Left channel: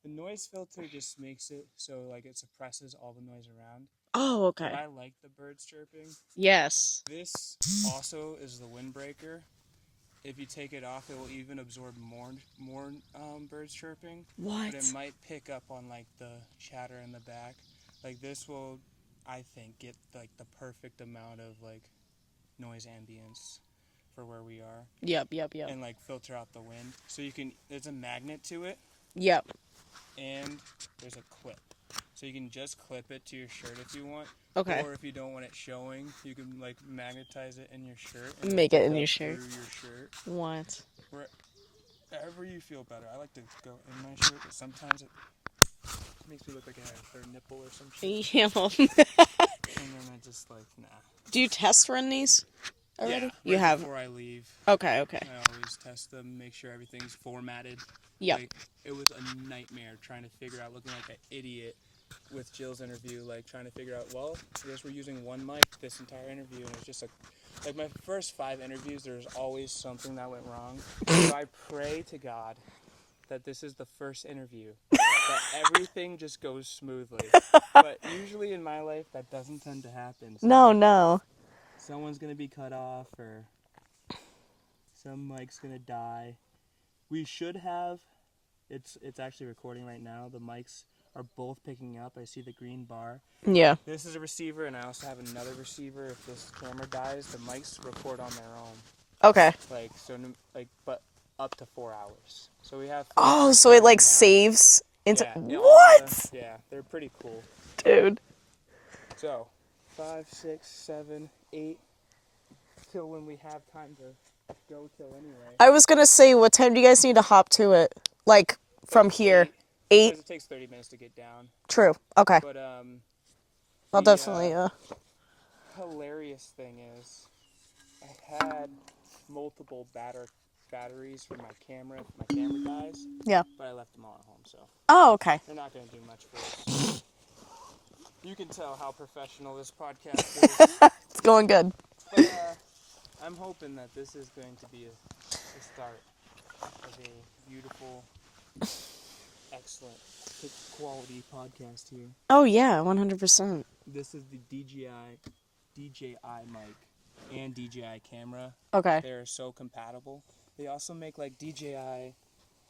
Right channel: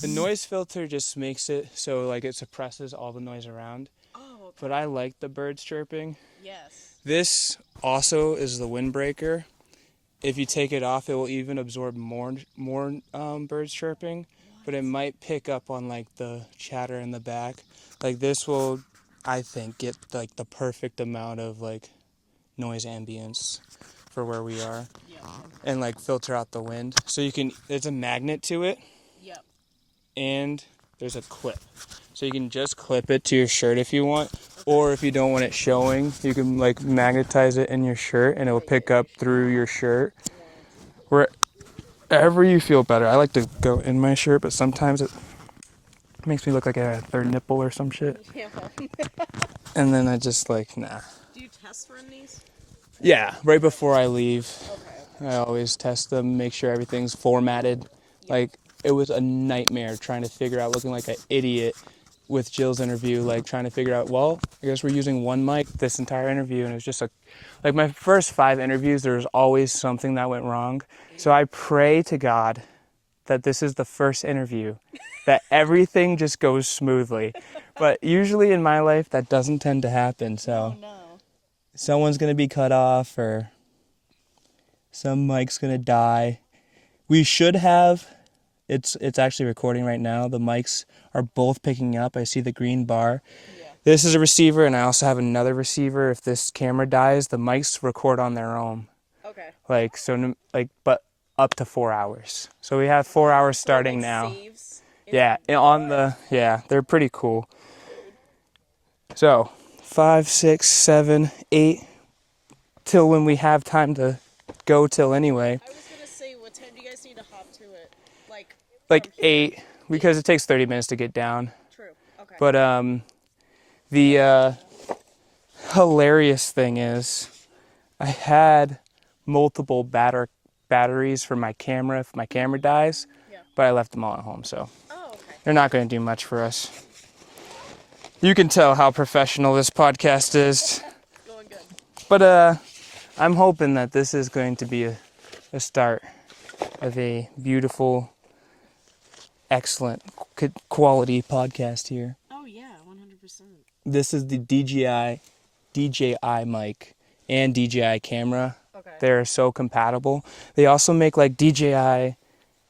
The noise filter just makes it so like it suppresses all the noise around. Oh, okay. But I like the birds chirping. Yes. This also is the windbreaker. If you take it off, it will even absorb more birds chirping. What? But it might pick up on like the chatter in the back. Like this will, I think, get like the perfect amount of like noise ambience for where we are. Yep. And like filter out the wind. So you can, there's a magnet to it. Yep. And there's a clip. So you can just clip it to your shirt if you want. Okay. Or if you don't want it showing, you can like magnetize it in your shirt and it'll pick up through your shirt. What? Wherever you feel better. I like to go in my shirt, but sometimes it makes me look like I have a third nipple or some shit. Yeah. And then I just like, nah. Do you test run these? Yeah, right before I leave. Okay. I always test them, make sure everything's formatted. Yep. Like, it was a nightmare trying to figure out, looking like an idiot with Jill's interview, like trying to figure out, well, I guess we're using one mic this entire interview, and it was just like my first 5 interviews, there was always something that went wrong. So I pray to God that this is the first interview, that everything just goes smoothly. But usually in my life, that doesn't tend to happen. So No. someone's going to be cut off, or some mic's going to die. We should have, it's actually recording right now. The mics are both picking up. I see the green bar. Yeah. This is a receiver, and I also have another receiver. If this camera dies, the mics record on their own. Okay. But up to 4 hours. So we have 4 hours so starting it like now. saves. Yeah, they're pretty cool. Dude. So 5, 6, 7, 8, till when we have time to go till anyway. I was gonna say, what time do you guys need to hop to it? Like from here? 8, because it takes 30 minutes to get down. True. Okay. But the hilarious thing is, I had multiple batteries for my camera if my camera dies. Yeah. But I left them all at home, so. Oh, okay. They're not going to do much for us. You can tell how professional this podcast is. It's going good. But I'm hoping that this is going to be a start of a beautiful, excellent, quality podcast here. Oh, yeah, 100%. This is the DJI mic and DJI camera. Okay. They're so compatible. They also make like DJI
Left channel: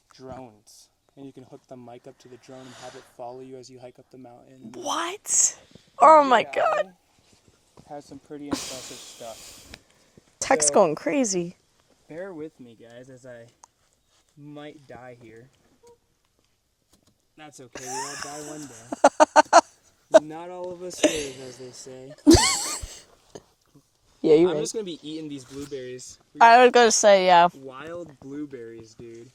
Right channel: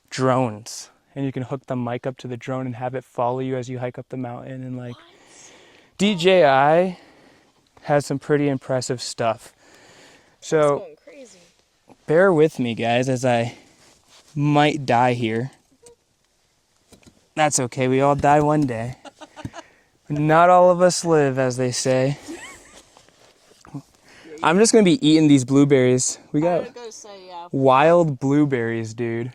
drones, and you can hook the mic up to the drone and have it follow you as you hike up the mountain. And like, what? DJI has some pretty impressive stuff. Tech's going crazy. Bear with me, guys, as I might die here. That's okay. We all die one day. Not all of us live, as they say. Yeah, I'm just going to be eating these blueberries. I was going to say, yeah. Wild blueberries, dude.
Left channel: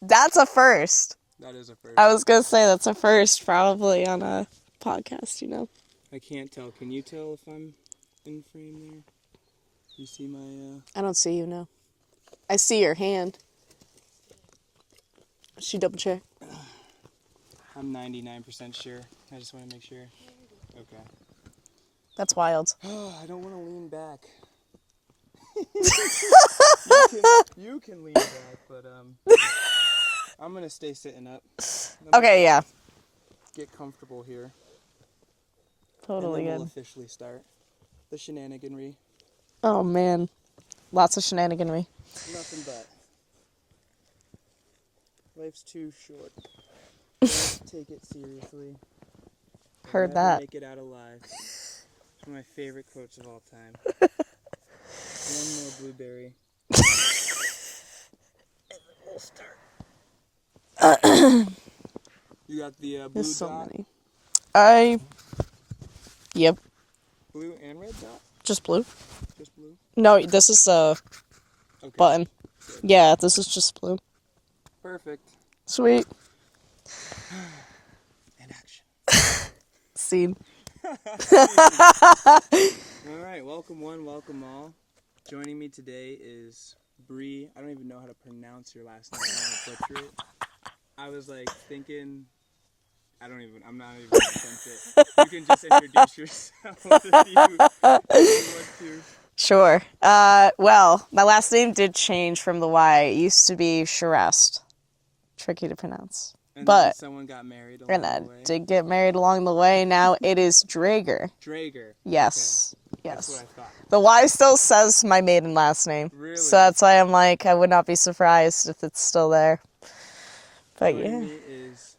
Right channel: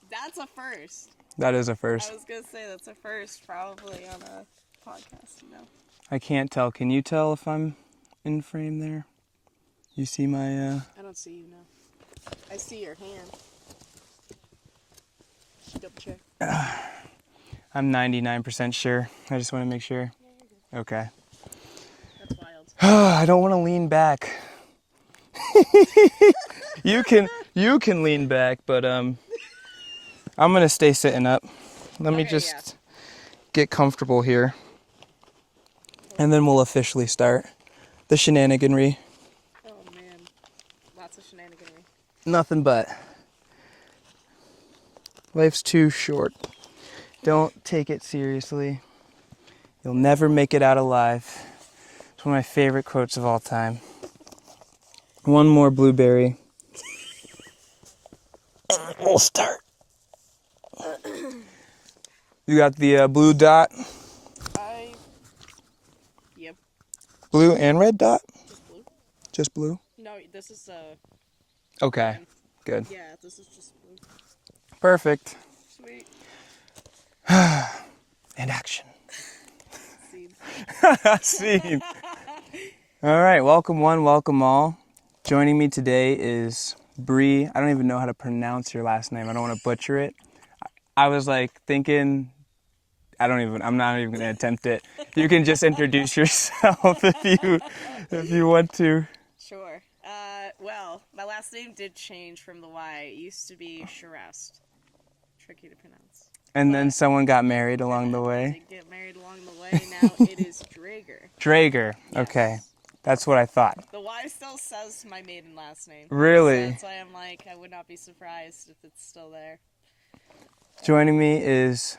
That's a first. That is a first. I was going to say that's a first, probably, on a podcast, you know. I can't tell. Can you tell if I'm in frame there? You see my... I don't see you, no. I see your hand. Should double check? I'm 99% sure. I just want to make sure. Okay. That's wild. I don't want to lean back. You can lean back, but I'm gonna stay sitting up. Let me just get comfortable here, and then we'll officially start the shenaniganry. Oh man, lots of shenaniganry. Nothing but. Life's too short. Don't take it seriously. You'll never make it out alive. It's one of my favorite quotes of all time. One more blueberry. And we'll start. You got the blue dot? Yep. Blue and red dot? Just blue. Just blue? No, this is a button. Good. Yeah, this is just blue. Perfect. Sweet. And action. Scene. Scene. All right, welcome one, welcome all. Joining me today is Bree. I don't even know how to pronounce your last name. I don't want to butcher it. I was like thinking, I'm not even going to attempt it. You can just introduce yourself if you want to. Sure. Well, my last name did change from the Y. It used to be Sharest. Tricky to pronounce. And then someone got married along the Brianna way. did get married along the way. Now it is Draeger. Draeger. Yes. Okay. That's what I thought. The Y still says my maiden last name. Really? So that's why I'm like, I would not be surprised if it's still there. But Joining me is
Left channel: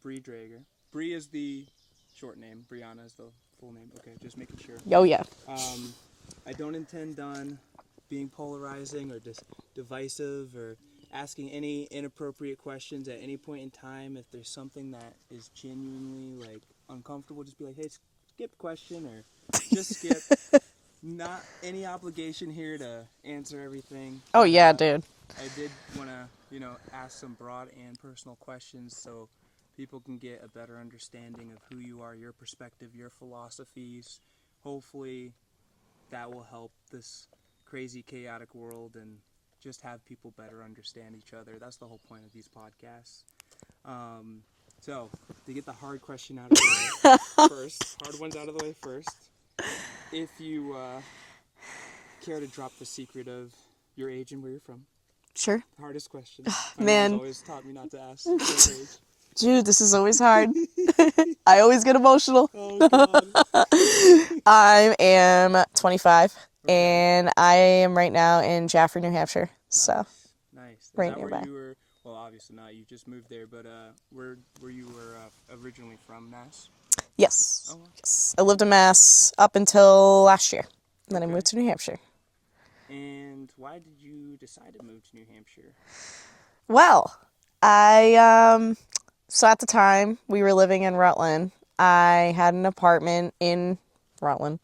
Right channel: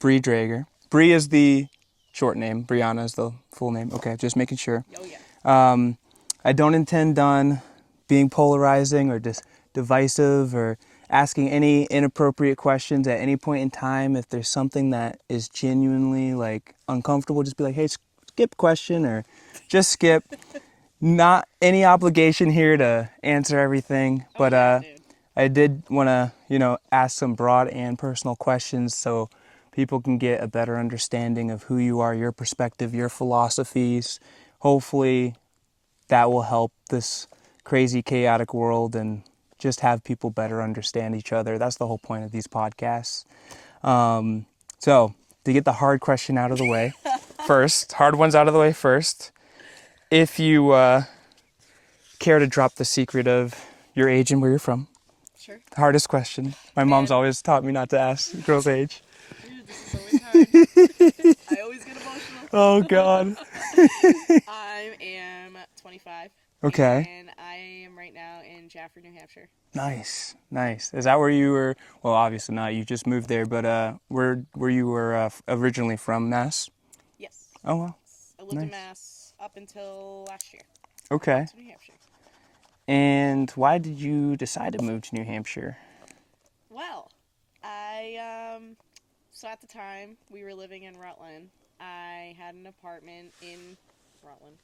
Bree Draeger. Bree is the short name. Brianna is the full name. Okay, just making sure. Oh, yeah. I don't intend on being polarizing or just divisive or asking any inappropriate questions at any point in time. If there's something that is genuinely like uncomfortable, just be like, hey, skip question or just skip. Not any obligation here to answer everything. Oh, but, yeah, dude. I did want to, ask some broad and personal questions so people can get a better understanding of who you are, your perspective, your philosophies. Hopefully that will help this crazy, chaotic world and just have people better understand each other. That's the whole point of these podcasts. So to get the hard question out of the way first, hard ones out of the way first, if you care to drop the secret of your age and where you're from. Sure. Hardest question. My mom's always taught me not to ask girls' age. Dude, this is always hard. I always get emotional. Oh, God. I am 25. Okay. And I am right now in Jaffrey, New Hampshire. Nice. So. Nice. Is that where you were? Well, obviously not. You just moved there, but where you were originally from, Mass? Yes. Oh, well. Yes. I lived in Mass up until last year. Then I moved to New Hampshire. And why did you decide to move to New Hampshire? Well, so at the time we were living in Rutland. I had an apartment in Rutland,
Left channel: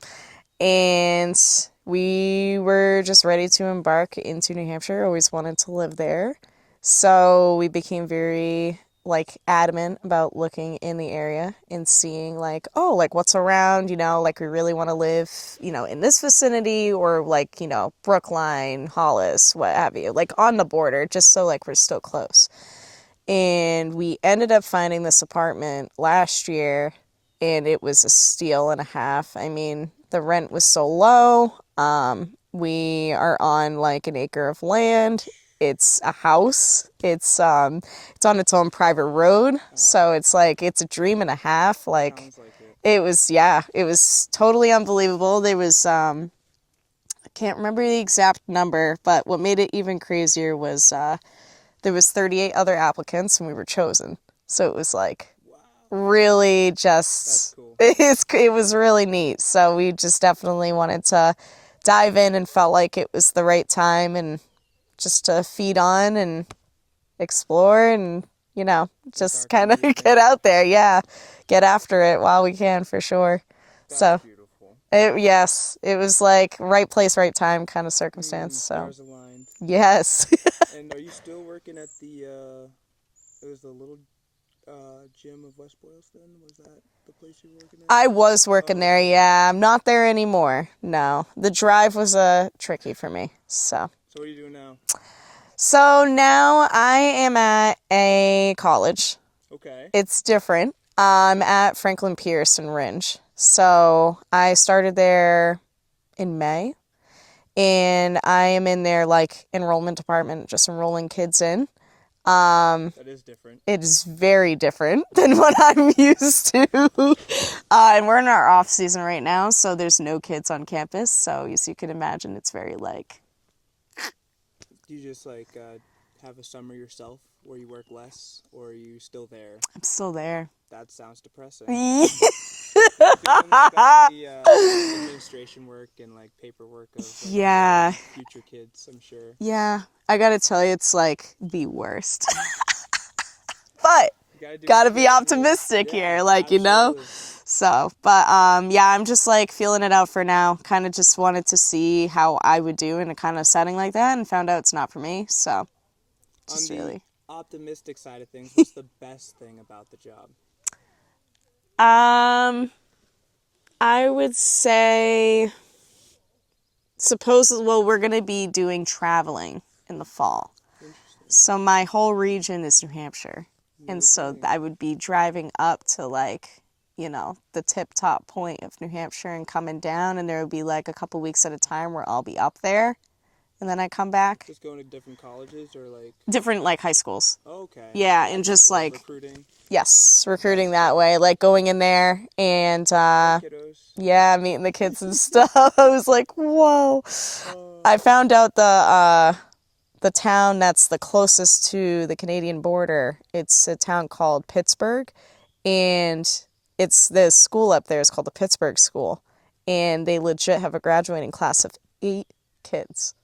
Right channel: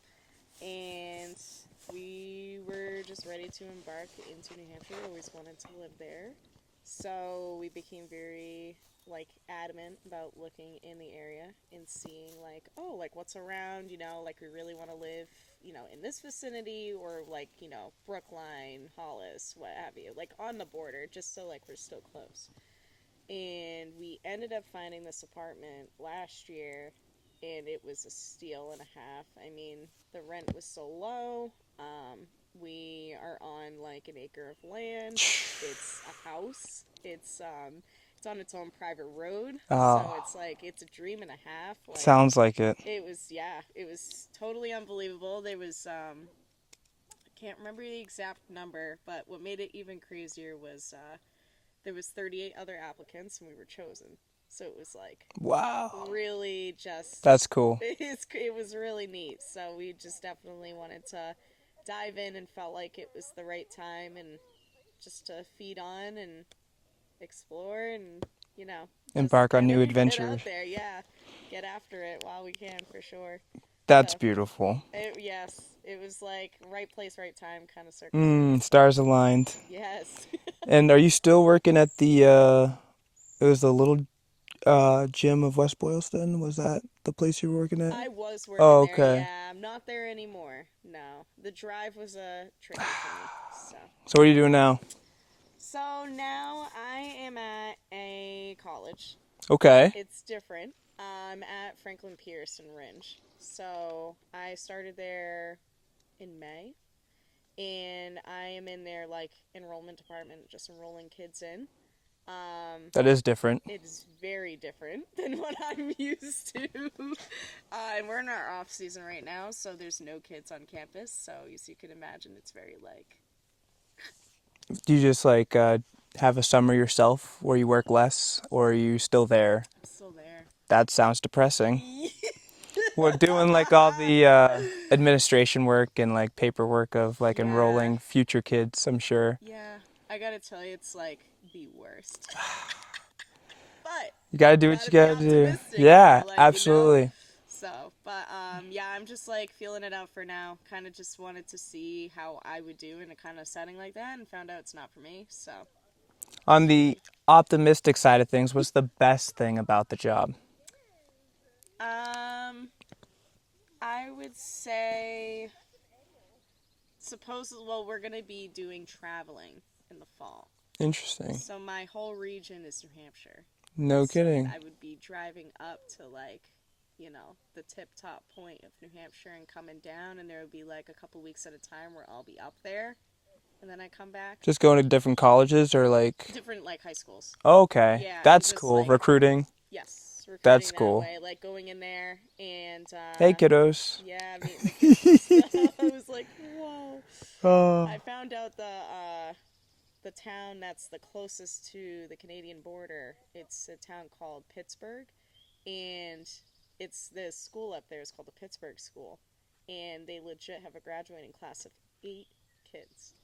and we were just ready to embark into New Hampshire. Always wanted to live there. So we became very adamant about looking in the area and seeing what's around, we really want to live, in this vicinity or Brookline, Hollis, what have you, on the border, just so we're still close. And we ended up finding this apartment last year, and it was a steal and a half. I mean, the rent was so low. We are on an acre of land. It's a house. It's on its own private road. So it's it's a dream and a half. Sounds like it. It was totally unbelievable. There was I can't remember the exact number, but what made it even crazier was there was 38 other applicants and we were chosen. So it was wow, really just, that's cool. It was really neat. So we just definitely wanted to dive in and felt like it was the right time and just to feed on and explore and, just kind of get out there. Yeah. Get after it while we can, for sure. That's beautiful. Yes. It was right place, right time kind of circumstance. Stars aligned. Yes. And are you still working at it was the little gym of West Boylston? Was that the place you were working at? I was working there, yeah. I'm not there anymore. No. The drive was tricky for me. So what are you doing now? So now I am at a college. Okay. It's different. I'm at Franklin Pierce in Ringe. So I started there in May, and I am in their enrollment department, just enrolling kids in. That is different. It is very different than what I'm used to. And we're in our off season right now, so there's no kids on campus. So as you can imagine, it's very Do you just have a summer yourself where you work less, or are you still there? I'm still there. That sounds depressing. Well, doing all the administration work and paperwork of enrolling future kids, I'm sure. Yeah. I gotta tell you, it's the worst. But you gotta be optimistic here, absolutely. So, but I'm just feeling it out for now. Kind of just wanted to see how I would do in a kind of setting like that, and found out it's not for me. So, on the optimistic side of things, what's the best thing about the job? I would say, we're gonna be doing traveling in the fall. Interesting. So my whole region is New Hampshire. No and kidding. So I would be driving up to the tip top point of New Hampshire and coming down, and there would be a couple weeks at a time where I'll be up there and then I come back. Just going to different colleges or like? Different like high schools. Okay. Yeah, and That's just cool. like Recruiting. yes, recruiting That's that cool. way, like going in there and Hey, kiddos. yeah, meeting the kids and stuff. I was like, whoa. I found out the town that's the closest to the Canadian border. It's a town called Pittsburgh, and it's the school up there is called the Pittsburgh School, and they legit have a graduating class of 8 kids.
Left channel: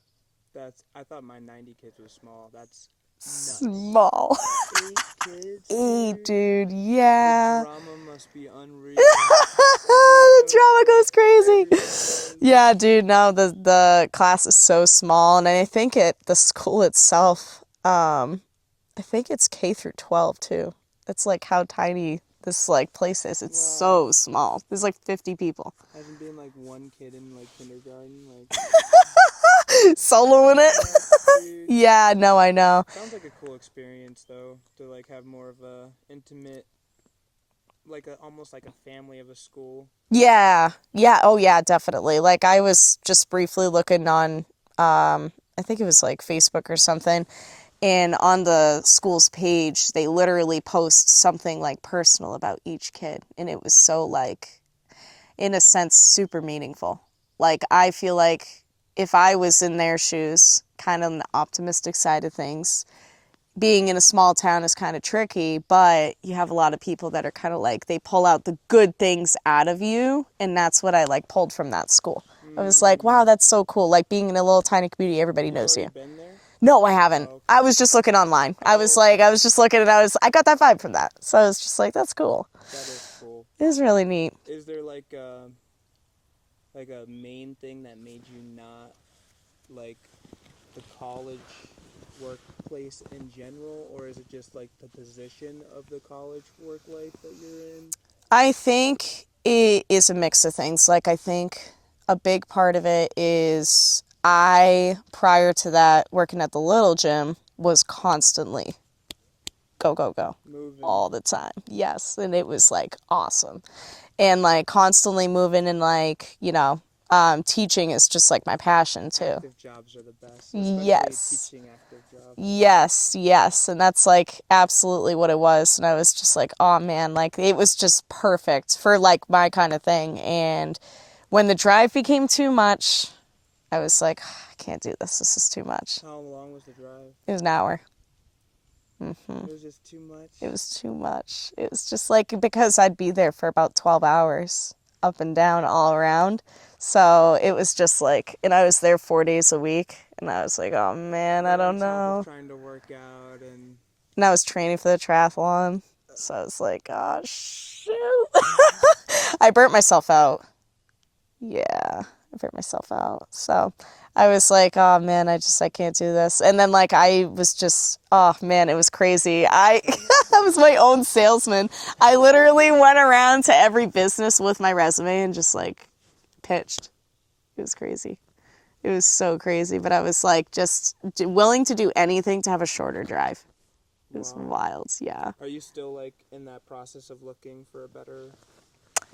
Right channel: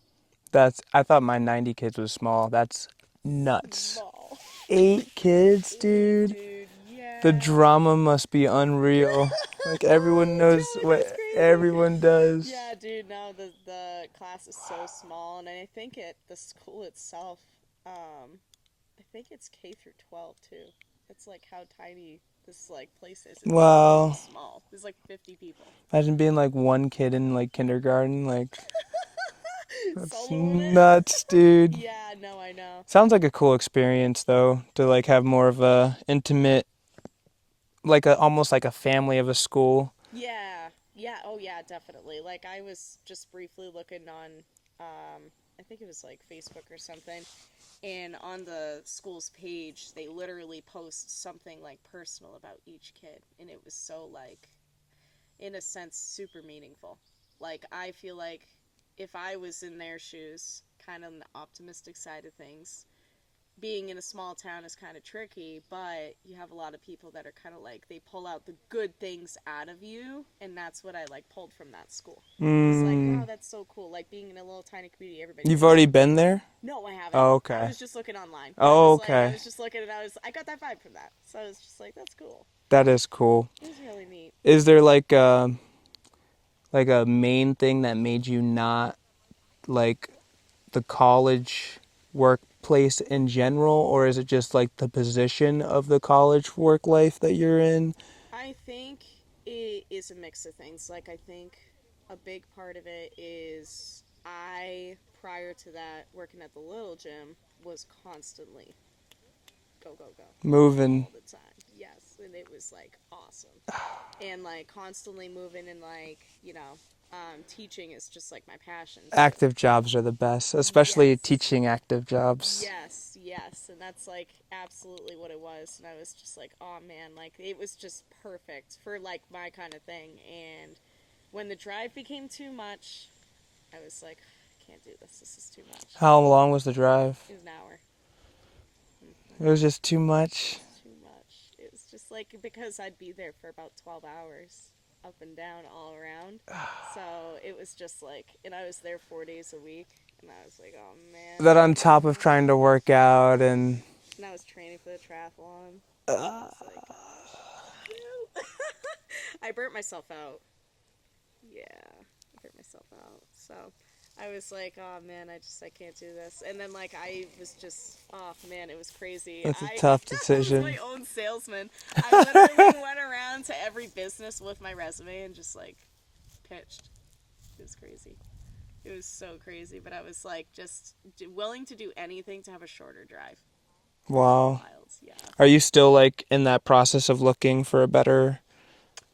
I thought my 90 kids was small. That's nuts. Small. 8 kids, 8, dude. dude. The Yeah. drama must be unreal. Like everyone knows Drama goes what crazy. everyone does. Yeah, dude. No, the class is so small, and I think the school itself, I think it's K-12 too. That's like how tiny this like place is. It's so Wow. small. There's like 50 people. Imagine being like one kid in like kindergarten, like Soloing it. nuts, dude. Yeah, no, I know. Sounds like a cool experience though, to like have more of a intimate, like almost like a family of a school. Yeah. Yeah. Oh, yeah, definitely. Like I was just briefly looking on, I think it was like Facebook or something. And on the school's page, they literally post something like personal about each kid. And it was so like, in a sense, super meaningful. Like I feel like if I was in their shoes, kind of on the optimistic side of things, being in a small town is kind of tricky, but you have a lot of people that are kind of like, they pull out the good things out of you. And that's what I like pulled from that school. I was like, wow, that's so cool. Like being in a little tiny community, everybody You've knows already you. been there? No, I haven't. Oh, okay. I was just looking online. Oh, I was like, okay. I was just looking and I got that vibe from that. So I was just like, that's cool. That is cool. It was really neat. Is there like a main thing that made you not like the college workplace in general, or is it just like the position of the college work life that you're in? I think it is a mix of things. Like, I think a big part of it is prior to that, working at the little gym, was constantly go, go, go. Moving. All the time. Yes. And it was like awesome. And like constantly moving and like, teaching is just like my passion too. Active jobs are the best, especially Yes. teaching active jobs. Yes, yes. And that's like absolutely what it was. And I was just like, oh man, like it was just perfect for like my kind of thing. And when the drive became too much, I was like, I can't do this. This is too much. How long was the drive? It was an hour. It was just too much. It was too much. It was just like, because I'd be there for about 12 hours up and down all around. So it was just like, and I was there 4 days a week. And I was like, oh man, That I on don't top know. of trying to work out and I was training for the triathlon. So I was like, gosh, shoot. I burnt myself out. Yeah, I burnt myself out. So I was like, oh man, I can't do this. And then like I was just, oh man, it was crazy. It's a tough I was decision. my own salesman. I literally went around to every business with my resume and just like pitched. It was crazy. It was so crazy. But I was like just willing to do anything to have a shorter drive. It was wow. wild, yeah. Are you still like in that process of looking for a better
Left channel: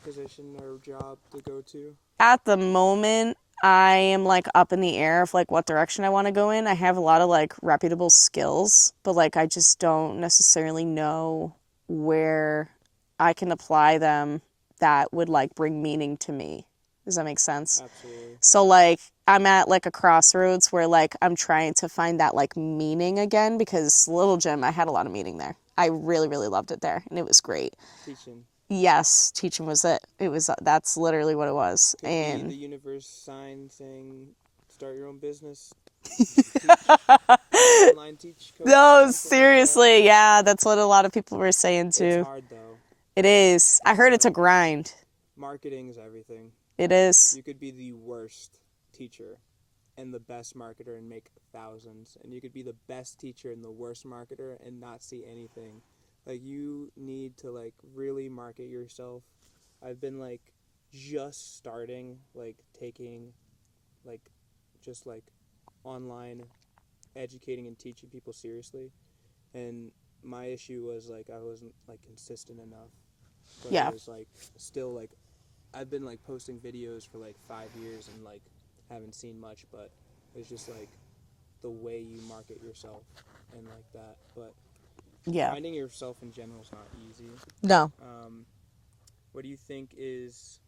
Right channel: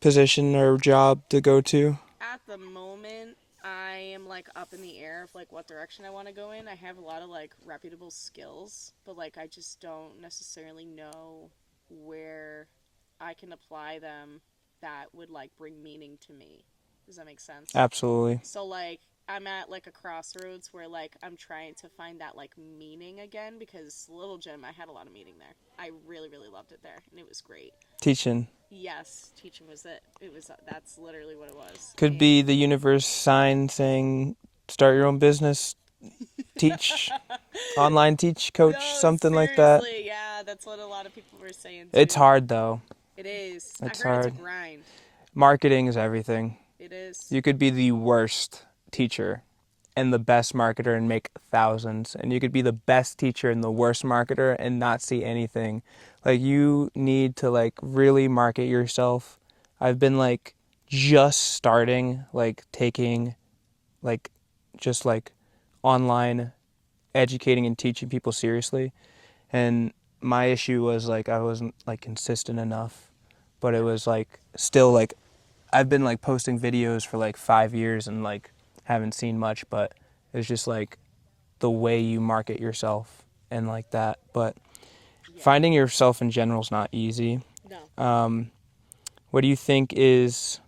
position or job to go to? At the moment, I am like up in the air of like what direction I want to go in. I have a lot of like reputable skills, but like I just don't necessarily know where I can apply them that would like bring meaning to me. Does that make sense? Absolutely. So like I'm at like a crossroads where like I'm trying to find that like meaning again, because Little Gym, I had a lot of meaning there. I really, really loved it there and it was great. Teaching. Yes, teaching was it. That's literally what it was. Could be the universe sign saying, start your own business, teach, online teach, coach, something seriously, like that. yeah, that's what a lot of people were saying too. It's hard though. It is. I heard it's a grind. Marketing is everything. It is. You could be the worst teacher and the best marketer and make thousands. And you could be the best teacher and the worst marketer and not see anything. Like, you need to, like, really market yourself. I've been, like, just starting, like, taking, like, just, like, online educating and teaching people seriously. And my issue was, like, I wasn't, like, consistent enough. But it was, like, still, like, I've been, like, posting videos for, like, 5 years and, like, haven't seen much. But it's just, like, the way you market yourself and like that. But Yeah. finding yourself in general is not easy. No. What do you think is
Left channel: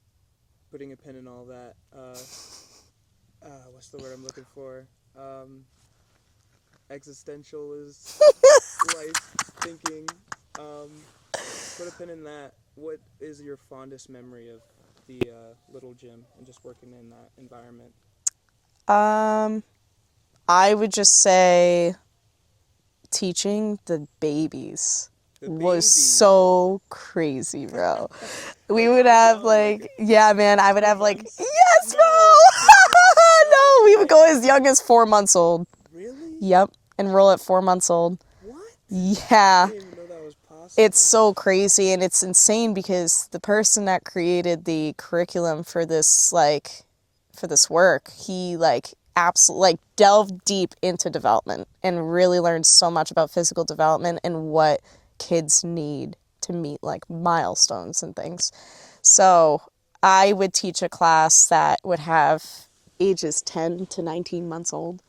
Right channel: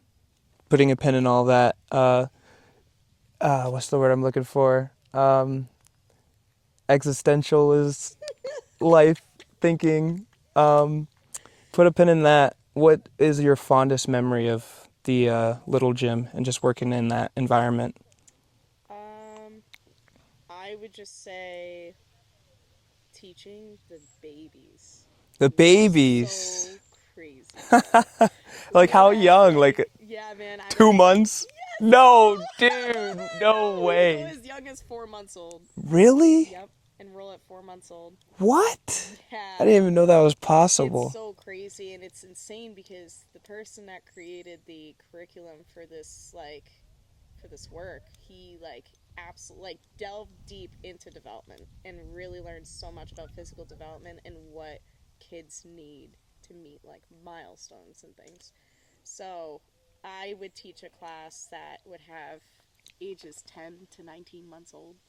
putting a pin in all that? What's the word I'm looking for? Existential is life thinking. Put a pin in that. What is your fondest memory of the little gym and just working in that environment? I would just say teaching the babies The was babies. so crazy, bro. We Like would how have young? like, Like yeah, man, I would 2 have like, months? yes, No, bro! dude, no No, we would way. go as young as 4 months old. Really? Yep, enroll at 4 months old. What? Yeah. I didn't even know that was possible. It's so crazy, and it's insane because the person that created the curriculum for this, like, for this work, he, like, absolutely, like, delved deep into development and really learned so much about physical development and what kids need to meet, like, milestones and things. So I would teach a class that would have ages 10 to 19 months old,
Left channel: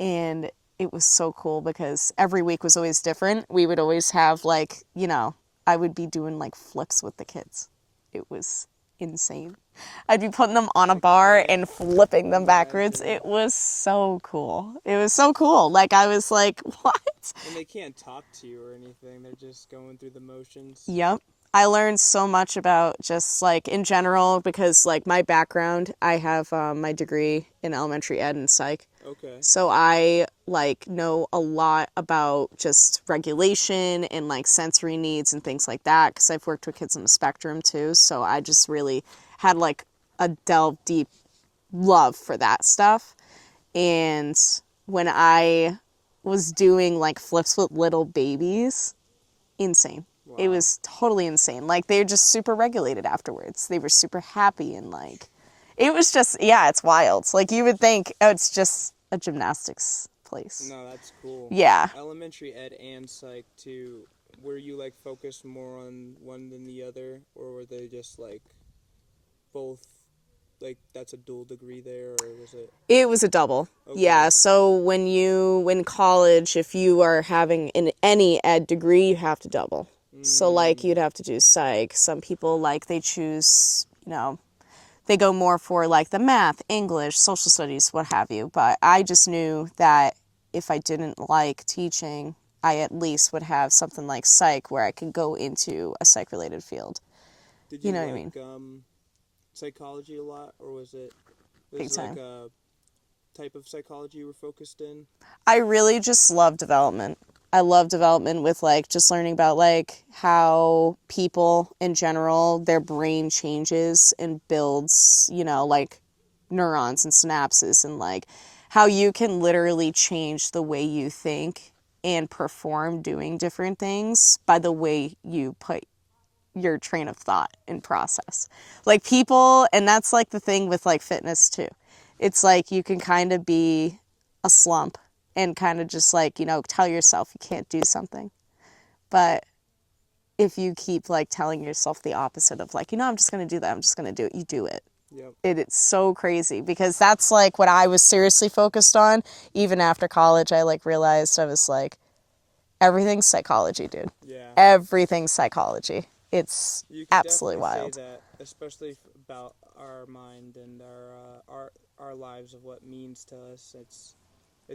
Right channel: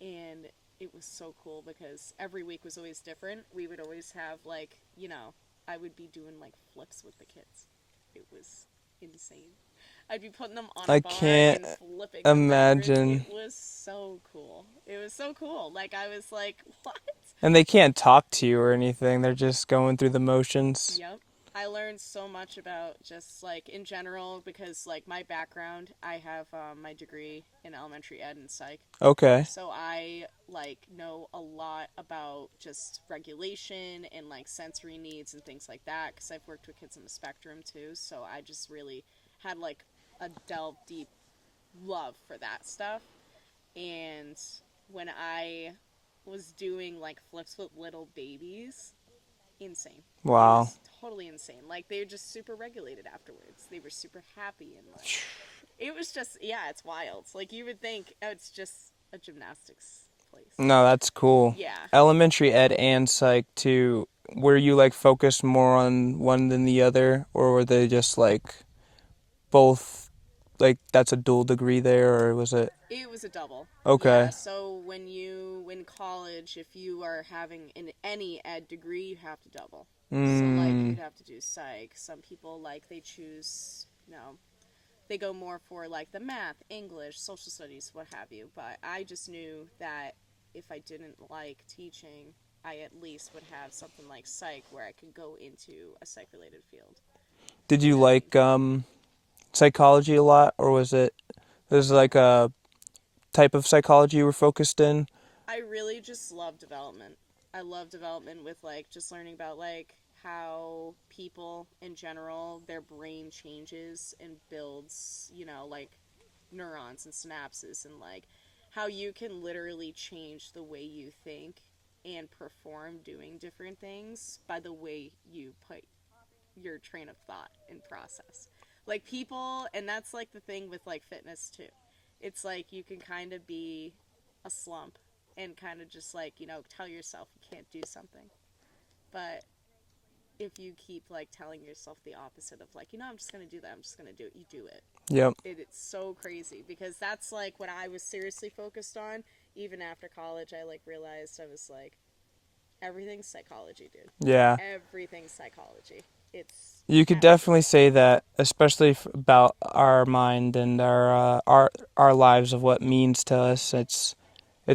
and it was so cool because every week was always different. We would always have, like, you know, I would be doing like flips with the kids. It was insane. I'd be putting them on a I bar can't and flipping them backwards. imagine. It was so cool. It was so cool. Like, I was like, what? And they can't talk to you or anything. They're just going through the motions. Yep. I learned so much about just, like, in general, because, like, my background, I have my degree in elementary ed and psych. Okay. So I, like, know a lot about just regulation and, like, sensory needs and things like that, because I've worked with kids on the spectrum too. So I just really had, like, a delve deep love for that stuff. And when I was doing, like, flips with little babies, insane. Wow. It was totally insane. Like, they were just super regulated afterwards. They were super happy, and, like, it was just, yeah, it's wild. Like, you would think, oh, it's just a gymnastics place. No, that's cool. Yeah. Elementary ed and psych too. Were you like focused more on one than the other, or were they just like both? Like that's a dual degree there, or was it? It was a double. Okay. Yeah, so when college, if you are having any ed degree, you have to double. So, like, you'd have to do psych. Some people, like, they choose, you know, they go more for, like, the math, English, social studies, what have you. But I just knew that if I didn't like teaching, I at least would have something like psych where I could go into a psych-related field. Did you know what I like psychology a lot, or was it there's Big like time. a type of psychology you were focused in? I really just love development. I love development with, like, just learning about, like, how people in general, their brain changes and builds, you know, like, neurons and synapses, and, like, how you can literally change the way you think and perform doing different things by the way you put your train of thought and process. Like, people, and that's, like, the thing with, like, fitness too. It's like you can kind of be a slump and kind of just, like, you know, tell yourself you can't do something. But if you keep, like, telling yourself the opposite of, like, you know, I'm just going to do that, I'm just going to do it, you do it. Yep. It's so crazy because that's, like, what I was seriously focused on. Even after college, I, like, realized I was like, everything's psychology, dude. Yeah. Everything's psychology. It's You could absolutely definitely say wild. that, especially about our mind and our lives of what means to us. It's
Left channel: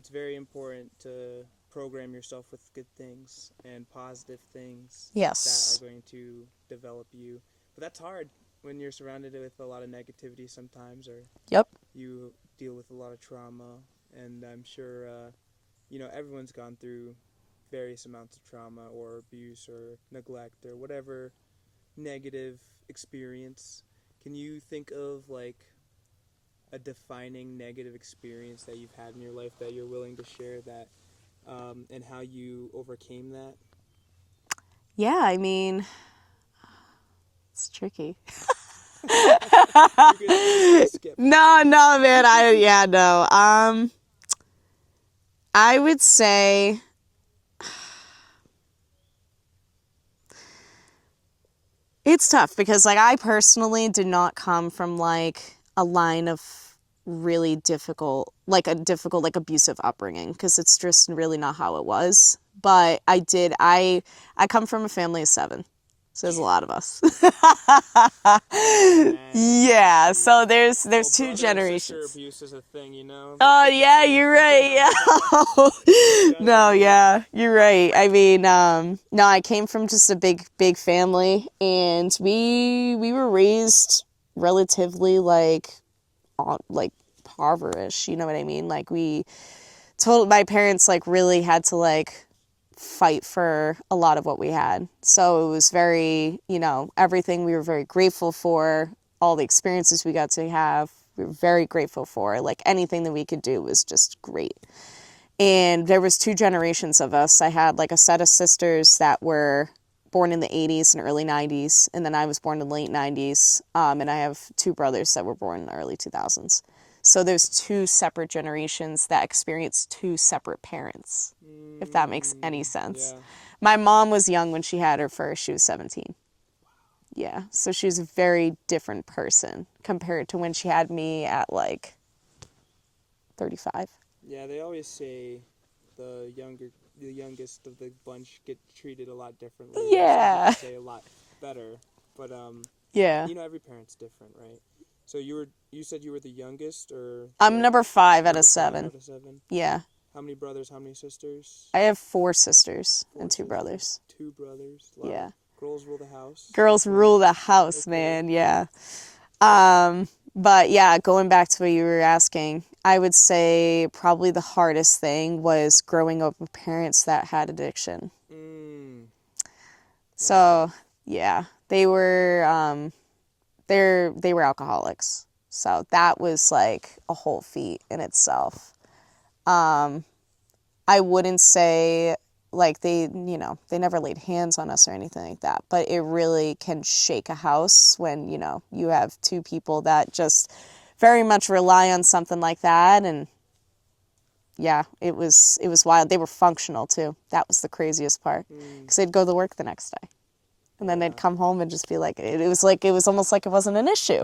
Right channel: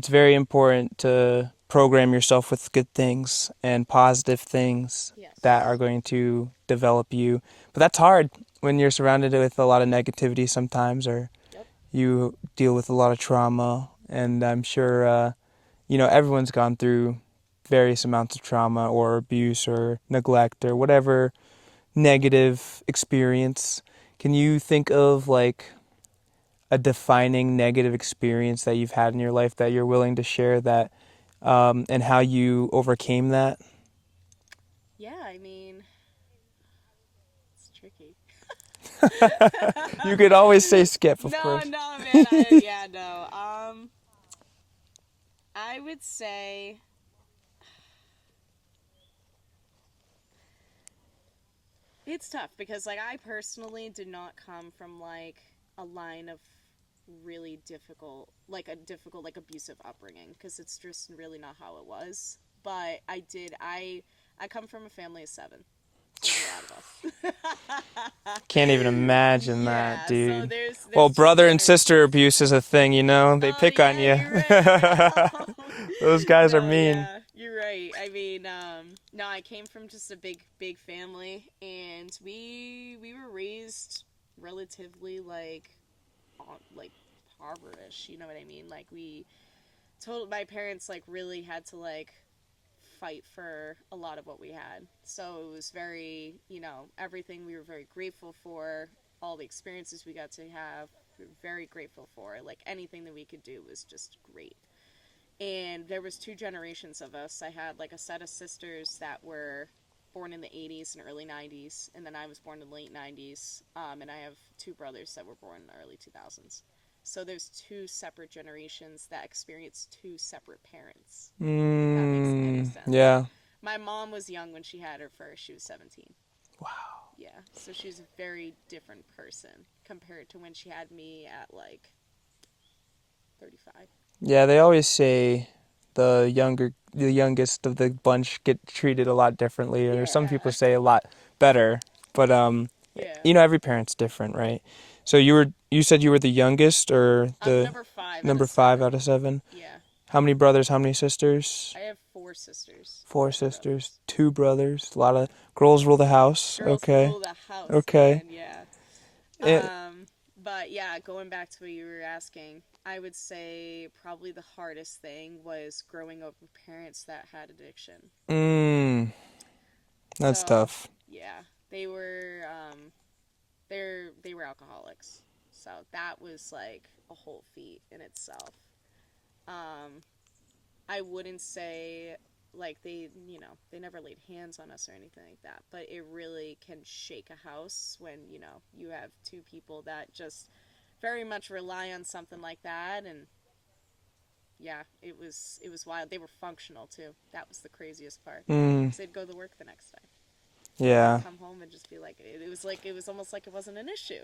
very important to program yourself with good things and positive things Yes. that are going to develop you. But that's hard when you're surrounded with a lot of negativity sometimes, or Yep. you deal with a lot of trauma. And I'm sure, everyone's gone through various amounts of trauma or abuse or neglect or whatever negative experience. Can you think of like a defining negative experience that you've had in your life that you're willing to share that and how you overcame that? Yeah, I mean, it's tricky. You could always say skip. No, man. No. I would say it's tough because, like, I personally did not come from, like, a line of really difficult, like abusive upbringing, because it's just really not how it was. But I come from a family of 7. So there's a lot of us. Can't even imagine that, dude. So there's well, 2 brother and sister generations. abuse is a thing, you know? They Oh, pick yeah, on you. you're right. Yeah. Those guys No, are mean. yeah, you're right. I mean, no, I came from just a big family, and we were raised relatively like impoverished. You know what I mean? Like my parents like really had to like fight for a lot of what we had. So it was very, everything we were very grateful for, all the experiences we got to have, we were very grateful for. Like anything that we could do was just great. And there was 2 generations of us. I had like a set of sisters that were born in the 80s and early 90s, and then I was born in the late 90s. And I have 2 brothers that were born in the early 2000s. So there's 2 separate generations that experienced 2 separate parents, if that makes any sense. Yeah. My mom was young when she had her first. She was 17. Wow. Yeah. So she was a very different person compared to when she had me at like 35. Yeah, they always say the youngest of the bunch get treated a lot differently, or some people Yeah. say a lot better. But Yeah. every parent's different, right? So you said you were the youngest, or I'm number 5 out number of 7. 5 out of 7? Yeah. How many brothers? How many sisters? I have 4 sisters. 4 and 2 sisters, brothers. 2 brothers. A lot Yeah. of girls rule the house. Girls Okay. rule the house, Okay. man. Yeah. But yeah, going back to what you were asking, I would say probably the hardest thing was growing up with parents that had addiction. That's tough. Yeah, they were they were alcoholics. So that was like a whole feat in itself. I wouldn't say like they never laid hands on us or anything like that, but it really can shake a house when, you have 2 people that just very much rely on something like that. And yeah, it was wild. They were functional too. That was the craziest part, because they'd go to work the next day. And then they'd come home and just be like, it was almost like it wasn't an issue.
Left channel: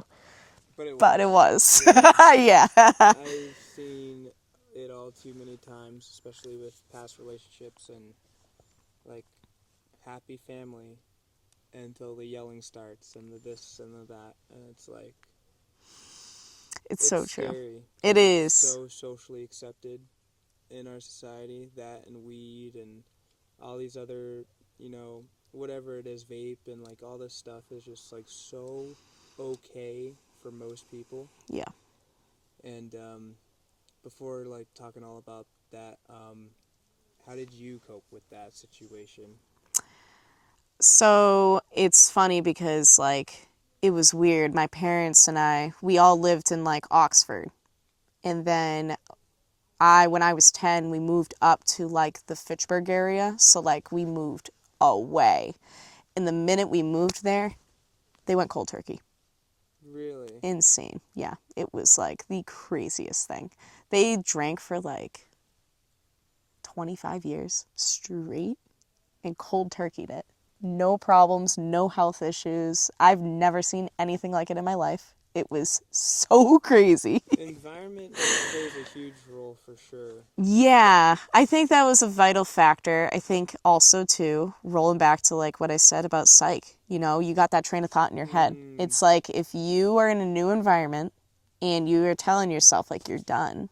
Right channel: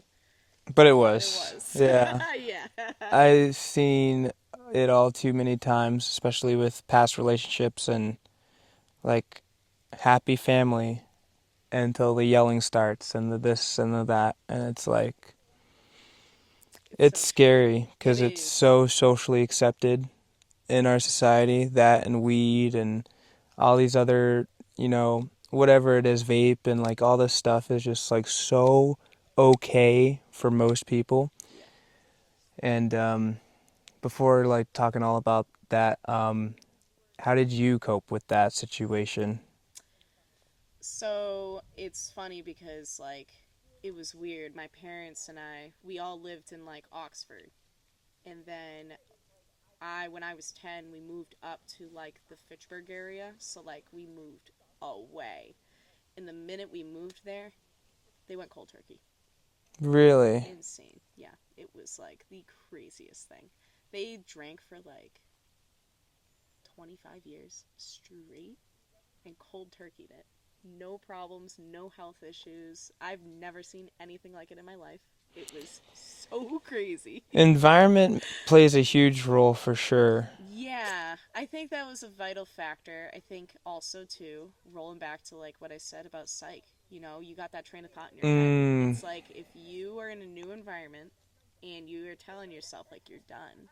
But it was. But it was. Yeah. Yeah. I've seen it all too many times, especially with past relationships and like happy family, until the yelling starts and the this and the that, and it's like it's so scary because It it's is. so socially accepted in our society, that and weed and all these other, whatever it is, vape and like all this stuff is just like so okay for most people. Yeah. And before like talking all about that, how did you cope with that situation? So it's funny because like it was weird. My parents and we all lived in like Oxford. And then when I was 10, we moved up to like the Fitchburg area. So like we moved away. And the minute we moved there, they went cold turkey. Really? Insane. Yeah. It was like the craziest thing. They drank for like 25 years straight and cold turkeyed it. No problems, no health issues. I've never seen anything like it in my life. It was so crazy. Environment plays a huge role for sure. Yeah, I think that was a vital factor. I think also too, rolling back to like what I said about psych, you got that train of thought in your head. It's like if you are in a new environment and you are telling yourself like you're done,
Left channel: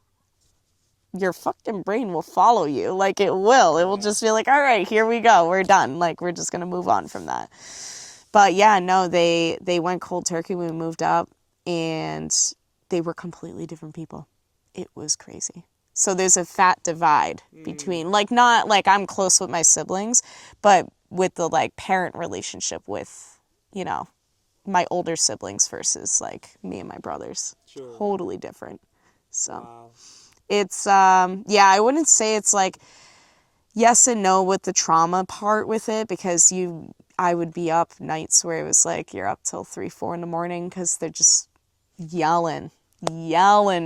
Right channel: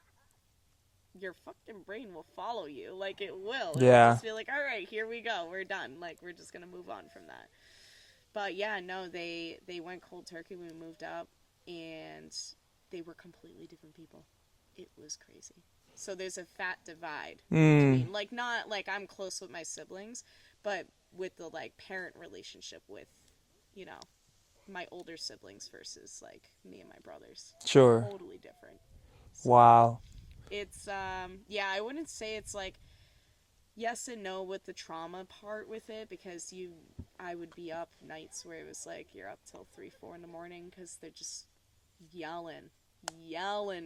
your fucking brain will follow you. Like it will. It will just be like, all right, here we go. We're done. Like we're just going to move on from that. But yeah, no, they went cold turkey when we moved up, and they were completely different people. It was crazy. So there's a fat divide between, like, not like I'm close with my siblings, but with the like parent relationship with, my older siblings versus like me and my brothers. Sure. Totally different. So. Wow. It's, I wouldn't say it's like yes and no with the trauma part with it, because I would be up nights where it was like you're up till 3, 4 in the morning because they're just yelling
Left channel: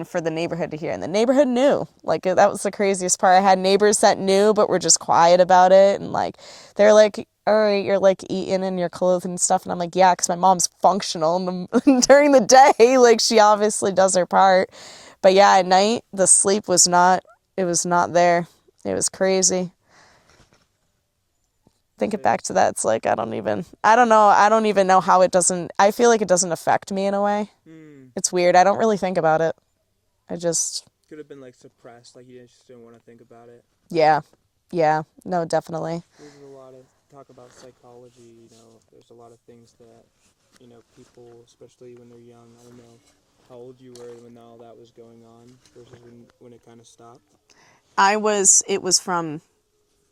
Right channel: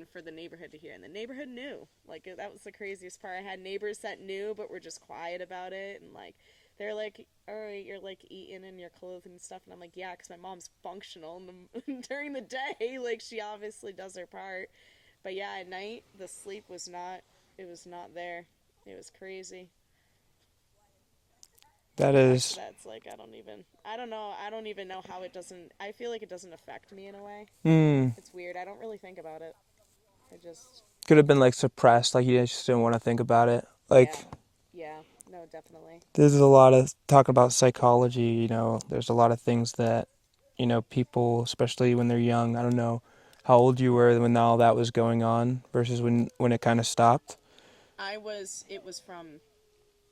for the neighborhood to hear. And the neighborhood knew. Like, that was the craziest part. I had neighbors that knew but were just quiet about it. And like, they're like, all right, you're like eating and you're clothed and stuff. And I'm like, yeah, because my mom's functional during the day. Like, she obviously does her part. But yeah, at night, the sleep was not there. It was crazy. Thinking back to that, it's like, I don't even know how it doesn't, I feel like it doesn't affect me in a way. It's weird. I don't really think about it. I just. Could have been like suppressed, like you just didn't want to think about it. Like, yeah, no, definitely. There's a lot of talk about psychology, you know, there's a lot of things that, you know, people, especially when they're young, I don't know how old you were when all that was going on versus when it kind of stopped. It was from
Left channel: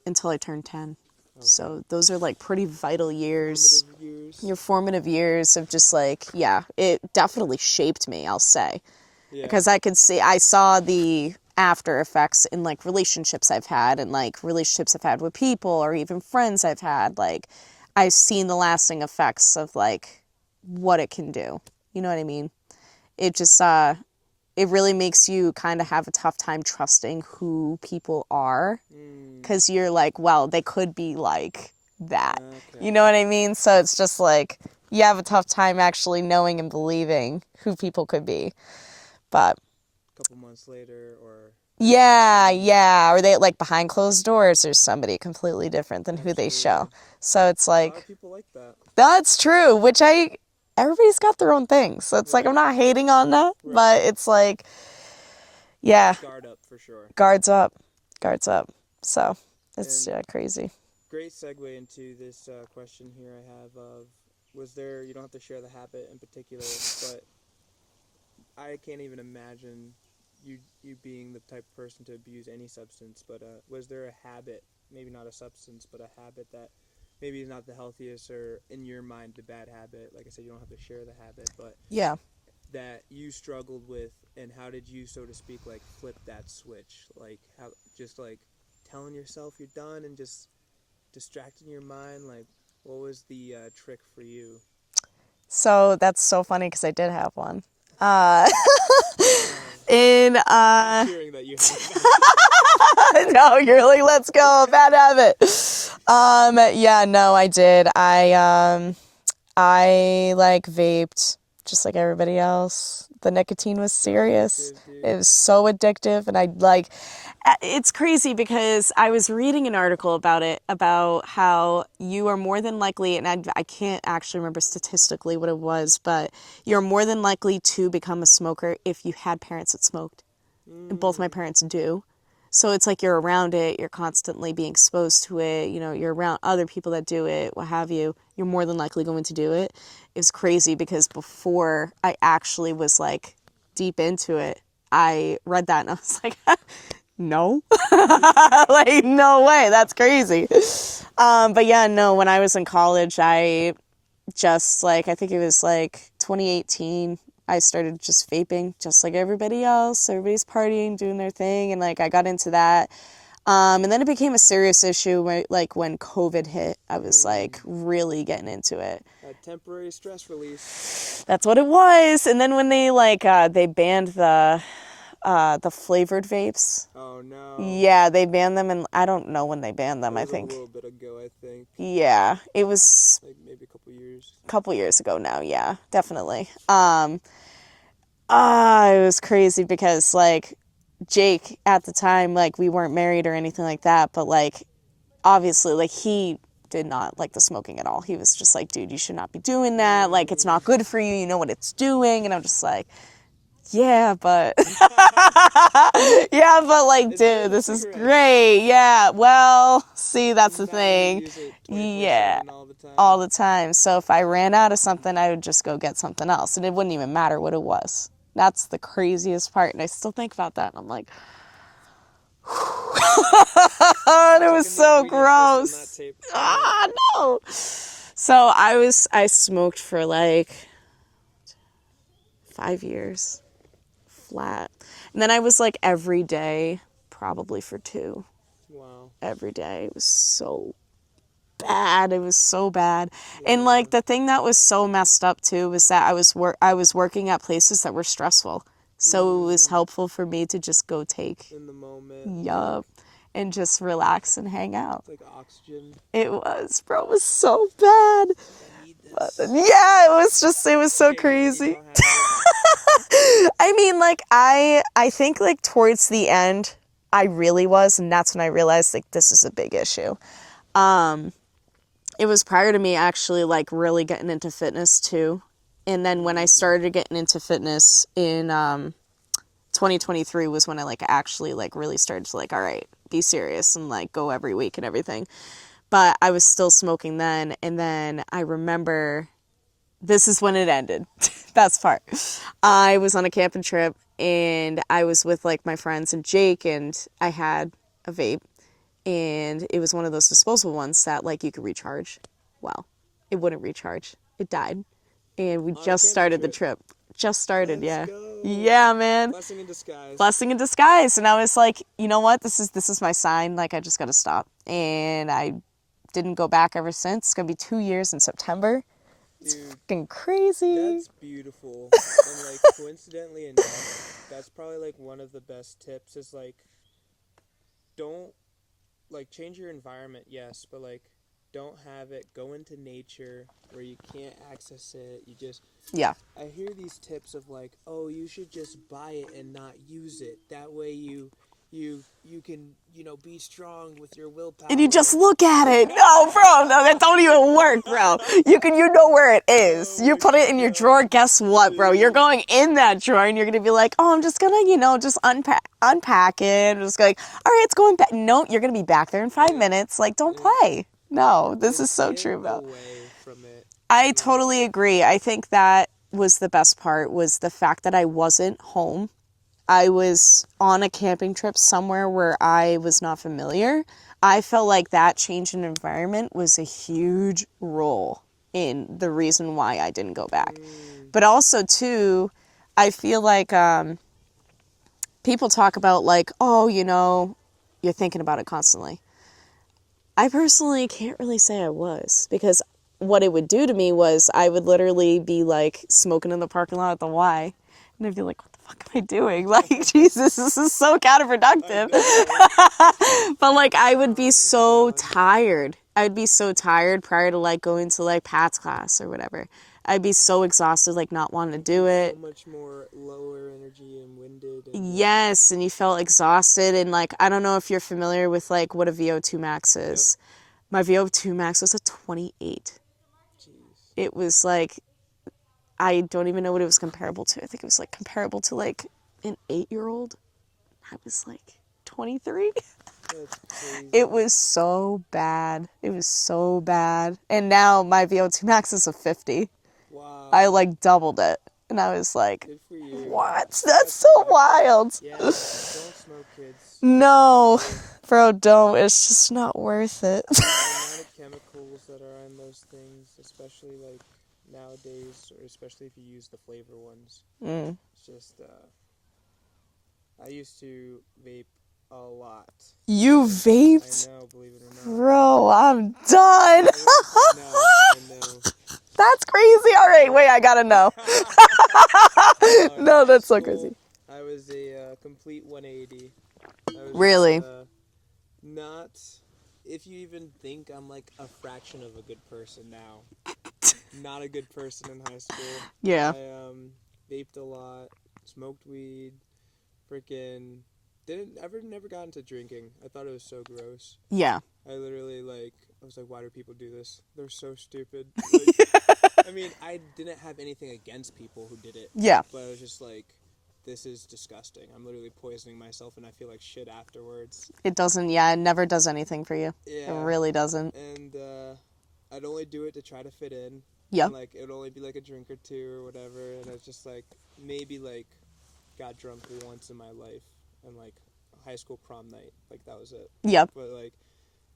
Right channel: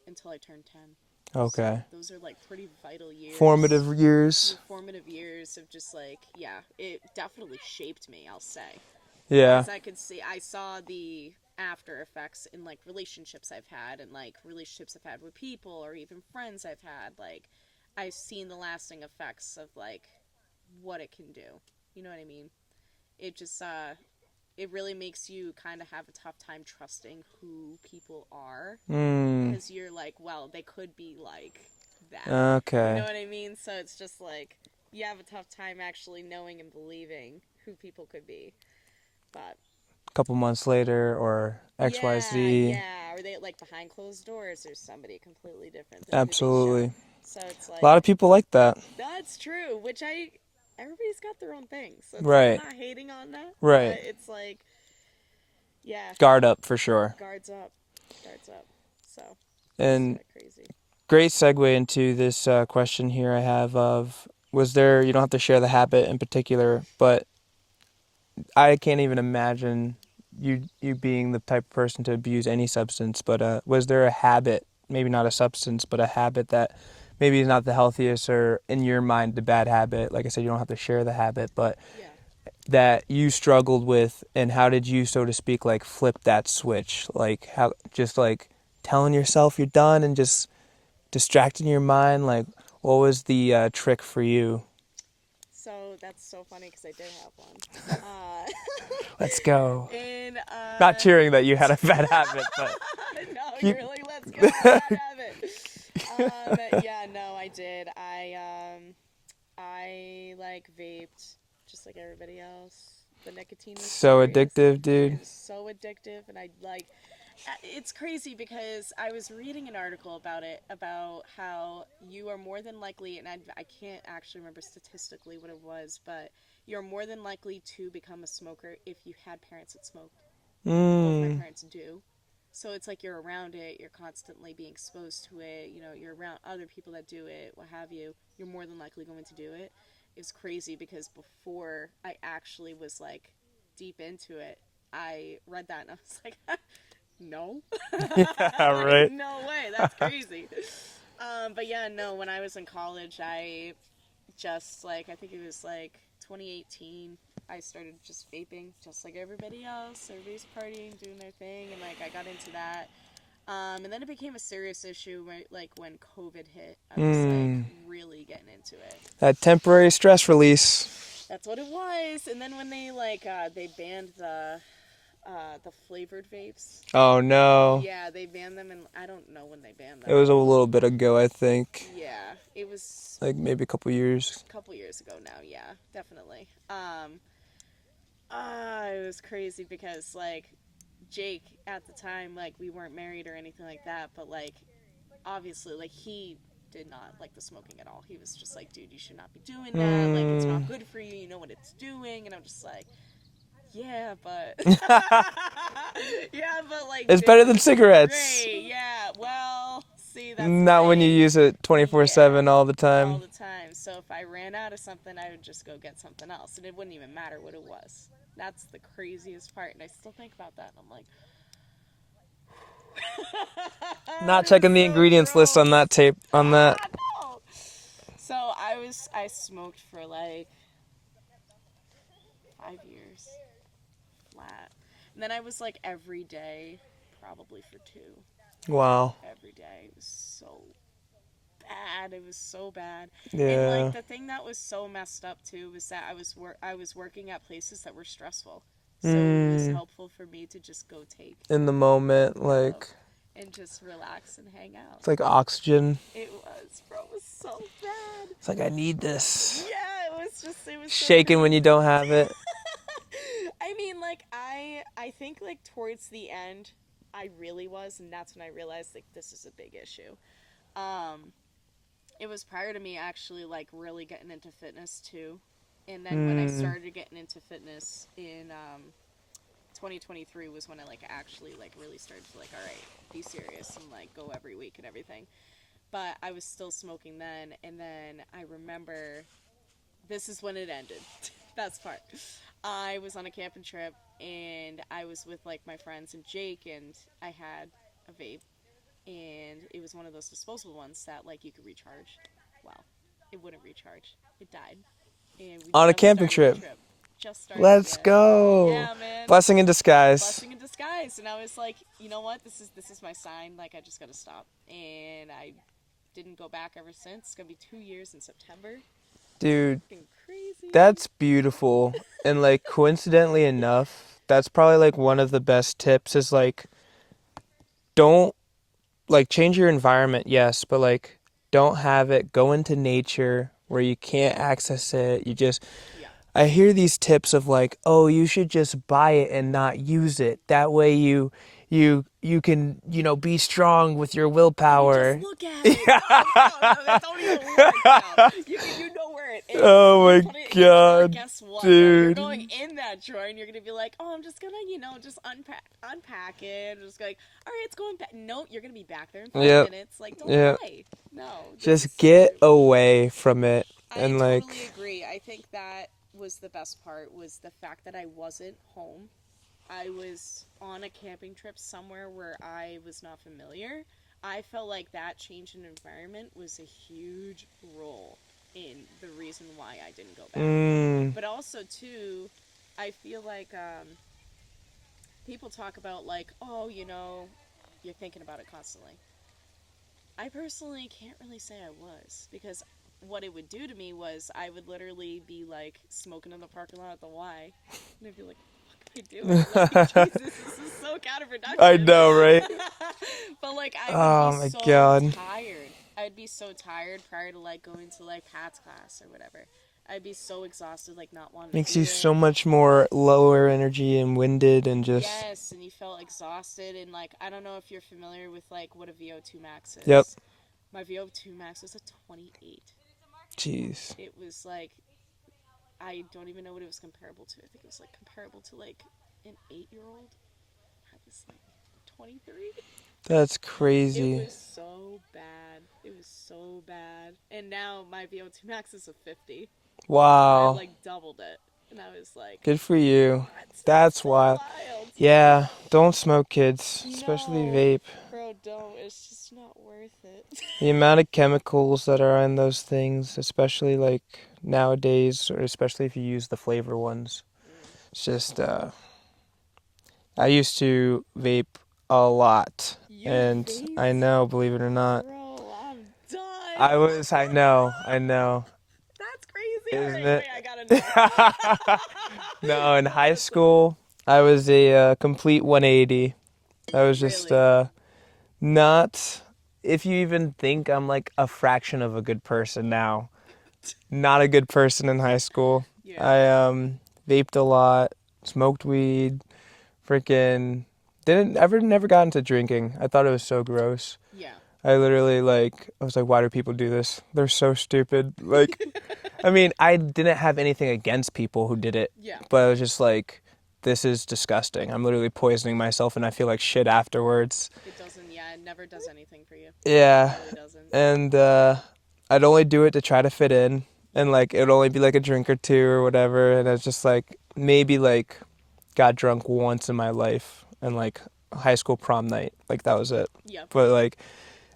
until I turned 10. Okay. So those are like pretty vital years. Formative years. Your formative years of just like, it definitely shaped me, I'll say. Yeah. Because I saw the after effects in like relationships I've had and like relationships I've had with people or even friends I've had. Like, I've seen the lasting effects of like what it can do. You know what I mean? It just, it really makes you kind of have a tough time trusting who people are. Because you're like, well, they could be like that. Okay. You know what I mean? So it's just like, you have a tough time actually knowing and believing who people could be. But a couple months later or XYZ. Yeah. Or they like behind closed doors, there's somebody completely different than Absolutely. who they show. So it's like. A lot of people like that. That's true, everybody's got their own things. So it's like, I'm not hating on that, but it's like, yeah. Guard up for sure. Guards up. So it's crazy. Great segue into this question here I have of, was there, you don't have to share the habit in particular, but I can't even imagine you being the type of person to abuse any substance, but was there a habit, maybe not a substance, but a habit that maybe is not the healthiest or in your mind the bad habit? Like I said, you don't have to share the habit, but that you struggled with, and how did you, so to speak, like flip that switch? Like how, just like telling yourself you're done and just distracting your mind? Like, what was the trick for you? So that's so funny because I did have one. Let's go. Not cheering that you had a bad habit. No, you're like, let's go, bad habit. No, I did. I like vaped just like everybody else. The nicotine was serious. So addictive, dude. It was so addictive, and it's crazy because I was reading an article about it, about how you are more than likely, and I can't actually remember statistically what it was, but you're more than likely to become a smoker if you had parents that smoked. And both my parents do. So it's like you're around it, you're constantly being exposed to it, you know, you're around other people that do it, what have you, you're more than likely going to do it. It was crazy because before I actually was like deep into it, I read that and I was like, no, like, no way, that's crazy. But yeah, no, when I was in college, I just like, I think it was like 2018, I started just vaping just like everybody else. Everybody's partying, doing their thing, and like I got into that. And then it became a serious issue when, like, when COVID hit. I was like really getting into it. That temporary stress release. That's what it was. And then when they they banned the flavored vapes. Oh no. Yeah, they banned them, and I don't know when they banned them. It was a little bit ago, I think. Yeah, it was like maybe a couple years. A couple years ago now. Yeah, definitely. It was crazy because like Jake at the time, like we weren't married or anything like that, but like obviously like he did not like the smoking at all. He was just like, dude, you should not be doing that. Like, it's not good for you. You know what it's doing. And I'm just like, yeah, but yeah, but like, it's dude, better than this cigarettes. Is great. Yeah. Well, see, that's the not thing. When you use it 24/7 all the time. All the time. So if I ran out of something, I would just go get something else, and it wouldn't even matter what it was. That's the craziest part, and I still think about that, and I'm like, not checking the ingredients list on that tape. On that. No. So I smoked for like 5 years flat, and then I was like every day, probably for 2. Wow. Every day. It was so bad. It was so bad. Yeah. And like the thing that was so messed up too was that I was working at places that were stressful. So it was helpful for me to just go take in the moment, like, and just relax and hang out. It's like oxygen. It was, bro. It was so bad. It's like, I need this. Yeah, it was so shaking crazy. when you don't have it. I mean, like, I think, like, towards the end, I really was, and that's when I realized, like, this is a big issue. It was prior to me actually, like, really getting into fitness, too. And then when I started getting into fitness in 2023 was when I, like, actually, like, really started to, like, all right, be serious and, like, go every week and everything. But I was still smoking then, and then I remember this is when it ended. Best part. I was on a camping trip, and I was with, like, my friends and Jake, and I had a vape, and it was one of those disposable ones that, like, you could recharge. Well, it wouldn't recharge. It died. And we On a just camping started trip. the trip. Just started, Let's yeah. go. Yeah, man. Blessing in disguise. Blessing in disguise. And I was like, you know what? This is my sign. Like, I just got to stop. And I didn't go back ever since. It's going to be 2 years in September. Dude, it's fucking crazy. That's beautiful. And, like, coincidentally enough, that's probably, like, one of the best tips is, like, don't, like, change your environment, yes, but, like, don't have it go into nature where you can't access it. You just, Yeah. I hear these tips of, like, oh, you should just buy it and not use it. That way you can, be strong with your willpower. And you just look at it. No, bro, no, that don't even work, bro. You know where it is. Oh you my put it in your drawer. God, Guess what, bro? You're dude. going in that drawer, and you're gonna be like, oh, I'm just gonna, just unpack it. Just going, all right, it's going back. No, you're gonna be back there in 5 Yep. minutes. Like, don't Yep. play. No, this Just is so get true, bro. away from it. I and, like, totally agree. I think that was the best part, was the fact that I wasn't home. I was on a camping trip somewhere where I was not familiar. I felt like that change in environment was a huge role in the reason why I didn't go back. But also, too, I feel like people talk about, like, oh, you're thinking about it constantly. I personally can't really say I was, because what it would do to me was I would literally be, like, smoking in the parking lot at the Y, and I'd be like, what the fuck am I doing? Like, Jesus, this is so counterproductive. I know, right? But, like, I would Oh, my be so God. tired. I'd be so tired prior to, like, going to, like, Pat's class or whatever. I'd be so exhausted, like, not wanting Makes to do you it. so much more lower energy and winded and just... Yes, and you felt exhausted, and, like, I don't know if you're familiar with, like, what a VO2 max is. Yep. My VO2 max was a 28. Jeez. It was, like, I don't even know what it was comparable to. I think it was, like, comparable to, like, an 8-year-old. I was, like, 23. That's crazy. It was so bad. It was so bad. And now my VO2 max is a 50. Wow. I, like, doubled it. And I was like, Good for you. what? That's so wild. Yeah, don't smoke, kids. No. Especially vape. Bro, don't. It's just not worth it. The amount of chemicals that are in those things, especially, like, nowadays, or especially if you use the flavor ones. It's just, I used to vape a lot. You and vaped? I know, believe it or not. Bro, I'm done. I know. That's crazy. All right, wait, I gotta know. No, in No, high that's so school, I was a complete 180. I was Really? just not, if you even think I'm like a fraction of a good person now, not a good person in high school. Yeah. I vaped a lot, smoked weed, freaking never got into drinking. I thought it was so gross. Yeah. I literally, like, I was like, why do people do this? They're so stupid. Like, I mean, I didn't have anything against people who did it. Yeah. But I was just like, this is disgusting. I'm literally poisoning myself and I feel like shit afterwards. It doesn't, it never does anything for you. Yeah. It really doesn't. And I'd only do it to try to fit in. Yep. And, like, it'd only be, like, a drink or two or whatever. And I was just, like, maybe, like, got drunk once in my life. And, like, high school prom night. Like, that was it. Yep. But, like,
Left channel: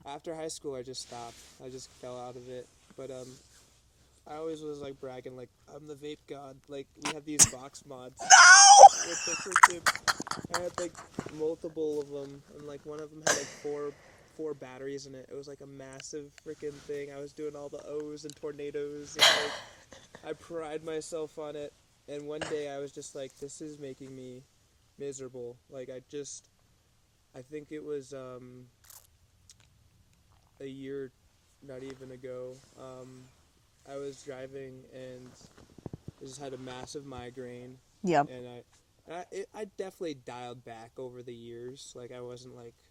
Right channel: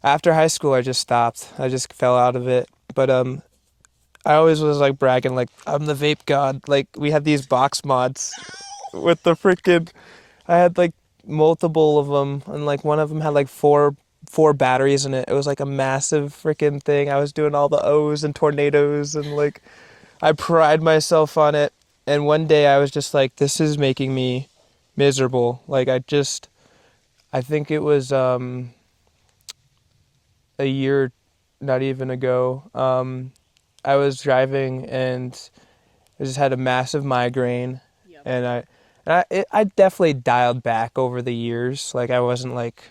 after high school, I just stopped. I just fell out of it. But I always was, like, bragging, like, I'm the vape god. Like, we had these box mods. No! With the freaking... I had, like, multiple of them. And, like, one of them had, like, four batteries in it. It was, like, a massive freaking thing. I was doing all the O's and tornadoes. And, like, I pride myself on it. And one day I was just like, this is making me miserable. Like, I think it was... a year, not even ago, I was driving and I just had a massive migraine. Yep. And And I definitely dialed back over the years. Like I wasn't like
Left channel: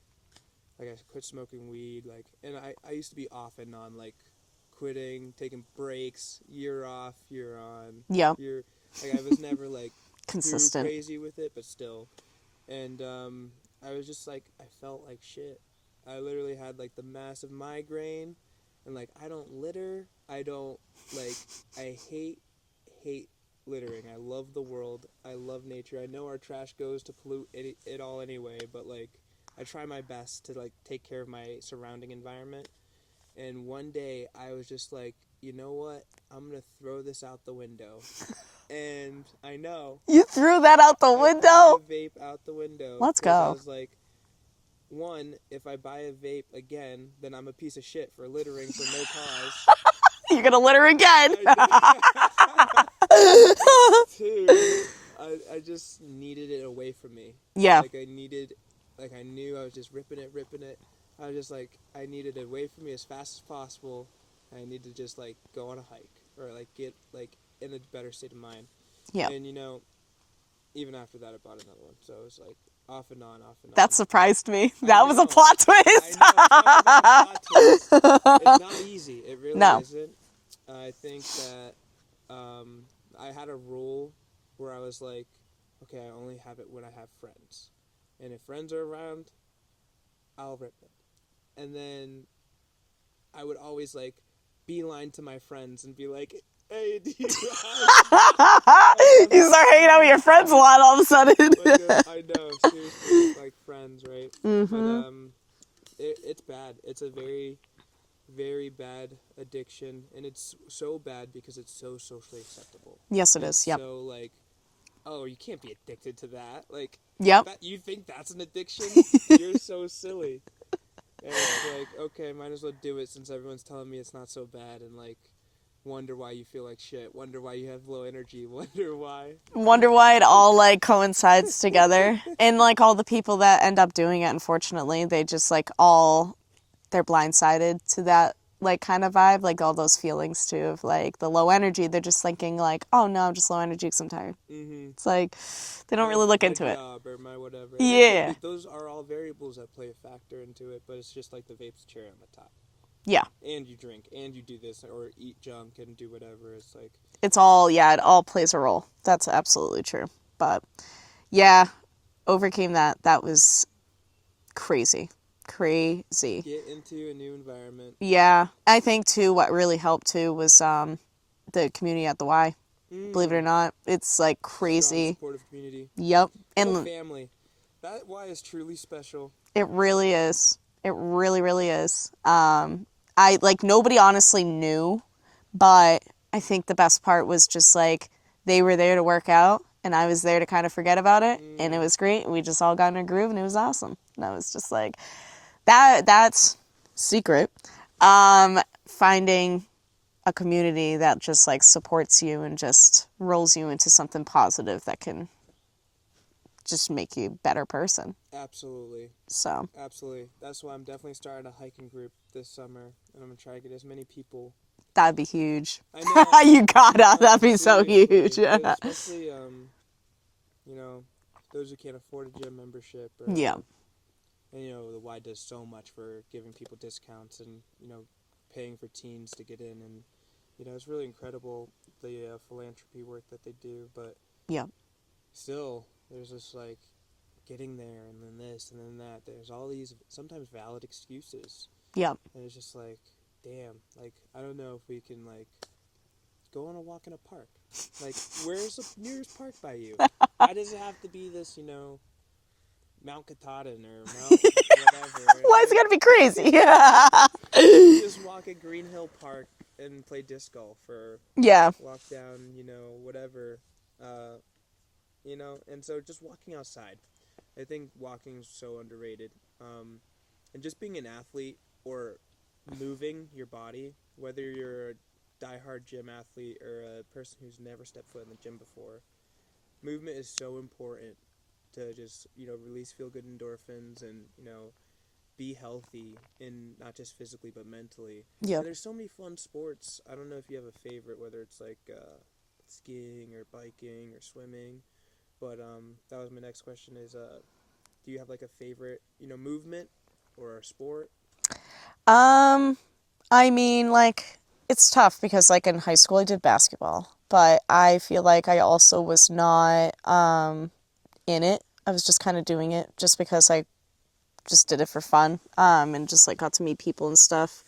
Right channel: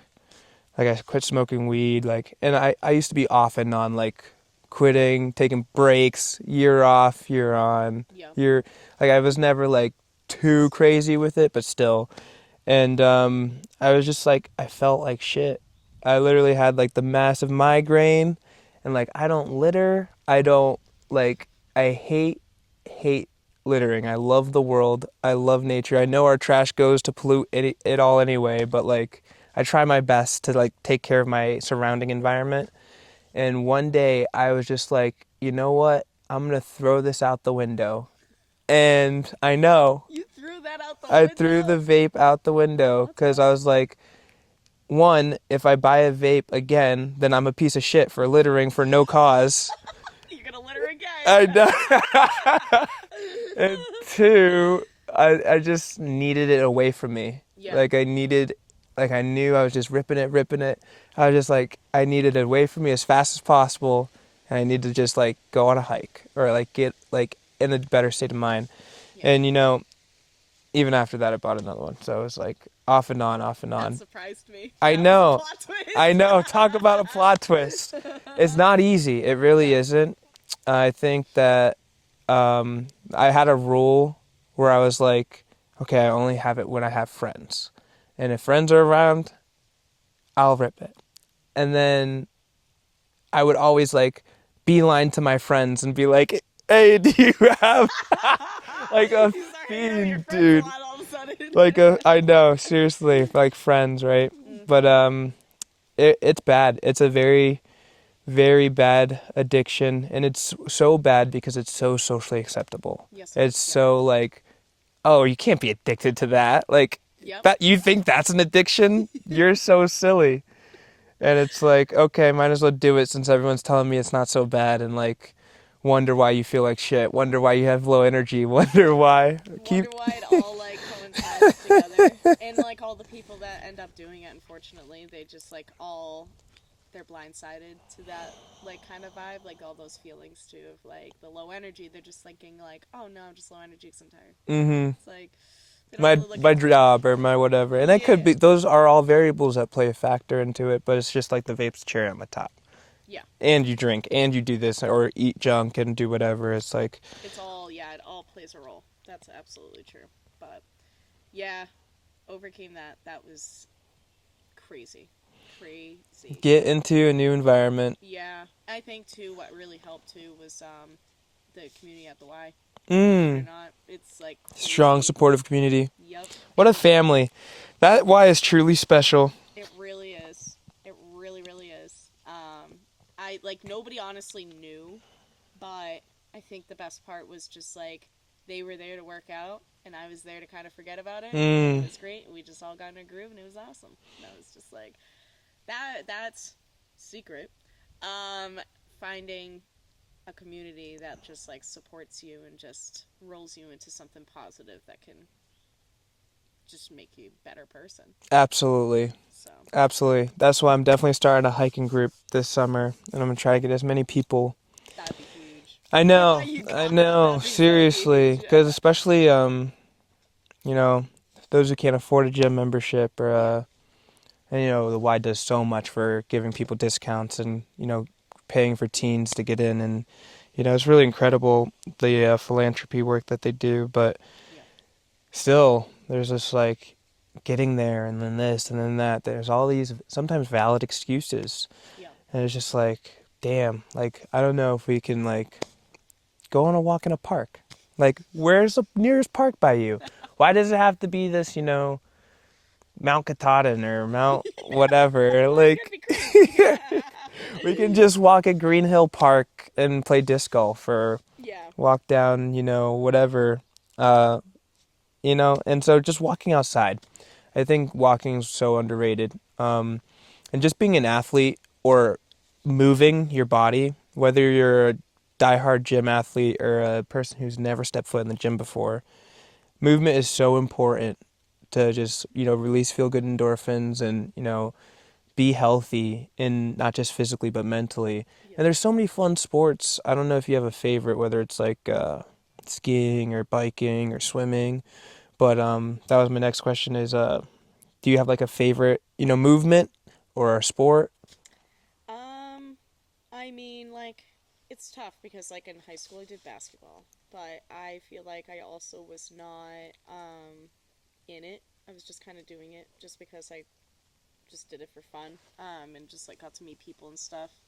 I quit smoking weed. Like, and I used to be off and on, like quitting, taking breaks, year off, year on. Yeah. Year, like I was never like too Consistent. crazy with it, but still. And I was just like, I felt like shit. I literally had like the massive migraine, and like I don't litter. I don't like. I hate littering. I love the world. I love nature. I know our trash goes to pollute it all anyway, but like I try my best to like take care of my surrounding environment. And one day I was just like, you know what? I'm gonna throw this out the window. And I know You threw that out the I threw the window? vape out the window Let's because I go. was like, one, if I buy a vape again, then I'm a piece of shit for littering for no cause. You're gonna litter again. I know. And two, I just needed it away from me. Yeah. Like I knew I was just ripping it. I was just like, I needed it away from me as fast as possible. And I needed to just like go on a hike or like get like in a better state of mind. Yeah. And even after that, I bought another one. So it was like off and on, off and on. That surprised me. I That was know. a plot twist. I know. Talk about a plot twist. It's not easy. It really No. isn't. I think that I had a rule where I was like, okay, I only have it when I have friends. And if friends are around, I'll rip it. And then I would always like beeline to my friends and be like, hey, do you have You start hanging out with your friends a lot all of a sudden. I know, seriously, like friends, right? Mm-hmm. But it's bad. It's a very, very bad addiction, and it's so bad because it's so socially acceptable. Yes, it It's is. Yep. so like, oh, you can't be addicted to that. Like, Yep. that you think that's an addiction? You're so silly. And it's like, okay, might as well do it since everyone's telling me it's not so bad, and like wonder why you feel like shit, wonder why you have low energy, wonder why Why it all like coincides together. And like all the people that end up doing it, unfortunately, they just like they're blindsided to that like kind of vibe, like all those feelings too of like the low energy. They're just thinking like, oh no, I'm just low energy because I'm tired. Mm-hmm. It's like they don't my really look my into job or my whatever. And it Yeah. could be, those are all variables that play a factor into it, but it's just like the vape's cherry on the top. it. Yeah. And you drink and you do this or eat junk and do whatever. It's like, It all plays a role. That's absolutely true. But yeah, overcame that. That was crazy. Crazy. get into a new environment. Yeah. I think too what really helped too was the community at the Y. Believe it or not. It's like crazy. Strong, supportive community. Yep. What a And family. That Y is truly special. it really is. It really, really is. I like nobody honestly knew, but I think the best part was just like they were there to work out and I was there to kind of forget about it and it was great. We just all got in a groove and it was awesome. And I was just like that's secret. Finding a community that just like supports you and just rolls you into something positive that can just make you a better person. Absolutely. So Absolutely. That's why I'm definitely starting a hiking group this summer, and I'm going to try to get as many people. that'd be huge. I know. You gotta. I know, That'd be seriously. so huge. Because especially, those who can't afford a gym membership or, Yeah. and, the Y does so much for giving people discounts and, paying for teens to get in. And, it's really incredible, the philanthropy work that they do. But Yeah. still, there's this, like, getting there and then this and then that. There's all these sometimes valid excuses. Yeah. And it's just like, damn, like, I don't know if we can, like, go on a walk in a park. Like, where's the nearest park by you? Why does it have to be this, Mount Katahdin or Mount whatever? Why is it gotta be crazy? Yeah. You can just walk at Green Hill Park and play disc golf or Yeah. walk down, whatever, and so just walking outside. I think walking is so underrated. And just being an athlete or moving your body, whether you're a diehard gym athlete or a person who's never stepped foot in the gym before, movement is so important to just, release feel-good endorphins and, be healthy, and not just physically but mentally. Yeah. And there's so many fun sports. I don't know if you have a favorite, whether it's like skiing or biking or swimming, But that was my next question is do you have like a favorite, movement or a sport? I mean, like, it's tough because, like, in high school I did basketball, but I feel like I also was not, in it. I was just kind of doing it just because I just did it for fun, and just, like, got to meet people and stuff.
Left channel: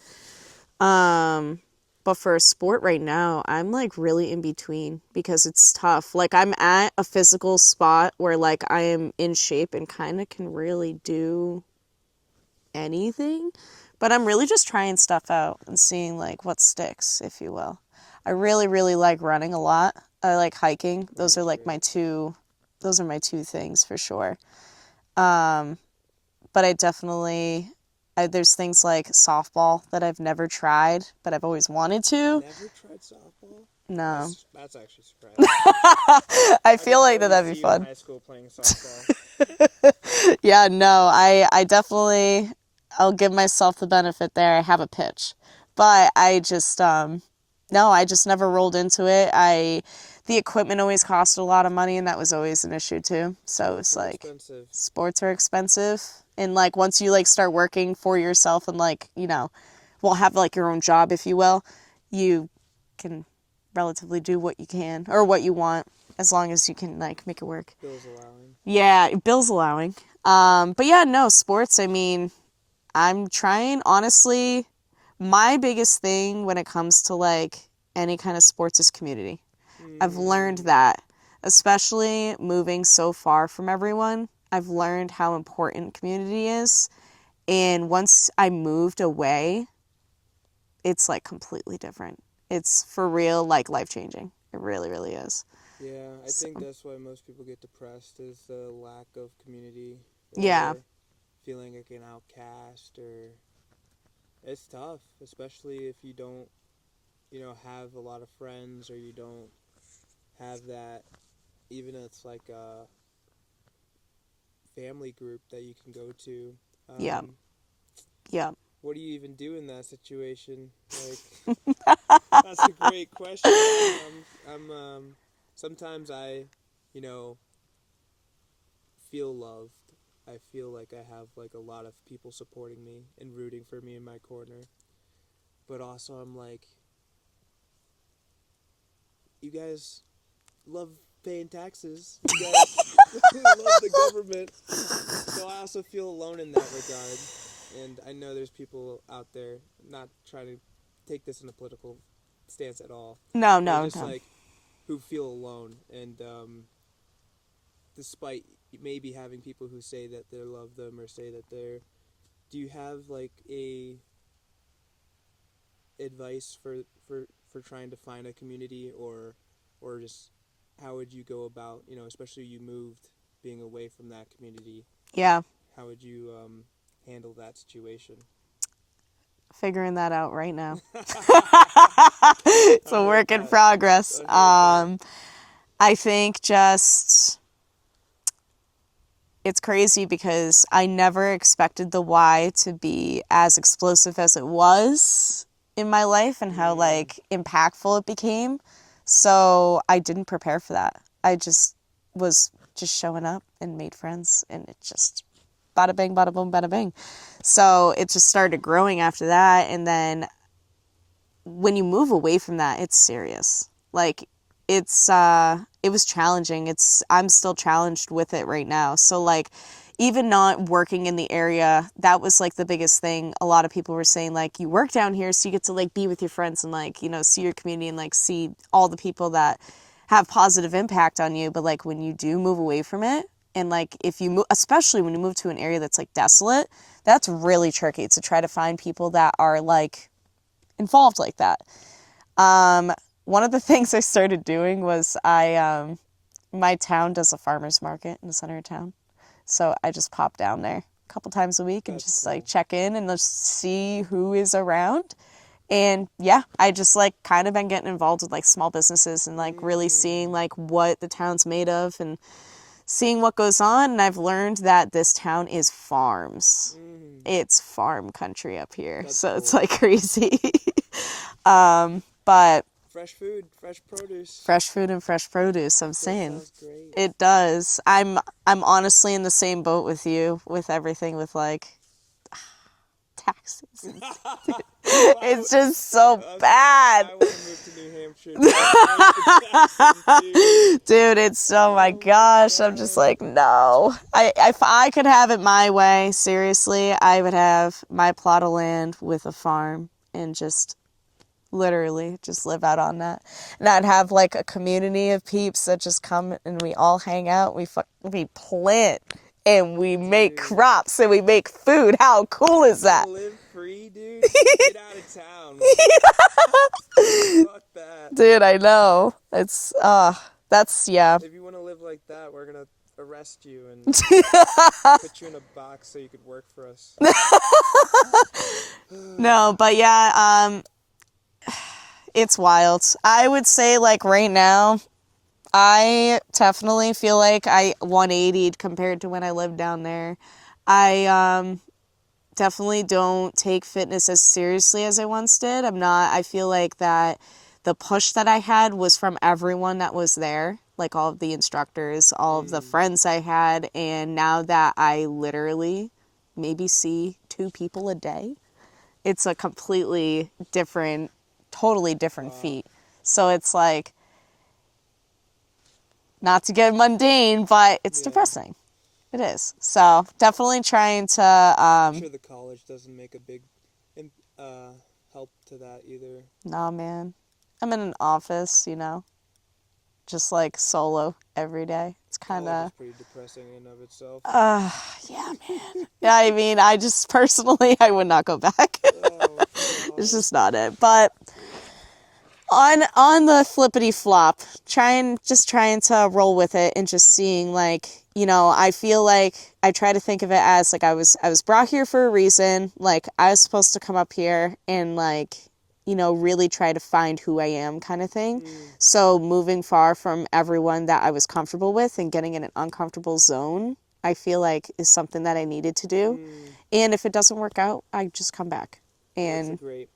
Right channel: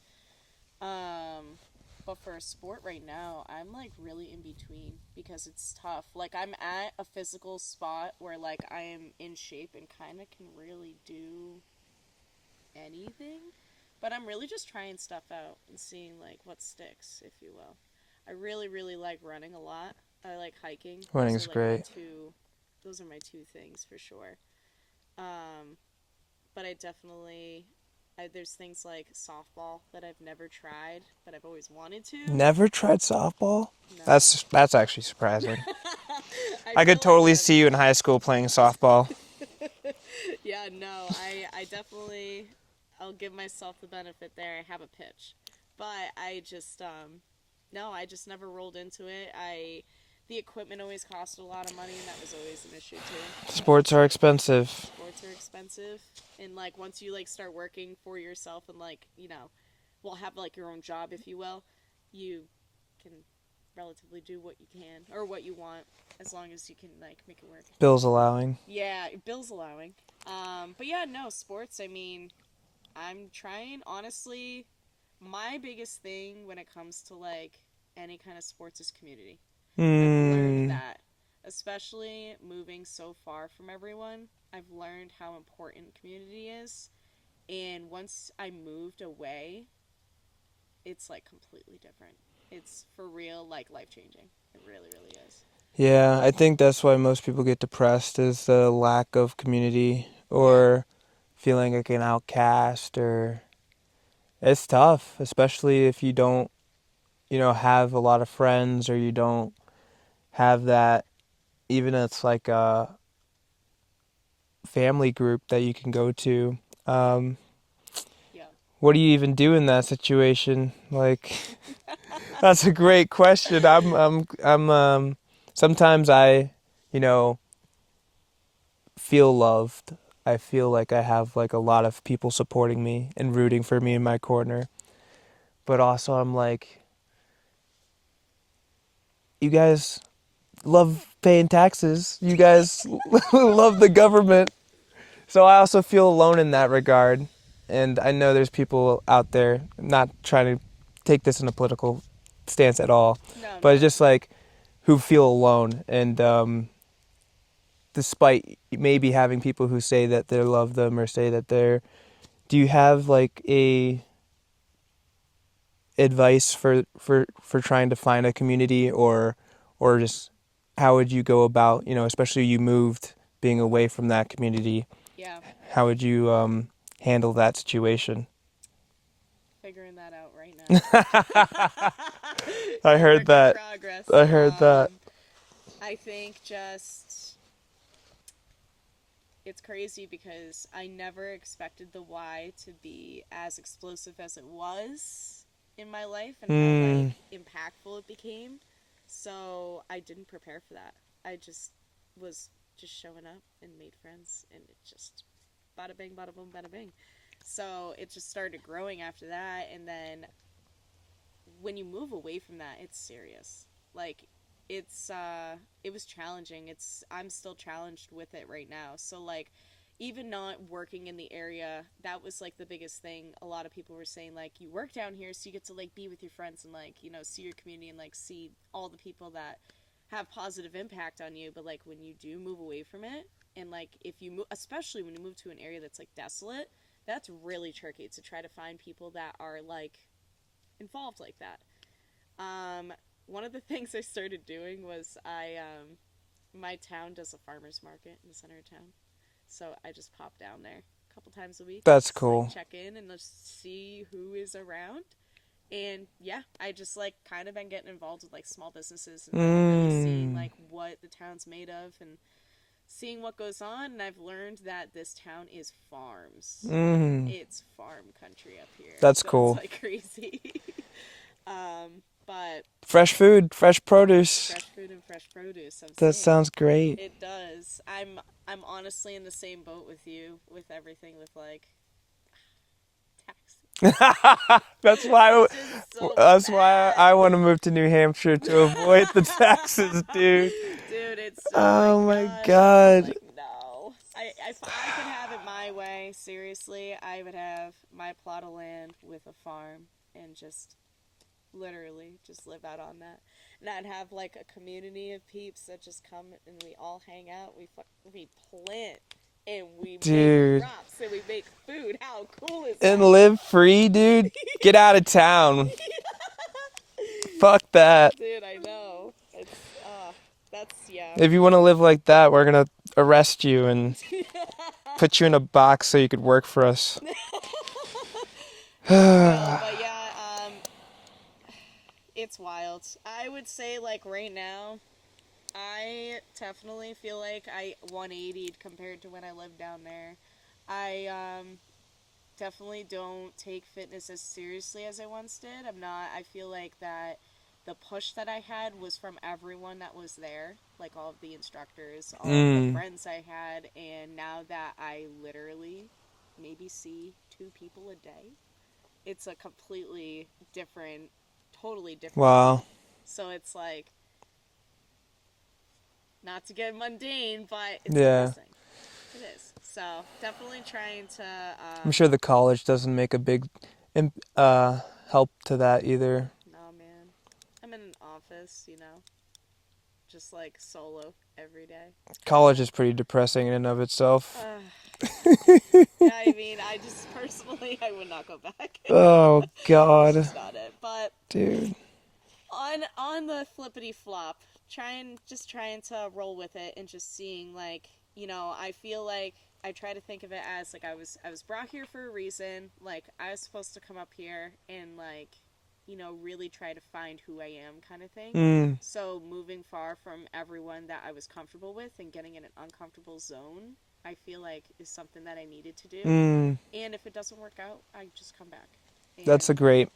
Um, but for a sport right now, I'm, like, really in between because it's tough. Like, I'm at a physical spot where, like, I am in shape and kind of can really do anything, but I'm really just trying stuff out and seeing like what sticks, if you will. I really, really like running a lot. I like hiking. Running's great. Those are my two things for sure. But I definitely, there's things like softball that I've never tried, but I've always wanted to. Never tried softball? No. That's actually surprising. I I feel could like totally that'd be see you in fun. high school playing softball. Yeah, no, I definitely, I'll give myself the benefit there. I have a pitch, but I just, no, I just never rolled into it. The equipment always cost a lot of money, and that was always an issue too. So Sports it's are like, expensive. sports are expensive. And like, once you like start working for yourself and like, well, have like your own job, if you will, you can relatively do what you can or what you want as long as you can like make it work. Bills allowing. Yeah, bills allowing. But yeah, no, sports, I mean, I'm trying, honestly, my biggest thing when it comes to like any kind of sports is community. I've learned that, especially moving so far from everyone. I've learned how important community is. And once I moved away, it's like completely different. It's for real, like life changing. It really, really is. Yeah, I think So, that's why most people get depressed is the lack of community yeah, or feeling like an outcast or it's tough, especially if you don't, have a lot of friends or you don't have that even if it's like a family group that you can go to. yeah, Um, yeah. what do you even do in that situation? Like, that's a great question. Sometimes I, you know, feel loved. I feel like I have like a lot of people supporting me and rooting for me in my corner. But also I'm like, you guys love paying taxes. You guys love the government. So I also feel alone in that regard. And I know there's people out there, not trying to take this in a political stance at all, No, but it's no, just no. like who feel alone. And despite maybe having people who say that they love them or say that they're, do you have like a advice for trying to find a community or just how would you go about, especially you moved being away from that community, Yeah, how would you handle that situation? figuring that out right now. It's I a heard work in that. progress. I heard that. I think just it's crazy because I never expected the why to be as explosive as it was in my life and how like impactful it became. So I didn't prepare for that. I just was just showing up and made friends and it just bada bing, bada boom, bada bing. So it just started growing after that. And then when you move away from that, it's serious. Like it was challenging. I'm still challenged with it right now. So like even not working in the area, that was like the biggest thing. A lot of people were saying like you work down here so you get to like be with your friends and like, see your community and like see all the people that have positive impact on you, but like when you do move away from it and like if you move, especially when you move to an area that's like desolate, that's really tricky to try to find people that are like involved like that. One of the things I started doing was my town does a farmer's market in the center of town. So I just pop down there a couple times a week and That's just like cool. check in and just see who is around. And yeah, I just like kind of been getting involved with like small businesses and like really seeing like what the town's made of and seeing what goes on. And I've learned that this town is farms. It's farm country up here. That's So it's cool. like crazy. But fresh food, fresh produce. Fresh food and fresh produce. I'm That saying. sounds great. It does. I'm honestly in the same boat with you with everything with like taxes. It's just so That's bad. why I want to move to New Hampshire to avoid the taxes, dude. Dude, it's oh my Oh my gosh. I'm just God. like, no. If I could have it my way, seriously, I would have my plot of land with a farm and just literally just live out on that. And I'd have like a community of peeps that just come and we all hang out. We plant and we make Dude. crops and we make food. How cool is that? And live free, dude. Get out of town. Fuck that. Dude, I know. It's that's yeah. If you want to live like that, we're gonna arrest you and put you in a box so you could work for us. No, but yeah, it's wild. I would say like right now, I definitely feel like I 180'd compared to when I lived down there. I definitely don't take fitness as seriously as I once did. I feel like that the push that I had was from everyone that was there, like all of the instructors, all of the friends I had, and now that I literally maybe see 2 people a day, it's a completely different, totally different feat. So it's like, not to get mundane, but it's depressing. It is. So definitely trying to. I'm sure the college doesn't make a big help to that either. No, man. I'm in an office, just like solo every day. College is pretty depressing in and of itself. Yeah. I mean, I just personally, I would not go back. Oh, God. It's just not it. But dude. On the flippity flop, trying to roll with it and just seeing like, I feel like I try to think of it as like I was brought here for a reason. Like I was supposed to come up here and like, really try to find who I am kind of thing. So moving far from everyone that I was comfortable with and getting in an uncomfortable zone, I feel like is something that I needed to do. And if it doesn't work out, I just come back. And that's a great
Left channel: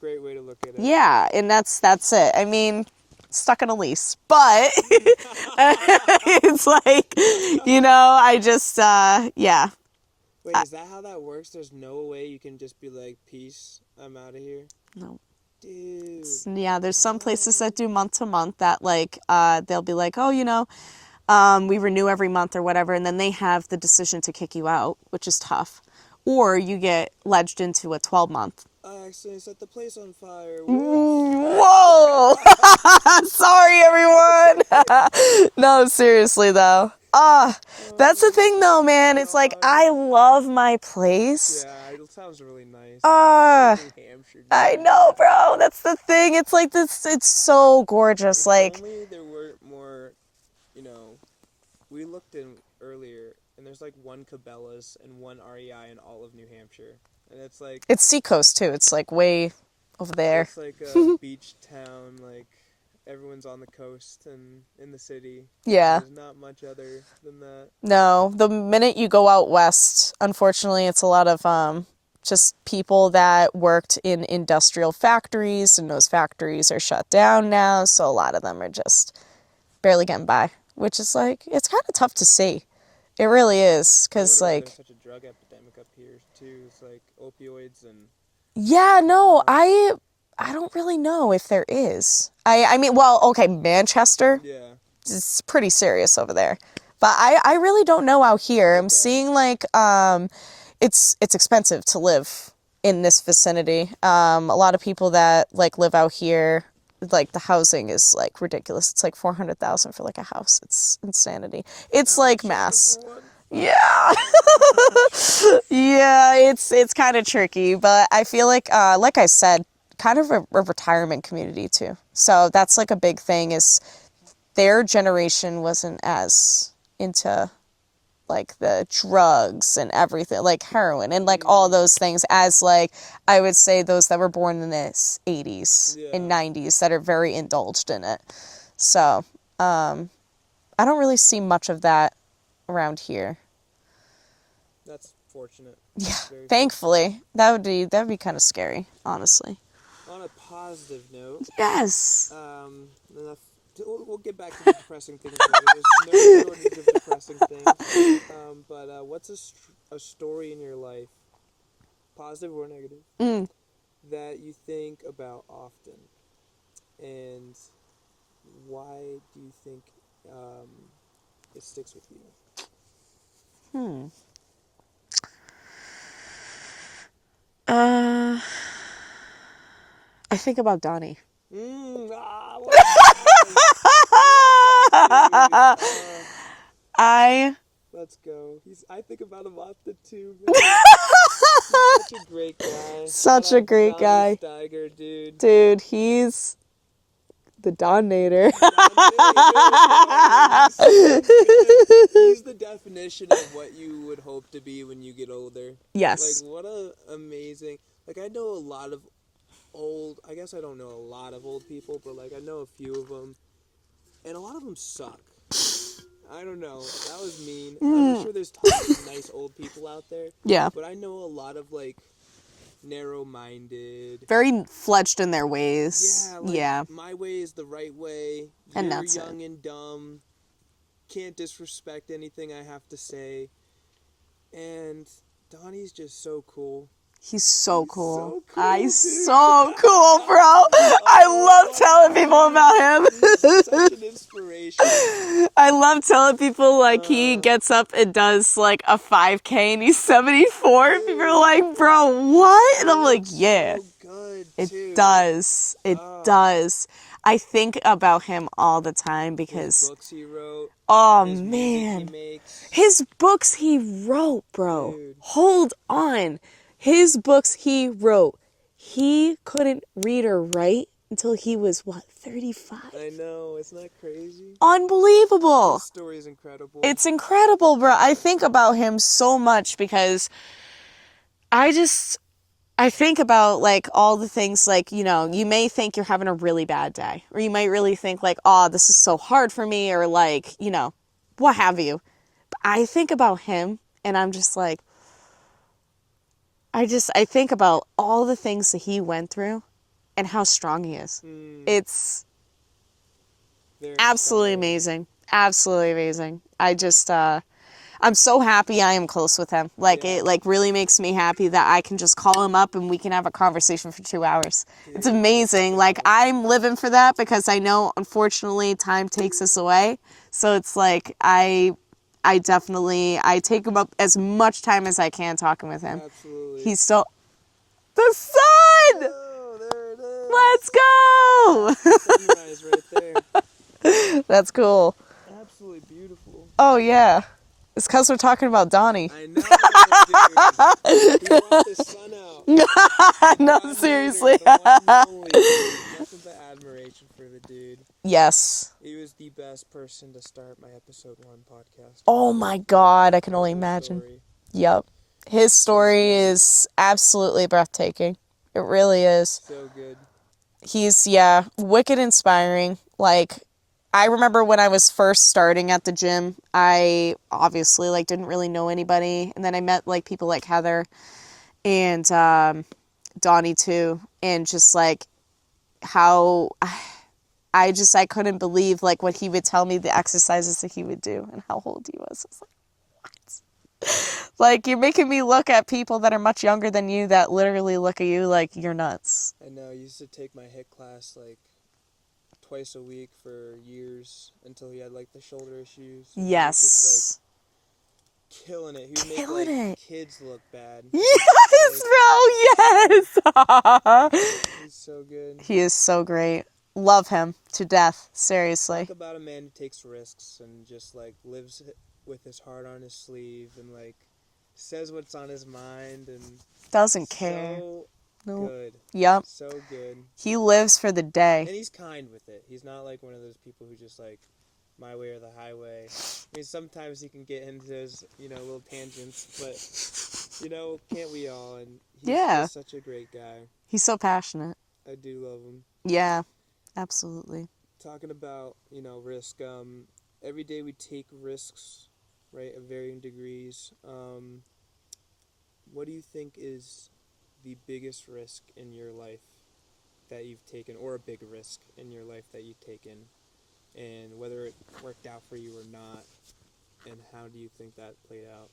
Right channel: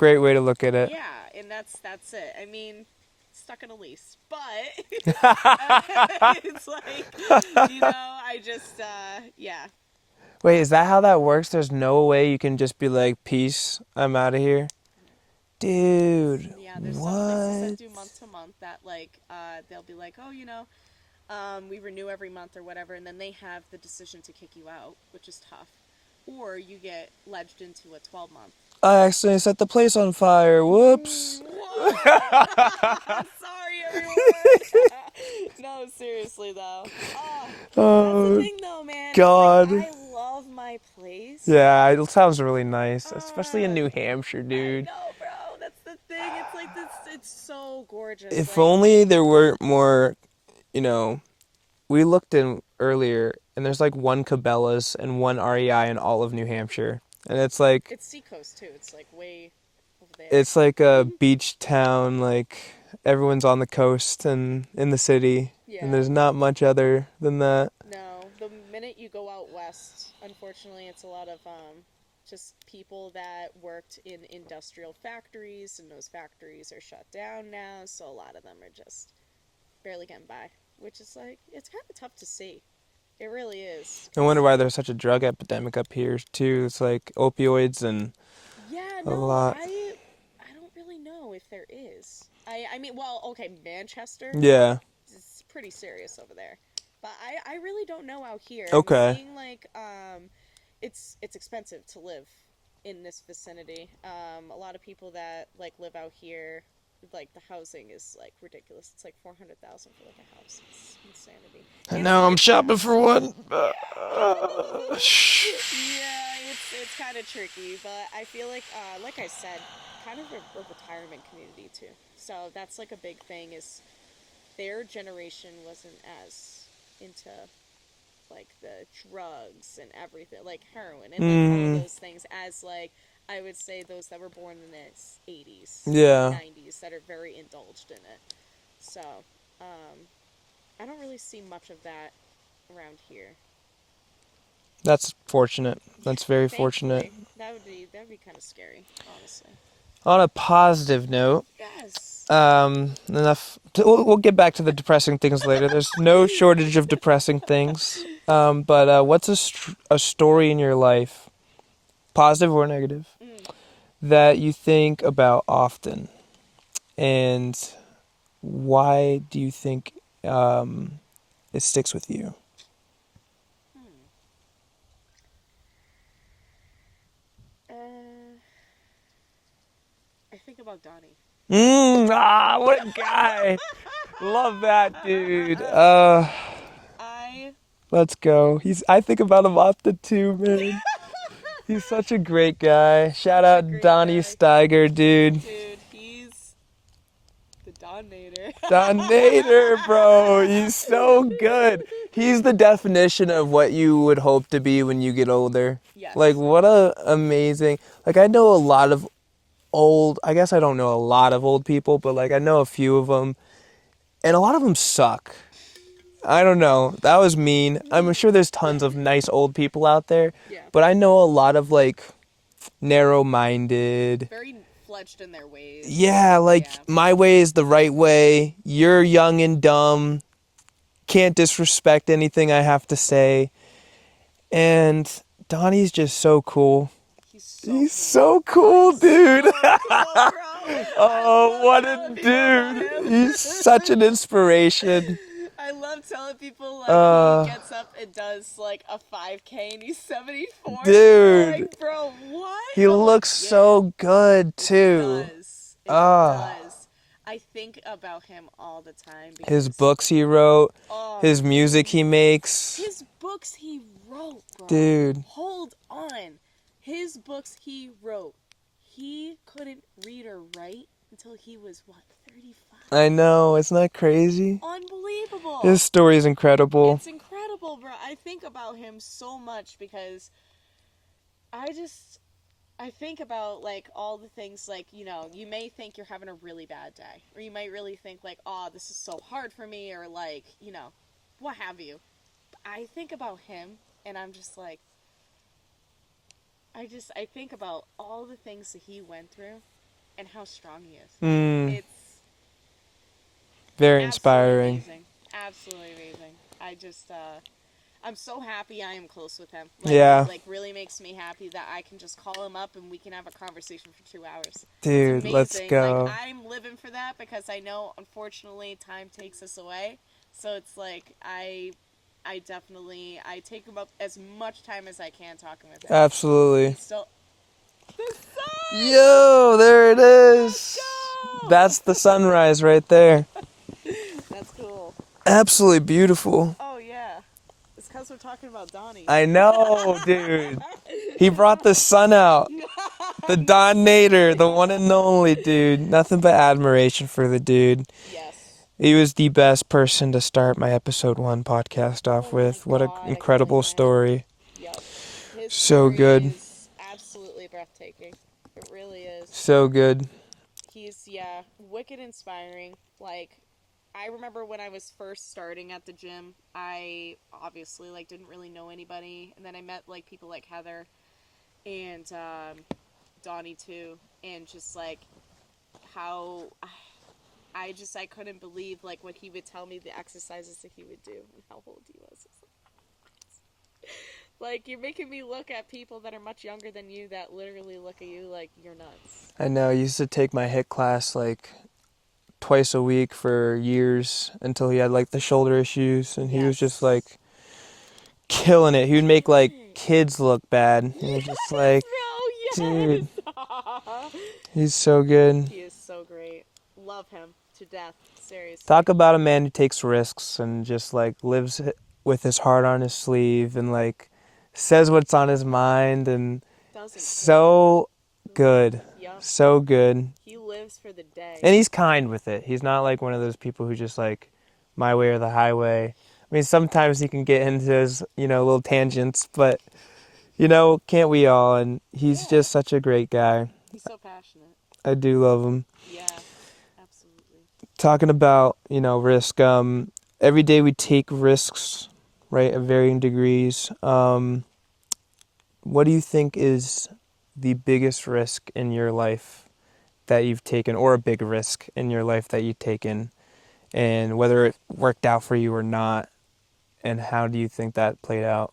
way to look at it. Yeah, and that's it. I mean, stuck in a lease, but it's like, I just, yeah. Wait, is that how that works? There's no way you can just be like, peace, I'm out of here? No. Dude. Yeah, there's some places that do month to month that like, they'll be like, oh, we renew every month or whatever, and then they have the decision to kick you out, which is tough. Or you get ledged into a 12-month. I accidentally set the place on fire. Whoops. Whoa! Sorry, everyone. No, seriously though. That's the thing though, man. God. It's like I love my place. Yeah, it sounds really nice, especially in New Hampshire, dude. I know, bro. That's the thing. It's like this. It's so gorgeous. If only there were more, we looked in earlier, and there's like 1 Cabela's and 1 REI in all of New Hampshire. And it's like... It's seacoast, too. It's like way over there. It's like a beach town, like everyone's on the coast and in the city. Yeah. And there's not much other than that. No. The minute you go out west, unfortunately, it's a lot of just people that worked in industrial factories, and those factories are shut down now. So a lot of them are just barely getting by, which is like, it's kind of tough to see. It really is. I wonder why there's such a drug epidemic up here too. It's like opioids and... Yeah, no, I don't really know if there is. I mean, well, okay, Manchester. Yeah. It's pretty serious over there. But I really don't know out here. Okay. I'm seeing like it's expensive to live in this vicinity. A lot of people that like live out here, like the housing is like ridiculous. It's like $400,000 for like a house. It's insanity. It's now like I'm shopping mass. for one. Yeah. Yeah, it's kind of tricky, but I feel like I said, kind of a retirement community too. So that's like a big thing is their generation wasn't as into like the drugs and everything, like heroin and like all those things as like, I would say those that were born in the 80s and 90s that are very indulged in it. So, I don't really see much of that around here. That's fortunate. That's very Thankfully, fortunate. that would be kind of scary, honestly. On a positive note, Yes. We'll get back to the depressing things later. There's no shortage of depressing things. But what's a story in your life, positive or negative, that you think about often, and why do you think it sticks with you? I think about Donnie. What a guy! Love that dude. I Let's go. I think about him often too, man. He's such a great guy. Shout Such a out great Donnie guy. Steiger, dude. Dude, he's the Donator. Donator, bro. He's so good. He's the definition of what you would hope to be when you get older. Yes. Like, what a amazing... Like, I know a lot of I guess I don't know a lot of old people, but, like, I know a few of them. And a lot of them suck. I don't know. That was mean. I'm sure there's tons of nice old people out there. Yeah. But I know a lot of, like, narrow-minded. Very fledged in their ways. Yeah, like, my way is the right way. You're that's young and dumb. Can't disrespect anything I have to say. And Donnie's just so cool. He's so He's cool. so cool, He's dude. so cool, bro. I love telling people about him. He's such an inspiration. I love telling people, like, he gets up and does, like, a 5K and he's 74. Dude. You're like, bro, what? He and I'm like, looks yeah. so good, too. It does. It does. I think about him all the time because... His books he wrote. His music he makes. His books he wrote, bro. Dude. Hold on. His books he wrote. He couldn't read or write until he was, 35? I know. Isn't that crazy? Unbelievable. This story is incredible. It's incredible, bro. I think about him so much because I think about, like, all the things, like, you know, you may think you're having a really bad day, or you might really think, like, oh, this is so hard for me, or, like, you know, what have you. But I think about him, and I'm just like, I think about all the things that he went through and how strong he is. It's very absolutely inspiring. amazing. Absolutely amazing. I'm so happy I am close with him. Like, Yeah. It, like, really makes me happy that I can just call him up and we can have a conversation for 2 hours. Dude, it's amazing. let's go. Like, I'm living for that because I know, unfortunately, time takes us away. So it's like, I take him up as much time as I can talking with him. Absolutely. He's so... The sun! Yo, there it is. Let's go! That's the sunrise right there. That's cool. Absolutely beautiful. Oh, yeah. It's because we're talking about Donnie. I know, dude. He brought the sun out. The Don seriously. Nader, the one and only, dude. Nothing but admiration for the dude. Yes. He was the best person to start my episode 1 podcast off with. Oh my What God, an I can only incredible imagine. story. Yep. His So story good. is absolutely breathtaking. It really is. So good. He's, wicked inspiring. Like, I remember when I was first starting at the gym, I obviously, like, didn't really know anybody. And then I met, like, people like Heather and Donnie, too. And just, like, how I couldn't believe, like, what he would tell me, the exercises that he would do and how old he was. I was like, what? Like, you're making me look at people that are much younger than you that literally look at you like you're nuts. I know. I used to take my HIIT class, like, twice a week for years until he had, like, the shoulder issues. And Yes. he was just, like, killing it. He would make, like, kids look bad. He was Yes, just, bro, yes! he's so good. He is so great. Love him to death, seriously. Talk about a man who takes risks and just, like, lives with his heart on his sleeve and, like, says what's on his mind and Doesn't care. so good. Yep. So good. He lives for the day. And he's kind with it. He's not like one of those people who just like my way or the highway. I mean, sometimes he can get into his, little tangents, but, can't we all? And he's just such a great guy. He's so passionate. I do love him. Yeah, absolutely. Talking about, risk, every day we take risks, right, of varying degrees. What do you think is the biggest risk in your life that you've taken, or a big risk in your life that you've taken, and whether it worked out for you or not, and how do you think that played out?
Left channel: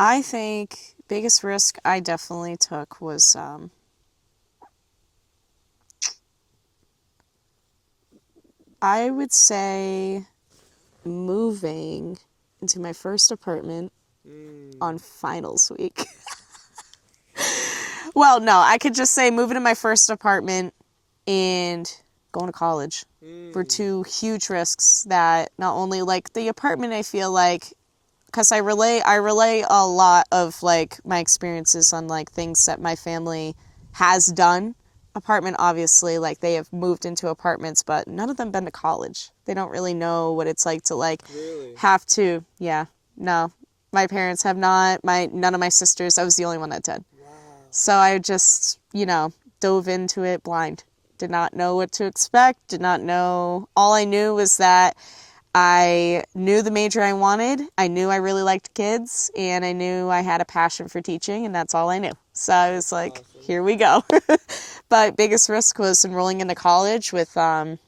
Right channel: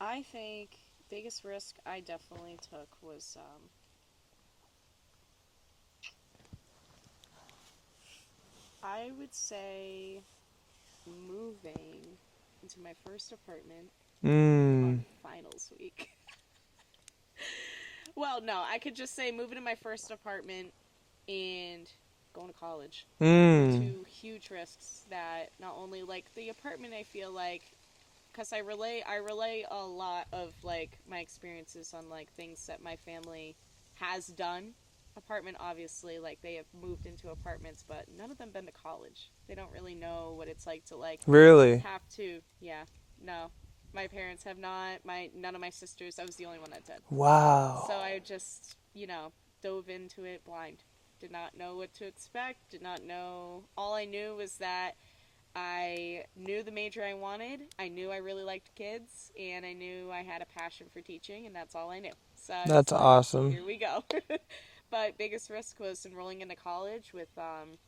I think biggest risk I definitely took was I would say moving into my first apartment on finals week. Well, no, I could just say moving to my first apartment and going to college were two huge risks that not only like the apartment, I feel like, because I relay a lot of like my experiences on like things that my family has done. Apartment, obviously, like they have moved into apartments, but none of them been to college. They don't really know what it's like to like Really? have to. Yeah, no, my parents have not. None of my sisters. I was the only one that did. Wow. So I just, dove into it blind. Did not know what to expect. Did not know. All I knew was that I knew the major I wanted. I knew I really liked kids, and I knew I had a passion for teaching, and that's all I knew. So I was like, awesome. Here we go. But biggest risk was enrolling into college with not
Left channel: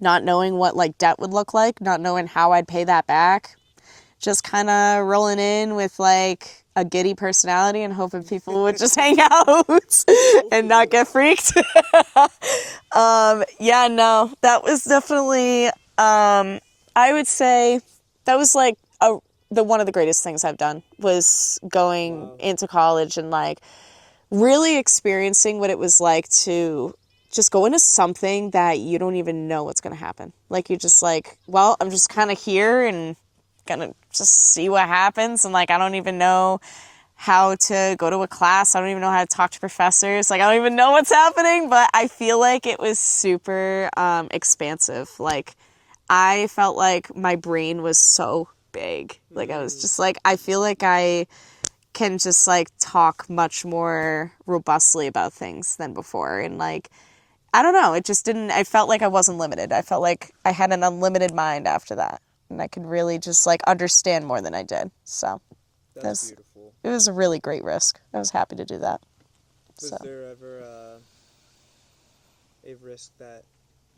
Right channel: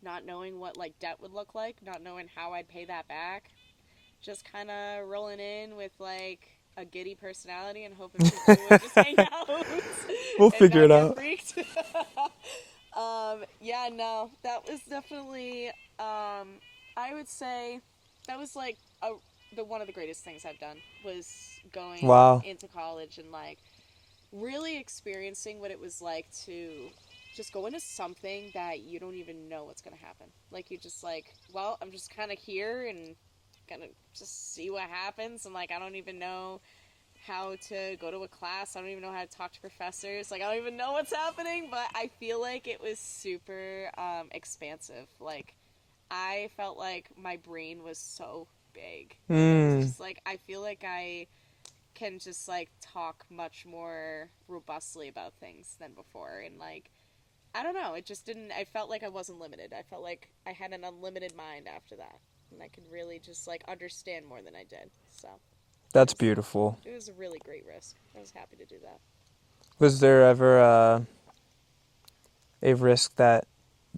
knowing what like debt would look like, not knowing how I'd pay that back. Just kind of rolling in with like a giddy personality and hoping people would just hang out and not get freaked. Yeah, no, that was definitely, I would say that was like one of the greatest things I've done was going into college and like really experiencing what it was like to just go into something that you don't even know what's going to happen. Like you're just like, well, I'm just kind of here and gonna just see what happens, and like I don't even know how to go to a class. I don't even know how to talk to professors. Like I don't even know what's happening, but I feel like it was super expansive. Like I felt like my brain was so big. Like I was just like, I feel like I can just like talk much more robustly about things than before, and like I don't know, it just didn't, I felt like I wasn't limited. I felt like I had an unlimited mind after that. And I could really just like understand more than I did. So That's beautiful. It was a really great risk. I was happy to do that. Was there ever a risk that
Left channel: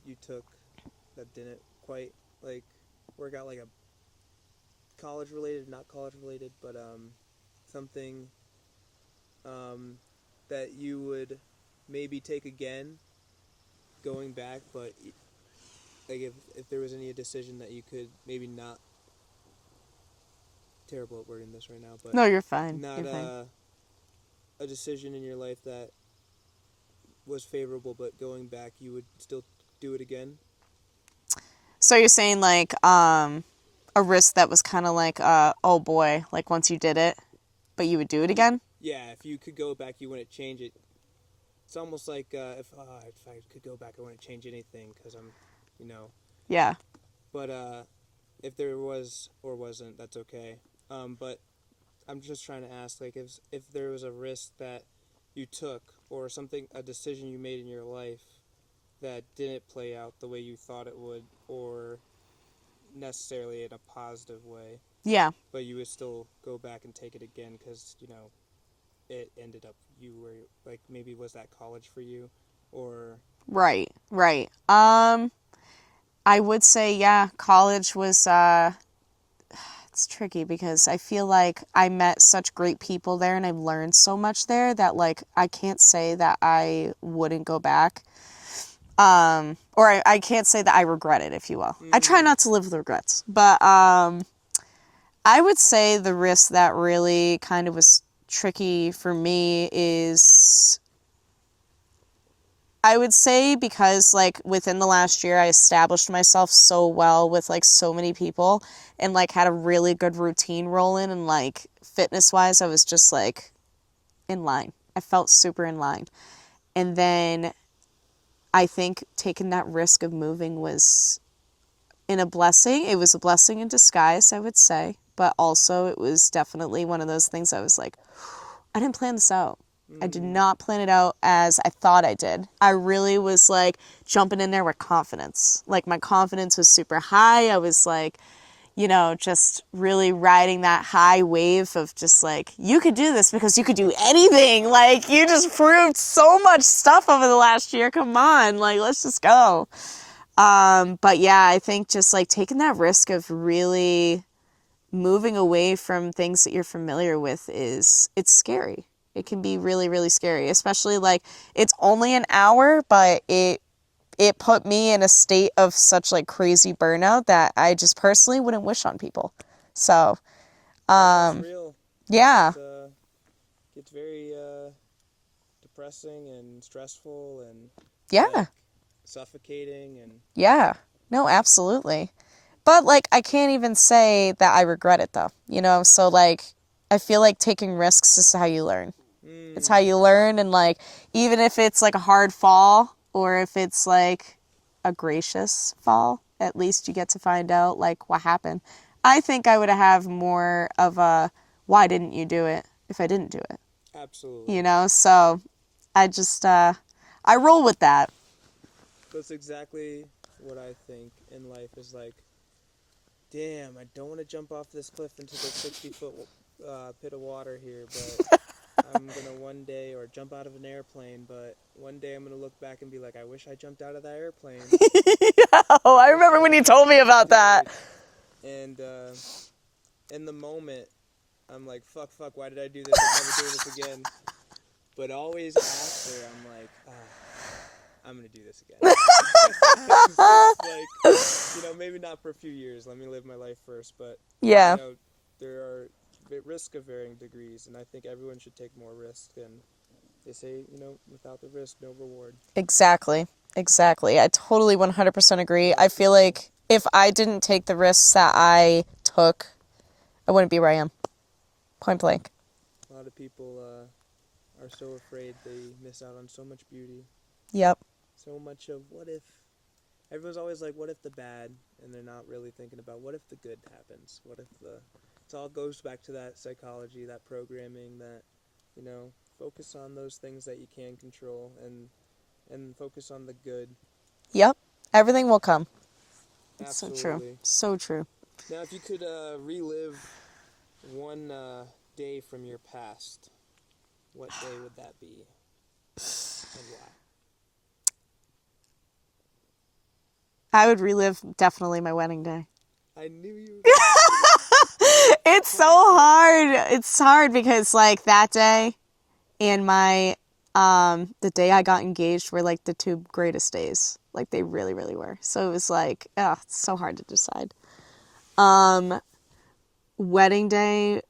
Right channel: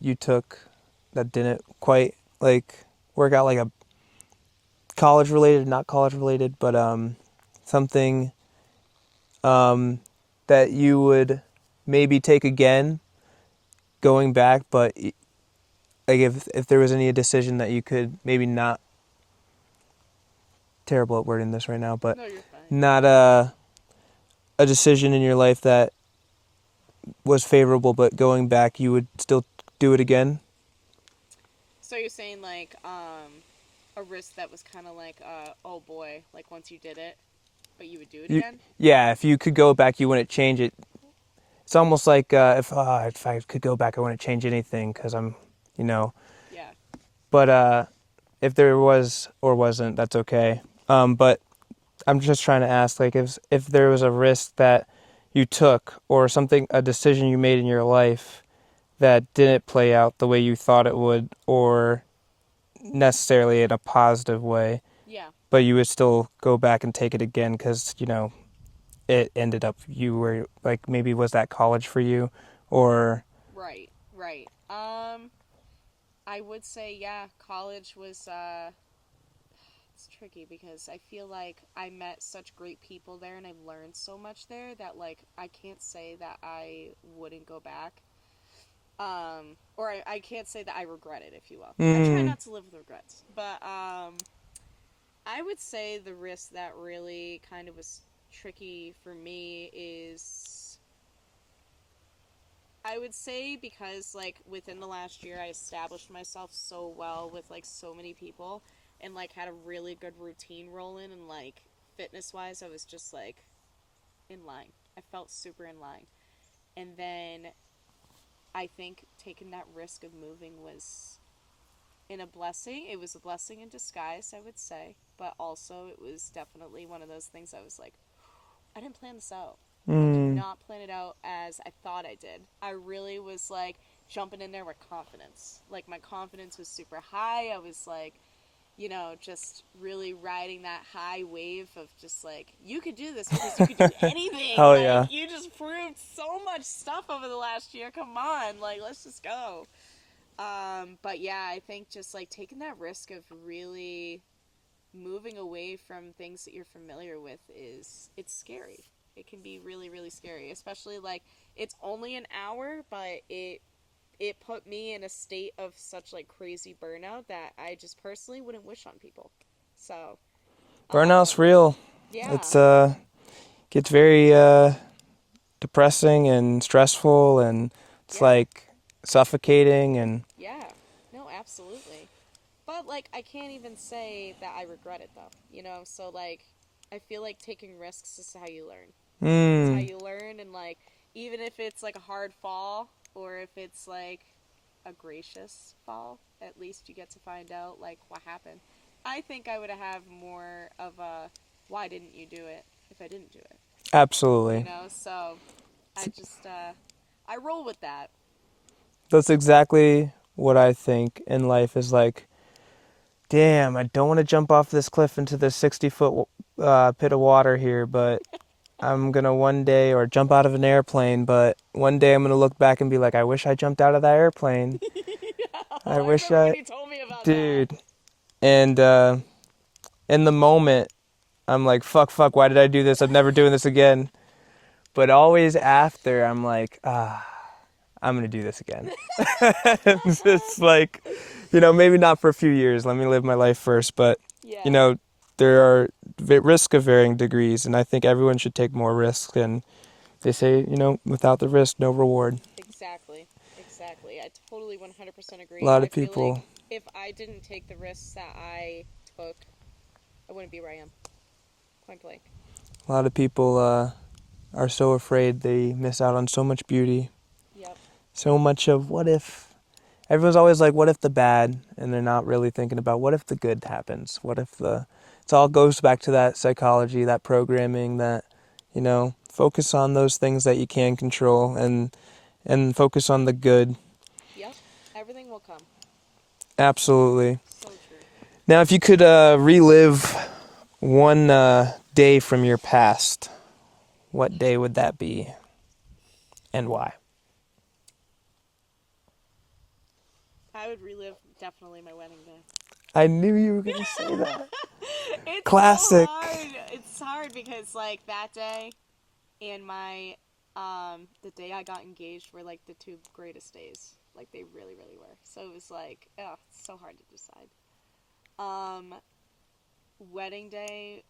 you took that didn't quite like work out, like a college related, not college related, but something that you would maybe take again going back, but like if there was any decision that you could maybe not, terrible at wording this right now, but no, you're fine. Not a decision in your life that was favorable, but going back you would still do it again? So you're saying like a risk that was kind of like oh boy, like once you did it, but you would do it again? Yeah, if you could go back, you wouldn't change it. It's almost like if I could go back, I wouldn't change anything because I'm, Yeah. But if there was or wasn't, that's okay. But I'm just trying to ask, like, if there was a risk that you took or something, a decision you made in your life that didn't play out the way you thought it would, or necessarily in a positive way. Yeah. But you would still go back and take it again because, it ended up you were, like, maybe was that college for you or... Right. I would say, yeah, college was, it's tricky because I feel like I met such great people there and I've learned so much there that, like, I can't say that I wouldn't go back. Or I can't say that I regret it, if you will. I try not to live with regrets. But I would say the risk that really kind of was tricky for me is... I would say because, like, within the last year, I established myself so well with, like, so many people and, like, had a really good routine rolling and, like, fitness-wise, I was just, like, in line. I felt super in line. And then I think taking that risk of moving was a blessing. It was a blessing in disguise, I would say. But also it was definitely one of those things I was like, I didn't plan this out. I did not plan it out as I thought I did. I really was like jumping in there with confidence. Like my confidence was super high. I was like, you know, just really riding that high wave of just like, you could do this because you could do anything. Oh, like, yeah. you just proved so much stuff over the last year. Come on, like, let's just go. But yeah, I think just like taking that risk of really moving away from things that you're familiar with it's scary. It can be really, really scary, especially like it's only an hour, but it put me in a state of such like crazy burnout that I just personally wouldn't wish on people. So, Burnout's real. yeah. It's gets very depressing and stressful, and it's Yeah. like suffocating, and Yeah. No, absolutely. But like I can't even say that I regret it though. You know, so like I feel like taking risks is how you learn. It's how you learn, and like even if it's like a hard fall or if it's like a gracious fall, at least you get to find out like what happened. I think I would have more of a why didn't you do it if I didn't do it? absolutely. You know, so I just I roll with that. That's exactly what I think in life is like, damn, I don't want to jump off this cliff into the 60-foot pit of water here, but I'm going to one day, or jump out of an airplane, but one day I'm going to look back and be like, I wish I jumped out of that airplane. Oh, I wish remember when you told me about that. Dude. And in the moment, I'm like, fuck, why did I do this? I'm never doing this again. But always after, I'm like, I'm going to do this again. It's like, you know, maybe not for a few years. Let me live my life first. But, Yeah. you know, there are risks of varying degrees. And I think everyone should take more risks. And they say, you know, without the risk, no reward. Exactly. I totally 100% agree. A lot of I feel people- like if I didn't take the risks that I took, I wouldn't be where I am. Point blank. A lot of people are so afraid they miss out on so much beauty. Yep. So much of what if. Everyone's always like, what if the bad? And they're not really thinking about what if the good happens? What if the. It all goes back to that psychology, that programming, that, you know, focus on those things that you can control, and focus on the good. Yep. Everything will come. Absolutely. So true. Now, if you could relive one day from your past, what day would that be, and why? I would relive definitely my wedding day. I knew you were going to say that. It's Classic. so hard. It's hard because like that day and my the day I got engaged were like the two greatest days. Like they really, really were. So it was like, it's so hard to decide. Wedding day,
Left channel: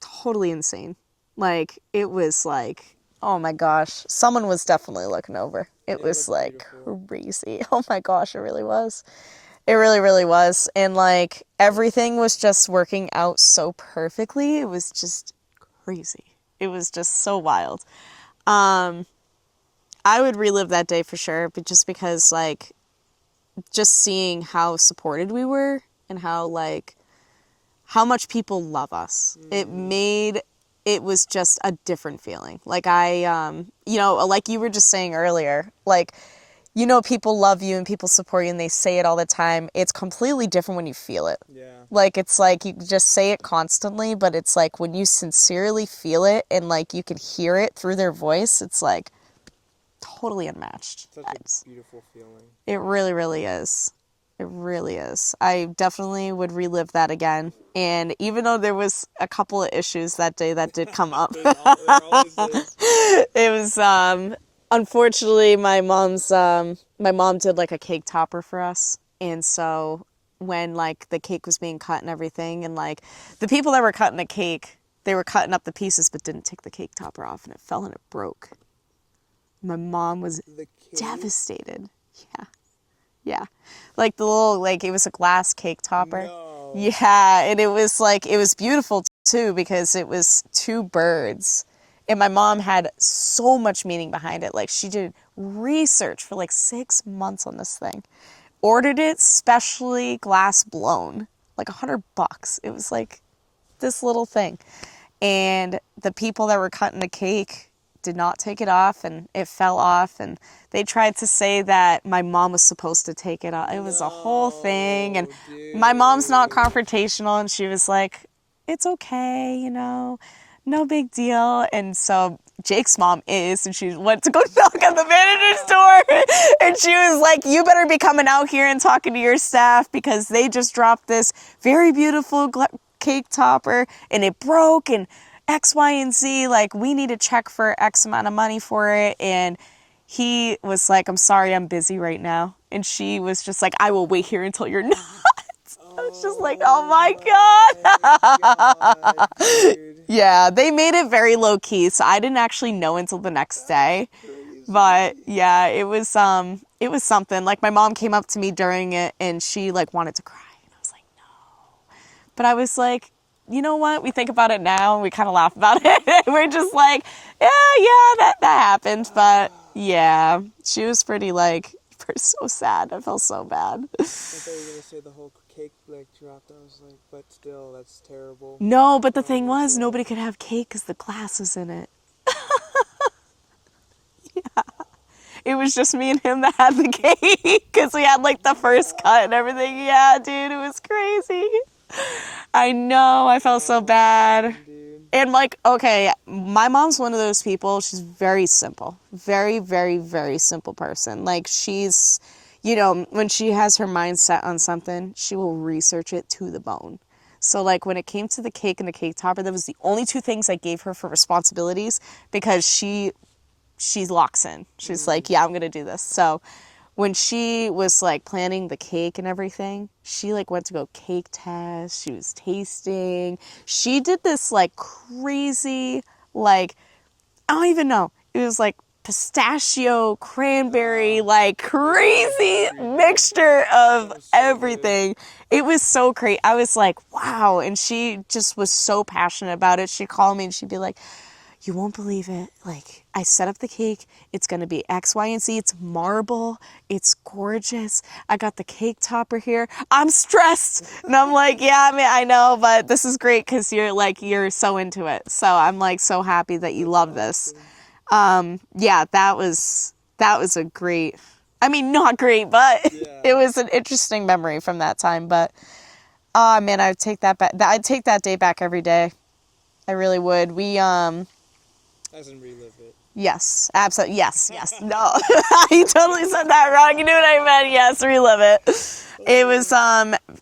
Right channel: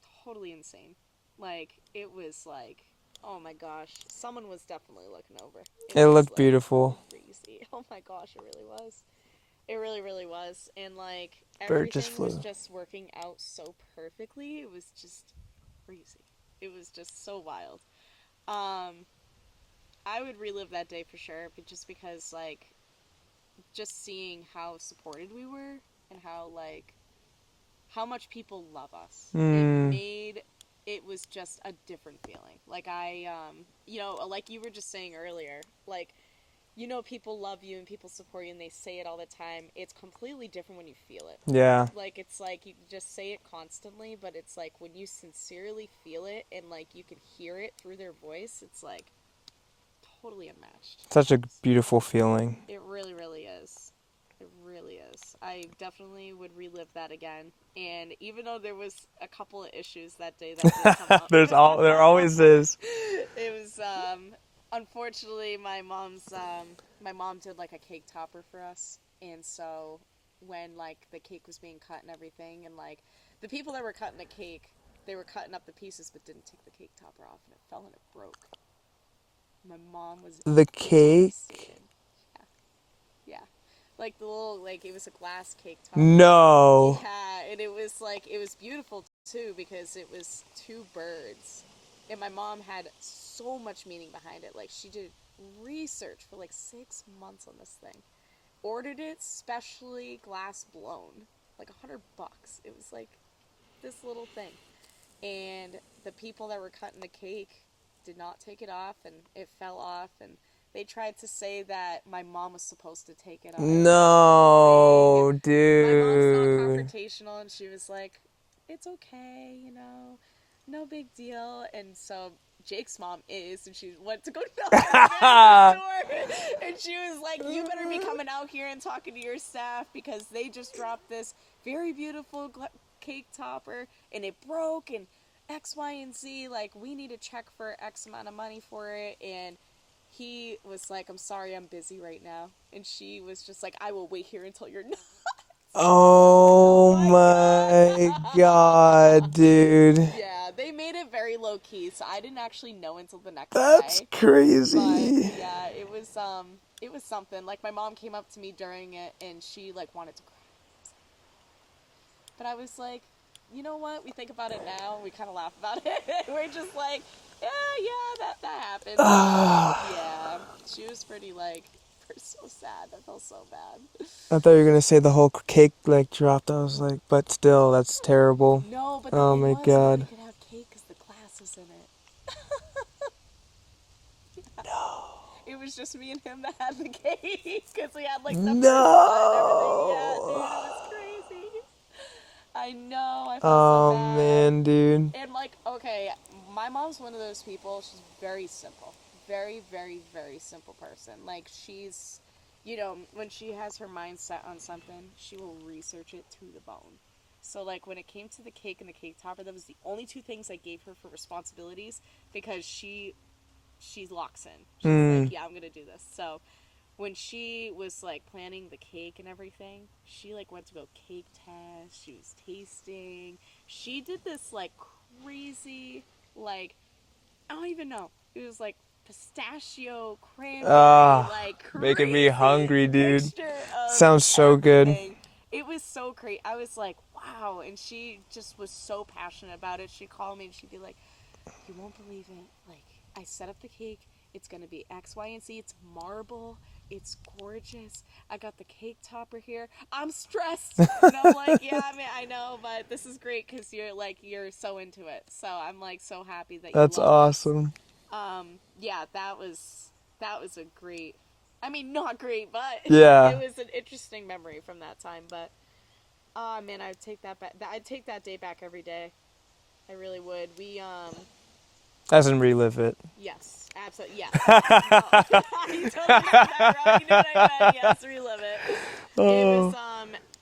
totally insane. Like it was like, oh my gosh, someone was definitely looking over. It was looked like beautiful. crazy. Oh my gosh, it really was. It really, really was. And like everything was Beautiful. just working out so perfectly. It was just crazy. It was just so wild. I would relive that day for sure, but just because like just seeing how supported we were and how like how much people love us. It was just a different feeling. Like I you know, like you were just saying earlier, like you know, people love you and people support you and they say it all the time. It's completely different when you feel it. Yeah. Like, it's like you just say it constantly, but it's like when you sincerely feel it and like you can hear it through their voice, it's like totally unmatched. Such a beautiful feeling. It really, really is. It really is. I definitely would relive that again. And even though there was a couple of issues that day that did come up. There always is. It was, unfortunately, my mom did like a cake topper for us. And so when like the cake was being cut and everything, and like the people that were cutting the cake, they were cutting up the pieces but didn't take the cake topper off, and it fell and it broke. My mom was The cake? devastated. Yeah. Like the little, like it was a glass cake topper. No. Yeah, and it was like, it was beautiful too because it was two birds. And my mom had so much meaning behind it. Like she did research for like 6 months on this thing. Ordered it specially glass blown, like $100. It was like this little thing. And the people that were cutting the cake did not take it off, and it fell off, and they tried to say that my mom was supposed to take it off. It was a whole thing, and dude. my mom's not confrontational, and she was like, it's okay, you know, no big deal. And so Jake's mom is, and she went to go knock on the manager's door, and she was like, you better be coming out here and talking to your staff, because they just dropped this very beautiful cake topper, and it broke, and X, Y, and Z, like, we need a check for X amount of money for it. And he was like, I'm sorry, I'm busy right now. And she was just like, I will wait here until you're not. Oh, my God, dude. Yeah, they made it very low key, so I didn't actually know until the next day. That's crazy. But yeah, it was something. Like, my mom came up to me during it, and she like wanted to cry. And I was like, no. But I was like, you know what? We think about it now, and we kind of laugh about it. We're just like, yeah, that happened. But yeah, she was pretty like, so sad. I felt so bad. I thought you were gonna say the whole cake like dropped. I was like, but still, that's terrible. No, but the thing my was, God. nobody could have cake because the glass was in it. Yeah. No. It was just me and him that had the cake, because we had like the first cut and everything. Yeah, dude, it was crazy. I know, I felt so bad. Man, dude. And like, okay, my mom's one of those people, she's very simple. Very, very, very simple person. Like, she's, you know, when she has her mind set on something, she will research it to the bone. So like, when it came to the cake and the cake topper, that was the only two things I gave her for responsibilities, because she locks in. She's like, yeah, I'm gonna do this. So when she was like planning the cake and everything, she like went to go cake test. She was tasting. She did this like crazy, like, I don't even know. It was like pistachio, cranberry, like crazy hungry, mixture of Sounds so everything. It was so great. I was like, wow. And she just was so passionate about it. She'd call me and she'd be like, you won't believe it. Like, I set up the cake. It's going to be X, Y, and Z. It's marble. It's gorgeous. I got the cake topper here. I'm stressed. And I'm like, yeah, I mean, I know, but this is great because you're so into it. So I'm like so happy that you That's love awesome. this. Yeah, that was a great, I mean, not great, but Yeah. it was an interesting memory from that time. But, oh man, I would take that back. I'd take that day back every day. I really would. We, As in relive it. yes, absolutely. Yes. No, you totally said that wrong. You knew what I meant. Yes, relive it. It was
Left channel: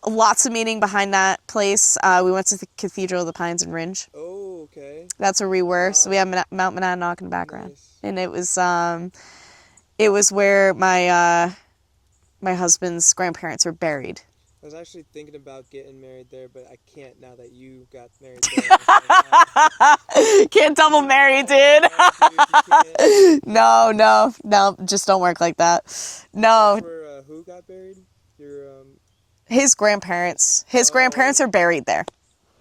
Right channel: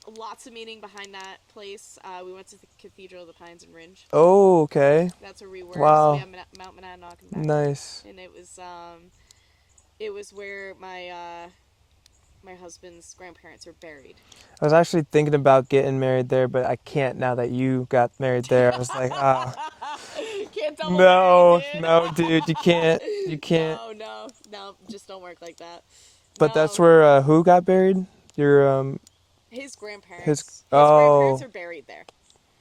lots of meaning behind that place. We went to the Cathedral of the Pines in Ringe. Oh, okay. That's where we were. Wow. So we have Mount Monadnock in the background. Nice. And it was where my husband's grandparents were buried. I was actually thinking about getting married there, but I can't now that you got married there. I was like, oh. Can't double marry, dude. No, dude, you can't. You can't. No, just don't work like that. But No, that's where who got buried? Your his grandparents. His- His grandparents oh. are buried there.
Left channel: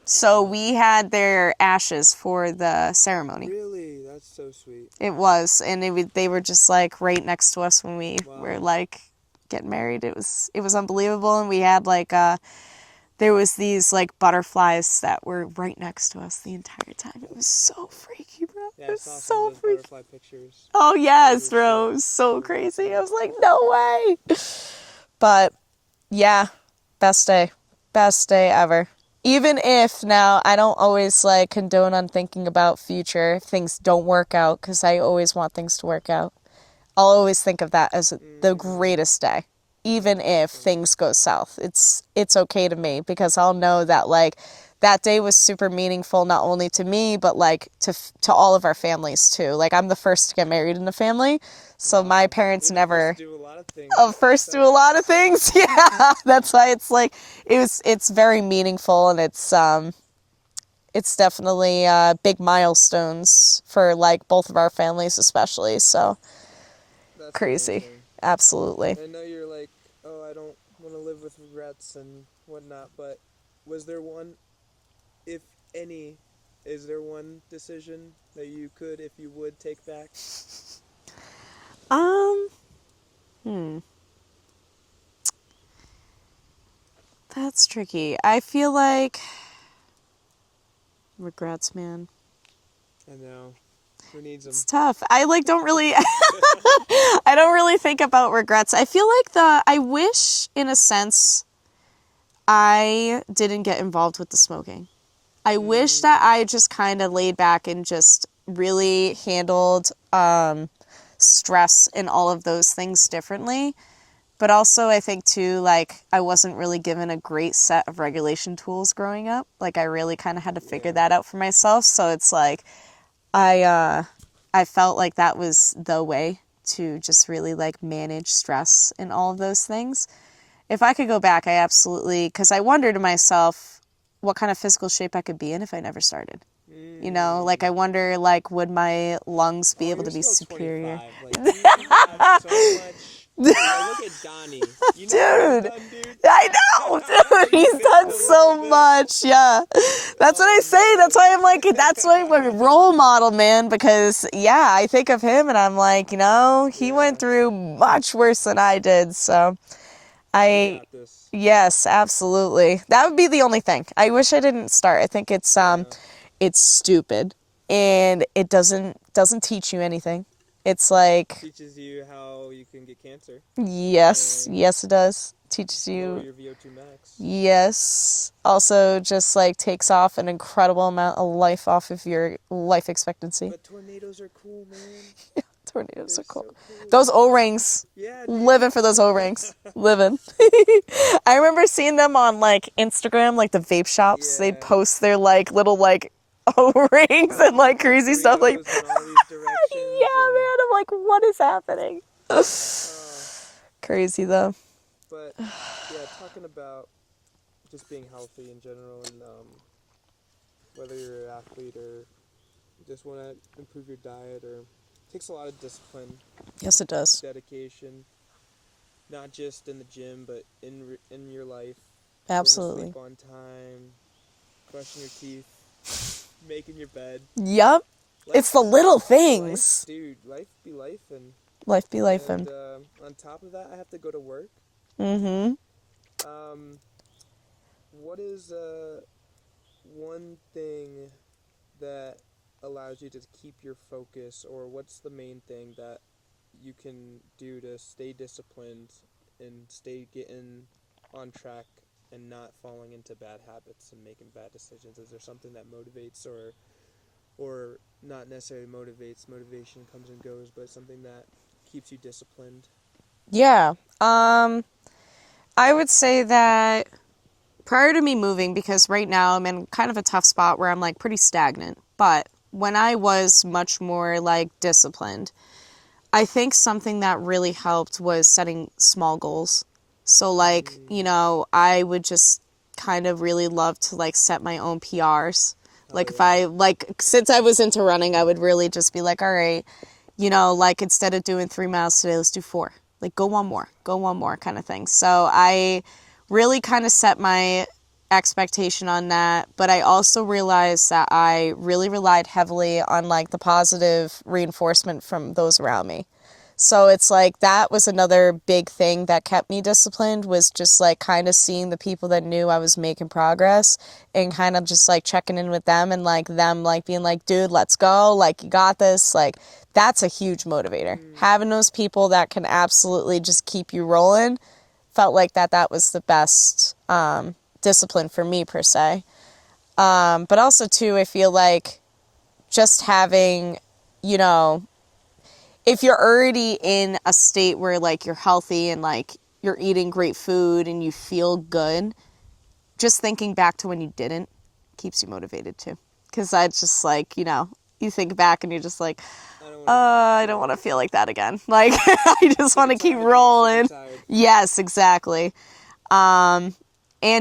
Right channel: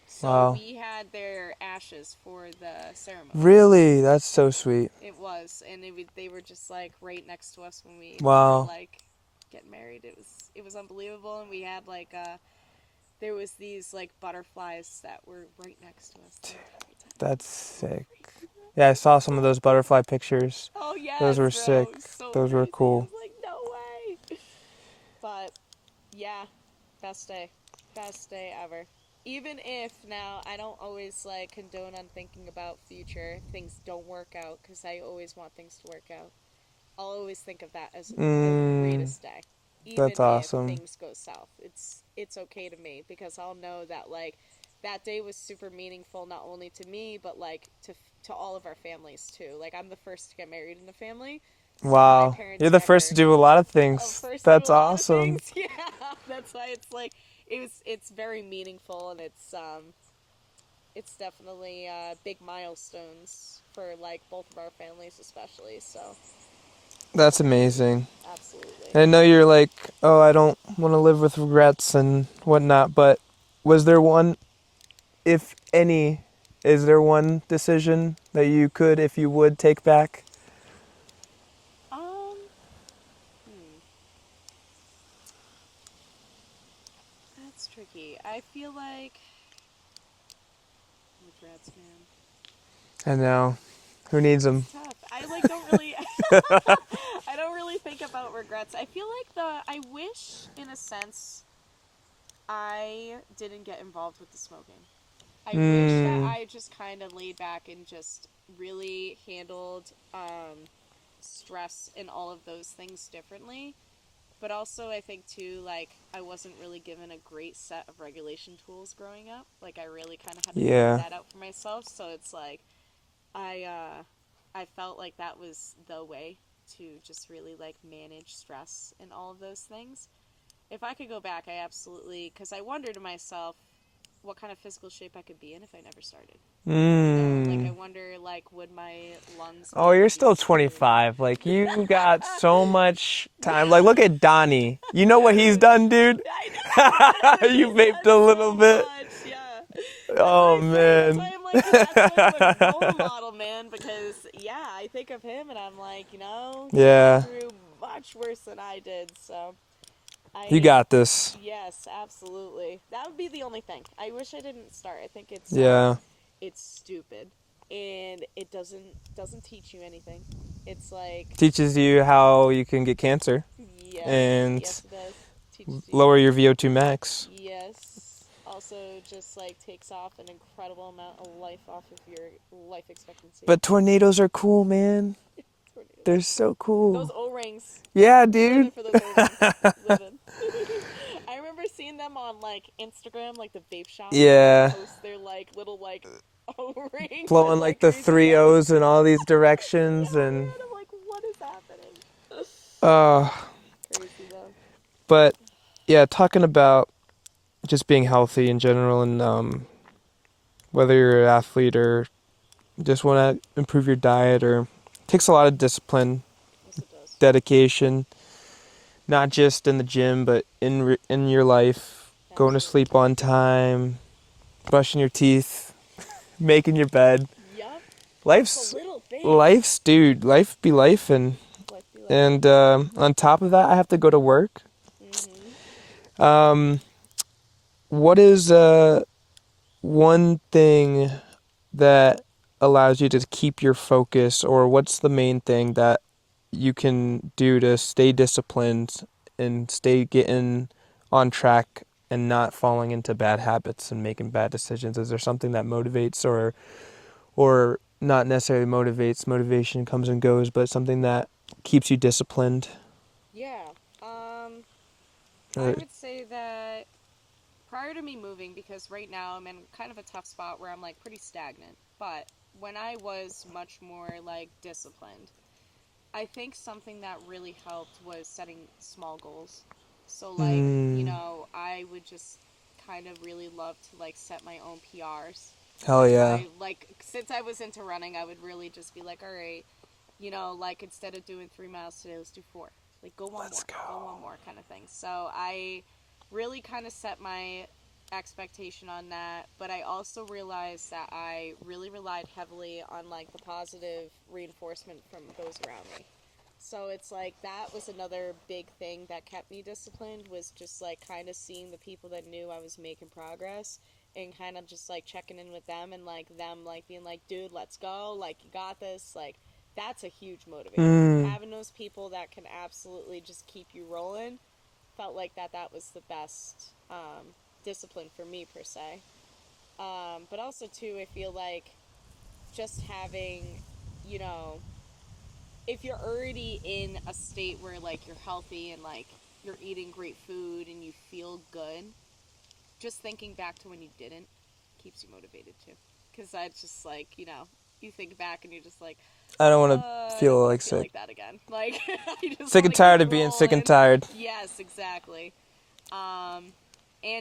So Wow. we had their ashes for the ceremony. Really? That's so sweet. It was, and they were just like right next to us when we Wow. were like getting married. It was unbelievable, and we had like there was these like butterflies that were right next to us the entire time. It was That's so sick. freaky, bro. Yeah, I It was saw some of so those freaky. butterfly pictures. Oh yes, Those were bro. sick. It was so Those were crazy. cool. I was like, no way. But yeah, best day ever. Even if now I don't always like condone on thinking about future if things don't work out, because I always want things to work out. I'll always think of that as the greatest day. Even That's if awesome. things go south, it's okay to me, because I'll know that like that day was super meaningful, not only to me, but like to all of our families too. Like, I'm the first to get married in the family, so Wow. my parents You're the never first to do a lot of things. first to That's do a lot of awesome. things. Yeah, that's why it's like it's very meaningful, and it's definitely big milestones for like both of our families, especially. So That's crazy. amazing. Absolutely. And I know you're like, oh, I don't want to live with regrets and whatnot, but was there one, if any, is there one decision that you could, if you would, take back? That's tricky. I feel like regrets, man. I know. Who needs them? It's tough. I don't really I don't really think about regrets. I feel like I wish in a sense I didn't get involved with the smoking. I wish that I just kind of laid back and just really handled stress and all of those things differently. But also I think too, like, I wasn't really given a great set of regulation tools growing up. Like, I really kind of had to figure that out for myself. So it's like, I felt like that was the way to just really like manage stress and all of those things. If I could go back, I absolutely, because I wonder to myself what kind of physical shape I could be in if I never started. You know, like I wonder, like, would my lungs be able you're to be still superior? 25. Like, you got so much. Like, look at Donnie. You know what he's done, dude? I know. You He's vaped done a little so bit. much. Yeah. That's what I say. Man. That's why I'm like, that's why I'm a role model, man. Because, yeah, I think of him and I'm like, you know, he went through much worse than I did. So You got this. Yes, absolutely. That would be the only thing. I wish I didn't start. I think it's stupid and it doesn't teach you anything. It's like Teaches you how you can get cancer. yes, And yes it does. Teaches you lower your VO2 max. Yes. Also just like takes off an incredible amount of life off of your life expectancy. But tornadoes are cool, man. Tornadoes They're are cool. so cool. Those O-rings. Yeah, dude. Living for those O-rings. Living. I remember seeing them on like Instagram, like the vape shops. Yeah. They post their like little like O-rings Blowing, and like the crazy three stuff. Like, O's in all these directions. yeah, and, man. I'm like, what is happening? Crazy though. But yeah, talking about just being healthy in general, and whether you're an athlete or just want to improve your diet, or it takes a lot of discipline. Yes, it does. Dedication, not just in the gym, but in your life. Absolutely. Going to sleep on time, brushing your teeth, making your bed. Yep. Life's It's the little things. Life be life, and Life be life. and on top of that, I have to go to work. What is one thing that allows you to keep your focus, or what's the main thing that you can do to stay disciplined and stay getting on track and not falling into bad habits and making bad decisions? Is there something that motivates, or not necessarily motivates? Motivation comes and goes, but something that keeps you disciplined? Yeah. I would say that prior to me moving, because right now I'm in kind of a tough spot where I'm like pretty stagnant, but when I was much more like disciplined, I think something that really helped was setting small goals. So like, you know, I would just kind of really love to like set my own PRs. Hell like yeah. if I like, since I was into running, I would really just be like, all right, you know, like instead of doing 3 miles today, let's do 4. Like go one more kind of thing. So I really kind of set my expectation on that, but I also realized that I really relied heavily on like the positive reinforcement from those around me. So it's like that was another big thing that kept me disciplined, was just like kind of seeing the people that knew I was making progress and kind of just like checking in with them and like them like being like, dude, let's go, like you got this. Like that's a huge motivator. Having those people that can absolutely just keep you rolling, felt like that was the best discipline for me per se. But also too, I feel like just having, you know, if you're already in a state where like you're healthy and like you're eating great food and you feel good, just thinking back to when you didn't keeps you motivated too. Because that's just like, you know, you think back and you're just like, I don't want to feel like that again. Like I just want to keep rolling. Sick and tired of being sick and tired. Yes, exactly. And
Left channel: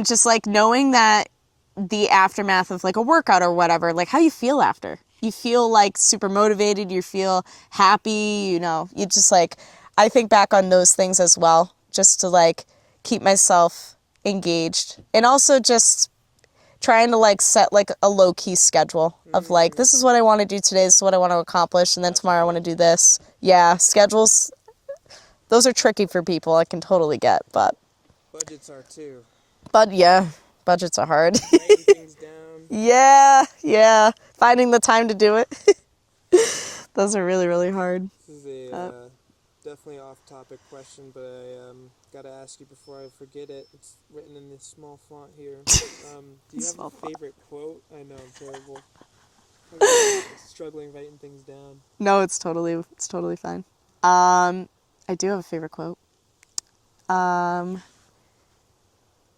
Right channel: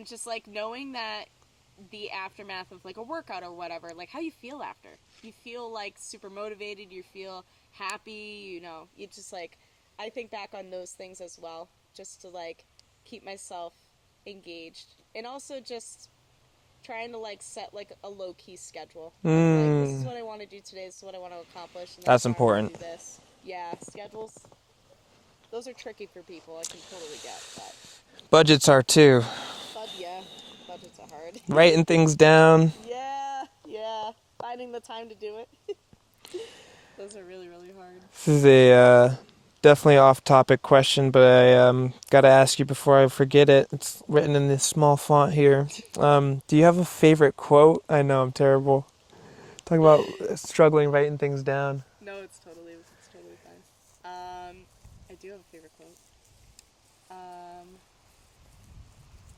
just like knowing that the aftermath of like a workout or whatever, like how you feel after. You feel like super motivated, you feel happy, you know, you just like, I think back on those things as well, just to like keep myself engaged. And also just trying to like set like a low key schedule of like, this is what I want to do today, this is what I want to accomplish, and then That's tomorrow important. I want to do this. Yeah, schedules, those are tricky for people, I can totally get, but. Budgets are too. But yeah, budgets are hard. Writing things down. Yeah. Finding the time to do it. Those are really, really hard. This is a definitely off-topic question, but I gotta ask you before I forget it. It's written in this small font here. Do you have a favorite quote? I know I'm terrible. Talking about struggling writing things down. No, it's totally fine. I do have a favorite quote.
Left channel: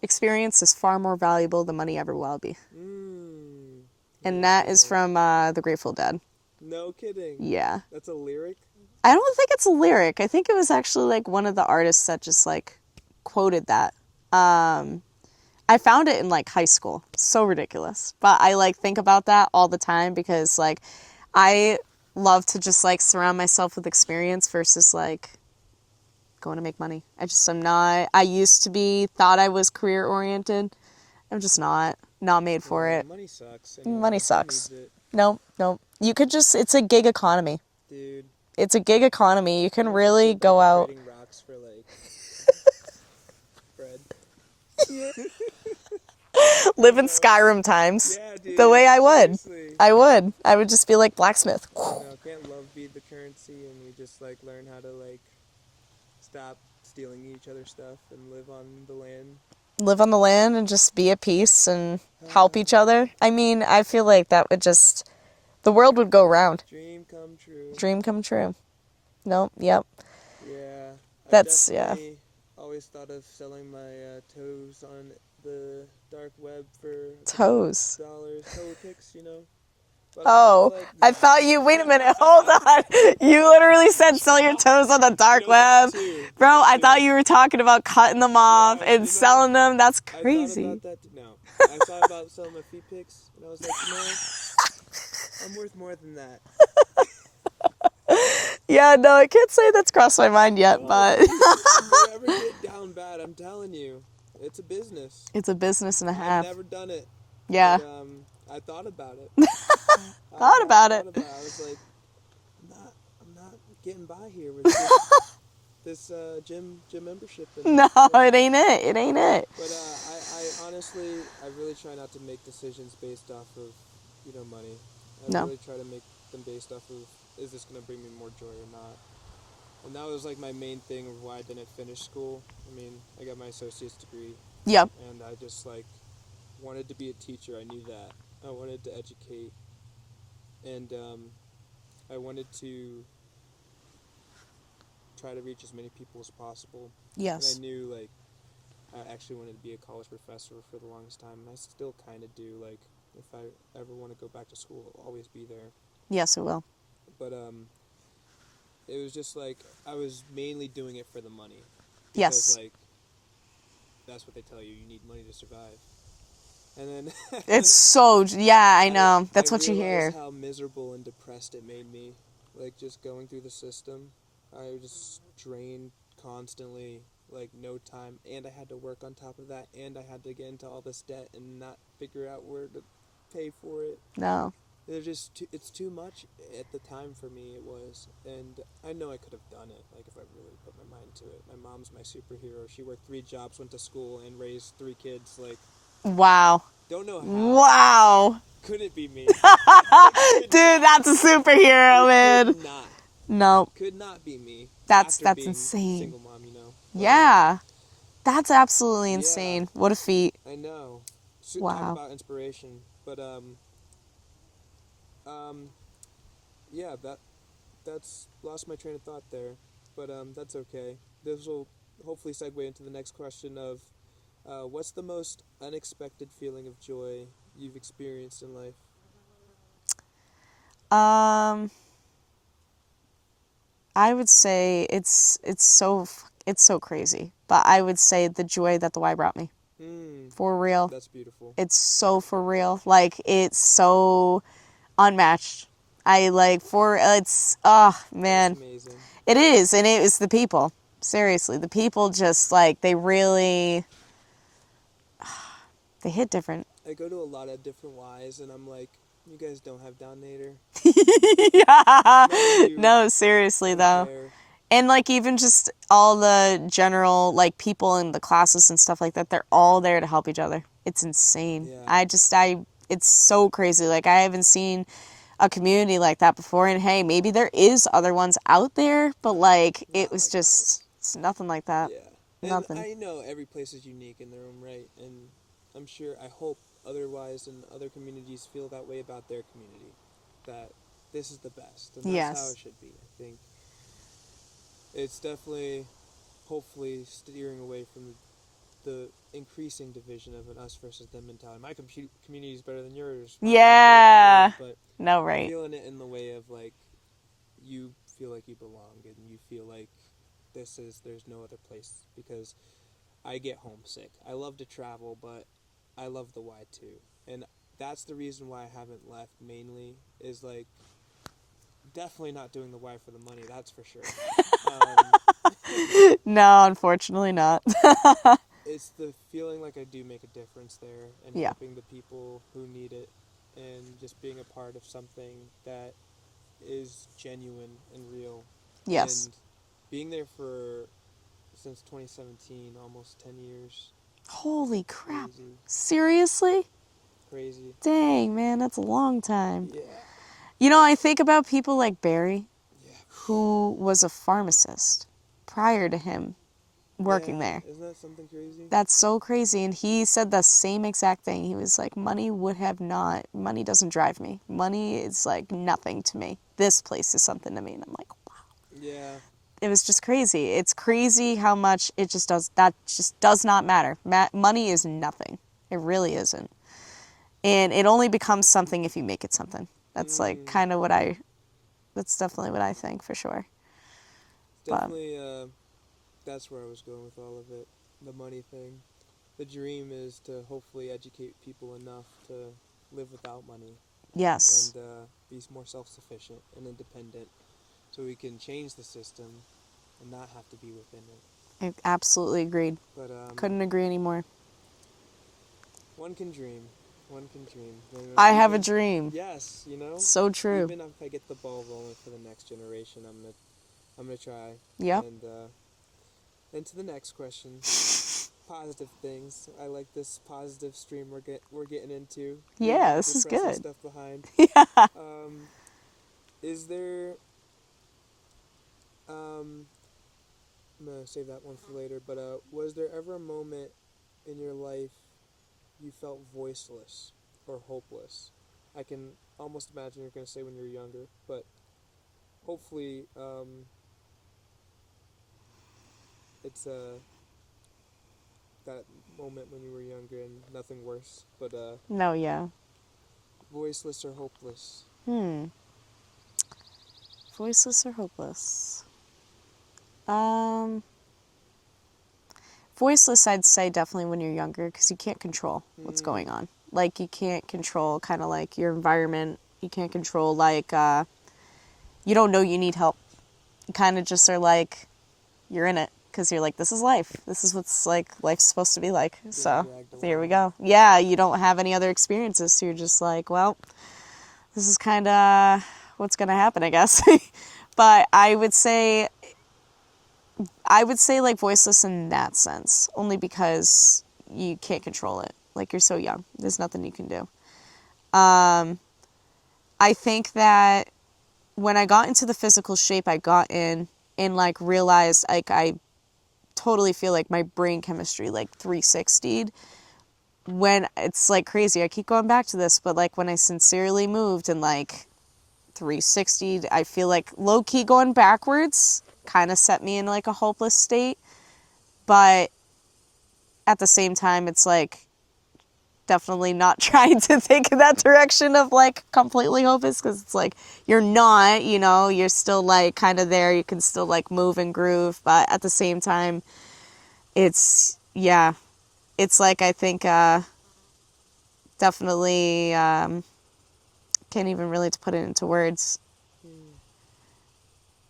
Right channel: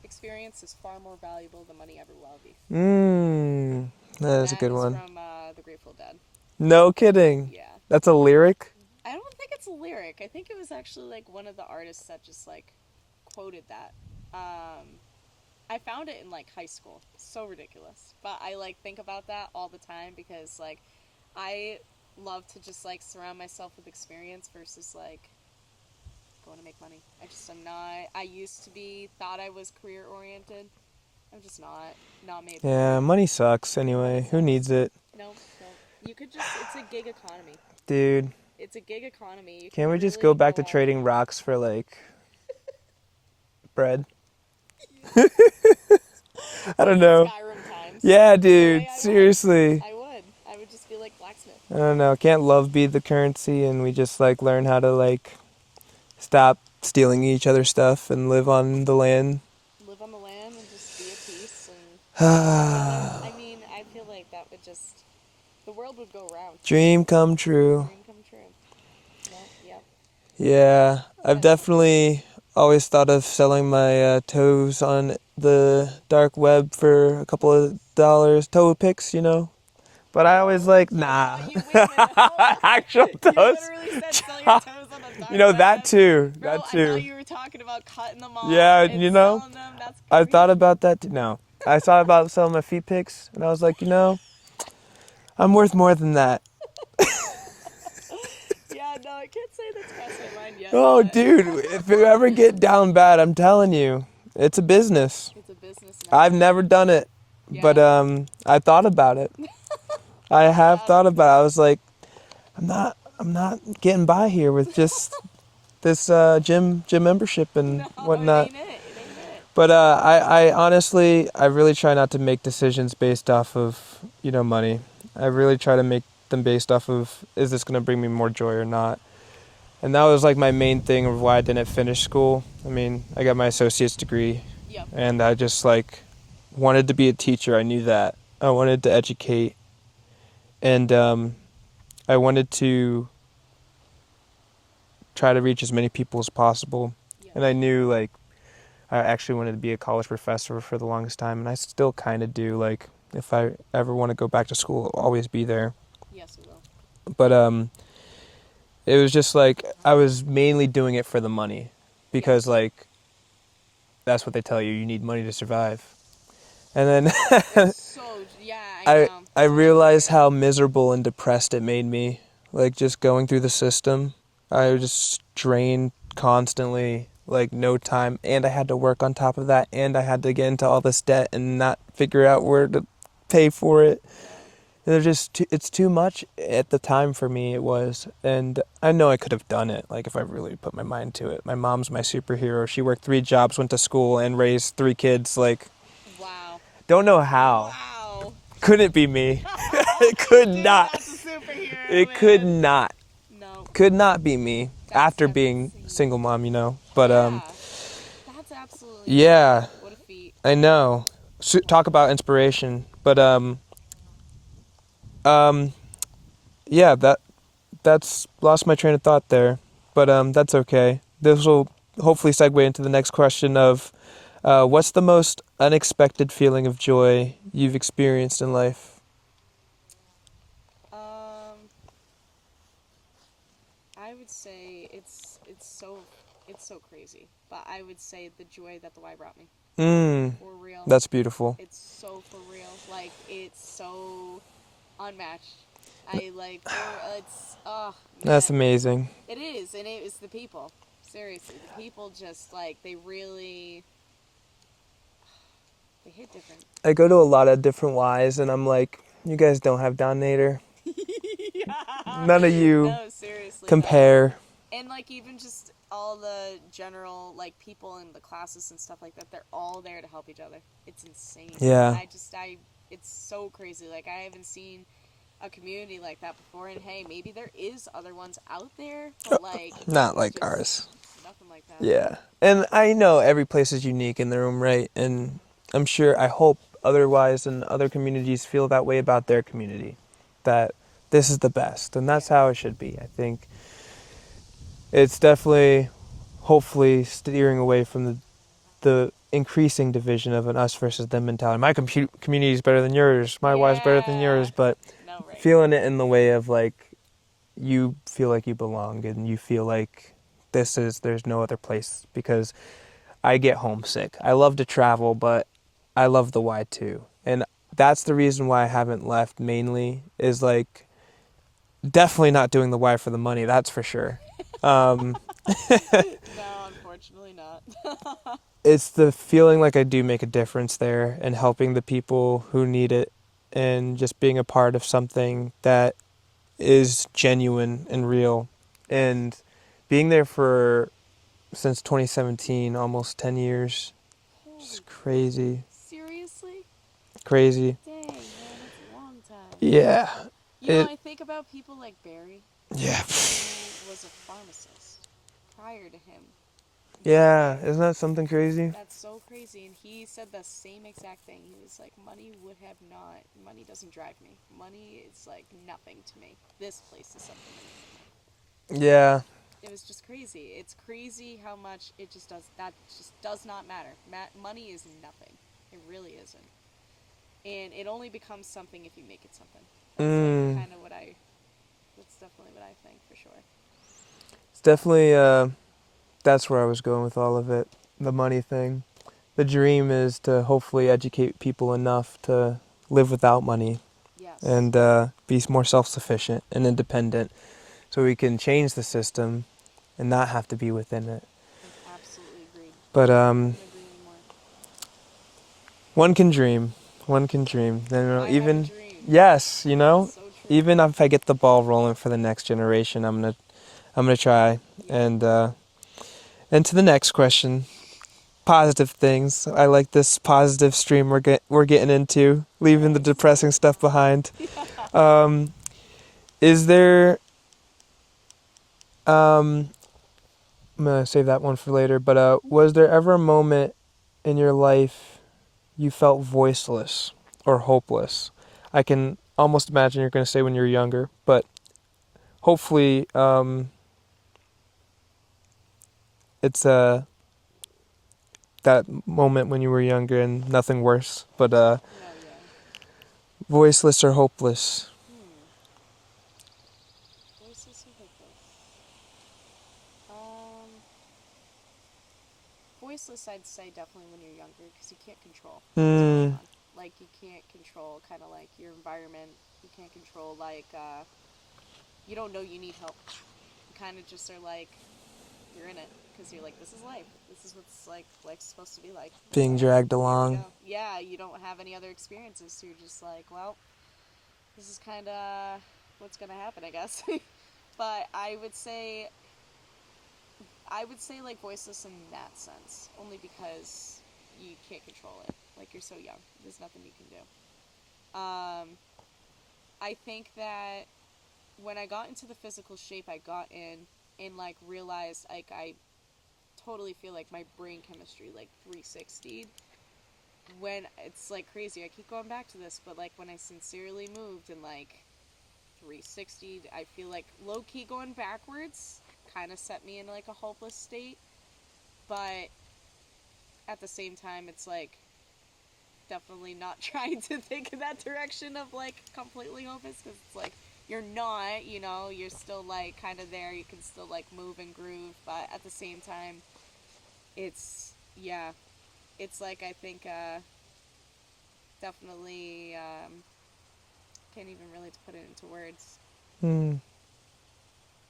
Experience is far more valuable than money ever will be. And that is from the Grateful Dead. No kidding. Yeah. That's a lyric? I don't think it's a lyric. I think it was actually like one of the artists that just like quoted that. I found it in like high school. So ridiculous. But I like think about that all the time because like I love to just like surround myself with experience versus like going to make money. I'm not. I used to be, thought I was career oriented. I'm just not made for it. Money sucks anyway. Money sucks. Who needs it? Nope. You could just, it's a gig economy. Dude. It's a gig economy. You can Can't we really just go back to out. trading rocks for like bread? Live in Skyrim times. Yeah, dude. The way I would. Seriously. I would just be like blacksmith. I don't know. Can't love be the currency and we just like learn how to like stop stealing each other's stuff and live on the land? Live on the land and just be at peace and help each other. I mean, I feel like that would just, the world would go round. Dream come true. Dream come true. Nope. Yep. Yeah. I've definitely always thought of selling my toes on the dark web for a couple of dollars. Toe pics, you know? But I was like, nah. I thought you, wait a minute, hold on. You literally said sell your toes on the dark web. That too. Bro, that too. I thought you were talking about cutting them off and selling them. That's crazy. I thought about that too. No. I thought about selling my feet pics and I was like, I'm worth more than that. Yeah, no, I can't say that's crossed my mind yet. Dude, if you ever get down bad, I'm telling you, it's a business. It's a business and a I've half. never done it. Yeah. But I thought about it. I have thought about it. I was like, I'm not getting by here with just this gym membership and whatnot. It ain't it. But I honestly, I really try not to make decisions based off of money. I really try to make them based off of, is this going to bring me more joy or not? And that was like my main thing of why I didn't finish school. I mean, I got my associate's degree. Yep. And I just like wanted to be a teacher. I knew that. I wanted to educate. And I wanted to try to reach as many people as possible. Yes. And I knew like I actually wanted to be a college professor for the longest time, and I still kind of do. Like if I ever want to go back to school, I'll always be there. Yes, it will. But it was just like I was mainly doing it for the money because like that's what they tell you. You need money to survive. And then it's so I know. That's I what realized you hear. how miserable and depressed it made me. Like just going through the system, I was just drained constantly, like no time, and I had to work on top of that, and I had to get into all this debt and not figure out where to pay for it. No. It's too much at the time for me. It was, and I know I could have done it. Like if I really put my mind to it. My mom's my superhero. She worked 3 jobs, went to school, and raised 3 kids. Like. Wow. Don't know how. Wow. Couldn't be me. It could Dude, not. that's a superhero, man. It could not. No. Could not be me. That's being insane. Single mom, But yeah. That's absolutely insane. Yeah. What a feat. I know. So, wow. Talk about inspiration. But yeah, that's lost my train of thought there. But that's okay. This will hopefully segue into the next question of what's the most unexpected feeling of joy you've experienced in life? I would say it's so crazy, but I would say the joy that the Y brought me. For real. That's beautiful. It's so for real. Like it's so unmatched. It's man. That's amazing. It is, and it was the people. Seriously, the people just like they hit different. I go to a lot of different Ys, and I'm like, you guys don't have Donator. Yeah. None of you. No, seriously, compare. Though. And like even just all the general like people in the classes and stuff like that, they're all there to help each other. It's insane. Yeah. It's so crazy. Like I haven't seen a community like that before, and hey, maybe there is other ones out there, but like Not it was like just ours. it's nothing like that. Yeah. And Nothing. I know every place is unique in their own right, and I'm sure, I hope otherwise, and other communities feel that way about their community, that this is the best, and that's how Yes. it should be. I think it's definitely, hopefully, steering away from the increasing division of an us versus them mentality. My community is better than yours, my life's better than yours, but No, right. feeling it in the way of like, you feel like you belong, and you feel like there's no other place, because I get homesick. I love to travel, but I love the why too. And that's the reason why I haven't left, mainly, is like, definitely not doing the why for the money, that's for sure. No, unfortunately not. It's the feeling like I do make a difference there, and Yeah. helping the people who need it, and just being a part of something that is genuine and real. Yes. And being there for since 2017, almost 10 years. Holy It's crap. crazy. Seriously? Crazy. Dang, man, that's a long time. Yeah. You know, It- I think about people like Barry, Yeah. who was a pharmacist prior to him working Yeah. there. Isn't that something crazy? That's so crazy. And he said the same exact thing. He was like, money doesn't drive me. Money is like nothing to me. This place is something to me. And I'm like, wow. Yeah. It was just crazy. It's crazy how much that just does not matter. Money is nothing. It really isn't. And it only becomes something if you make it something. That's like kind of that's definitely what I think for sure. It's definitely, that's where I was going with all of it. The money thing. The dream is to hopefully educate people enough to live without money, Yes. and be more self-sufficient and independent, so we can change the system and not have to be within it. I absolutely agreed. But Couldn't agree anymore. one can dream. One can dream. Then, I have a dream. Yes, So true. Even if I get the ball rolling for the next generation, I'm gonna try. Yeah. And to the next question, positive things. I like this positive stream we're getting into, leaving the this is depressing good. stuff behind. Is there? I'm gonna save that one for later. But was there ever a moment in your life you felt voiceless or hopeless? I can almost imagine you're gonna say when you're younger, but hopefully, it's that moment when you were younger and nothing worse. But No, yeah. voiceless or hopeless? Voiceless or hopeless? Voiceless, I'd say definitely when you're younger, because you can't control what's going on. Like, you can't control kind of like your environment. You can't control, like, you don't know you need help. You kind of just are like, you're in it, because you're like, this is life. This is what's, like, life's supposed to be like. Being dragged There we along. go. Yeah, you don't have any other experiences, so you're just like, well, this is kind of what's going to happen, I guess. But I would say like voiceless in that sense, only because you can't control it. Like, you're so young. There's nothing you can do. I think that when I got into the physical shape I got in, and like realized, like, I totally feel like my brain chemistry like 360'd, when it's like crazy. I keep going back to this, but like when I sincerely moved and like 360'd, I feel like low key going backwards kind of set me in like a hopeless state. But at the same time, it's like definitely not trying to think in that direction of like completely hopeless, because it's like you're not, you're still like kind of there. You can still like move and groove, but at the same time, it's like, I think definitely can't even really to put it into words.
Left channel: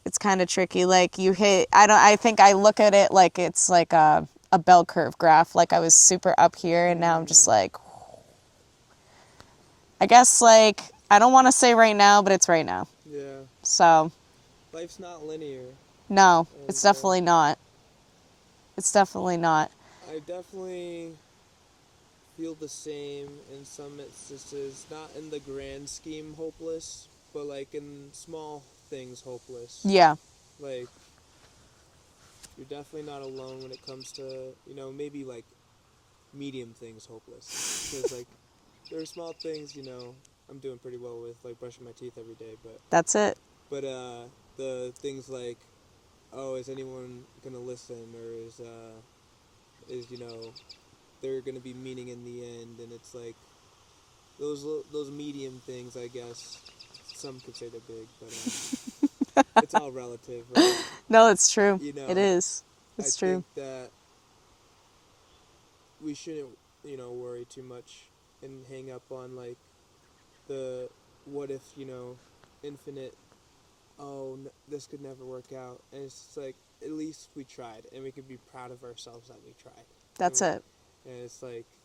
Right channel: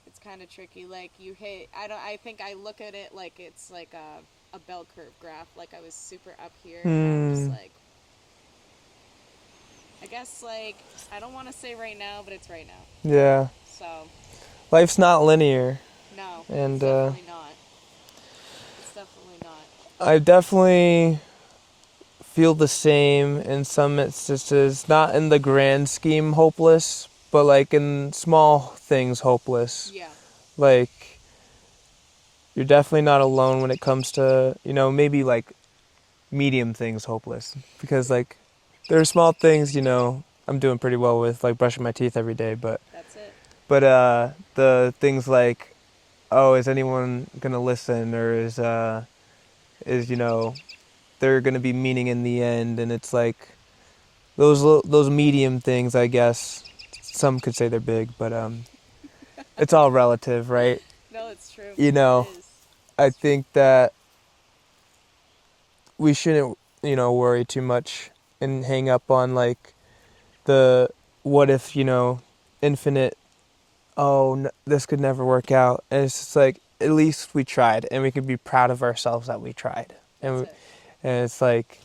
It's kind of tricky. Like, you hit, I think I look at it like it's like a bell curve graph. Like, I was super up here, and now I'm just like, I guess, like, I don't want to say right now, but it's right now. Yeah. So. Life's not linear. No, And, it's definitely not. It's definitely not. I definitely feel the same in some instances, not in the grand scheme hopeless, but like in small things hopeless. Yeah. Like you're definitely not alone when it comes to, maybe like medium things hopeless. Because like there are small things, I'm doing pretty well with, like brushing my teeth every day, but That's it. the things like, oh, is anyone gonna listen, or is there gonna be meaning in the end? And it's like those medium things, I guess. Some could say they're big, but it's all relative, right? No, it's true. You know, It is. I It's true. think that we shouldn't, worry too much and hang up on like the what if, infinite, oh, this could never work out. And it's just like, at least we tried, and we could be proud of ourselves that we tried. That's it. And it's like,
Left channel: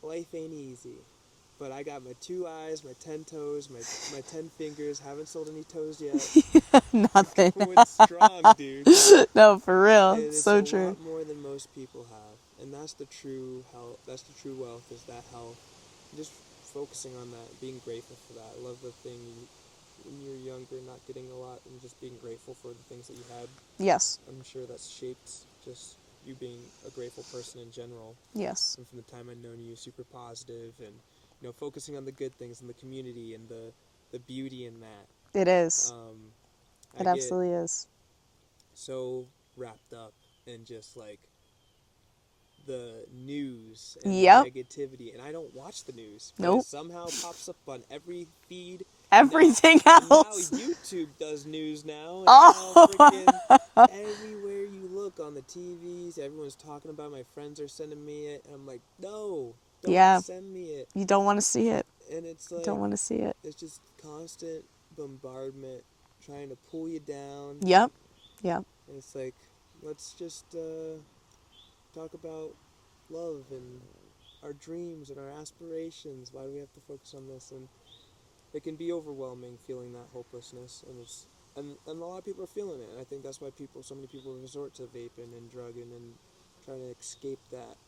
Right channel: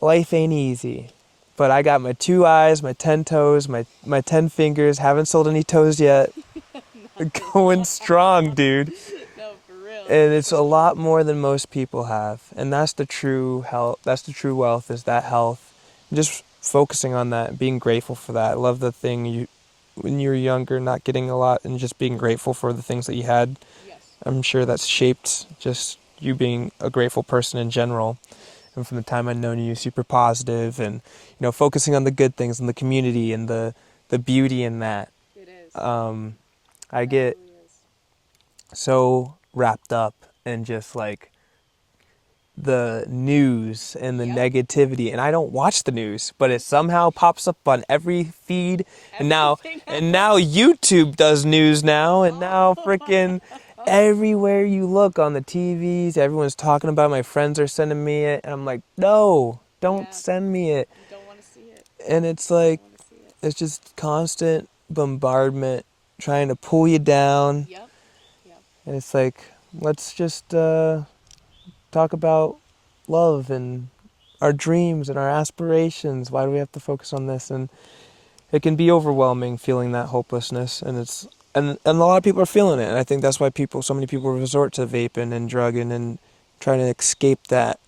life ain't easy. But I got my 2 eyes, my 10 toes, my 10 fingers. Haven't sold any toes yet. Nothing. Going strong, dude. No, for real. And it's so a lot true. more than most people have. And that's the true health. That's the true wealth, is that health. Just focusing on that, being grateful for that. I love the thing when you were younger, not getting a lot, and just being grateful for the things that you had. Yes. I'm sure that's shaped just you being a grateful person in general. Yes. And from the time I've known you, super positive, and focusing on the good things in the community and the beauty in that. It is. I it get absolutely is. so wrapped up in just like the news and the Yep. negativity, and I don't watch the news, but Nope. it somehow pops up on every feed. Now, Everything and now else. YouTube does news now, and now freaking everywhere you look on the TVs, everyone's talking about it. My friends are sending me it, and I'm like, no, don't Yeah. send me it. You don't want to see it. And it's Don't like, want to see it. it's just constant bombardment trying to pull you down. Yep. Yep. And it's like, let's just talk about love and our dreams and our aspirations. Why do we have to focus on this? And it can be overwhelming feeling that hopelessness, and a lot of people are feeling it. And I think that's why so many people resort to vaping and drugging and trying to escape that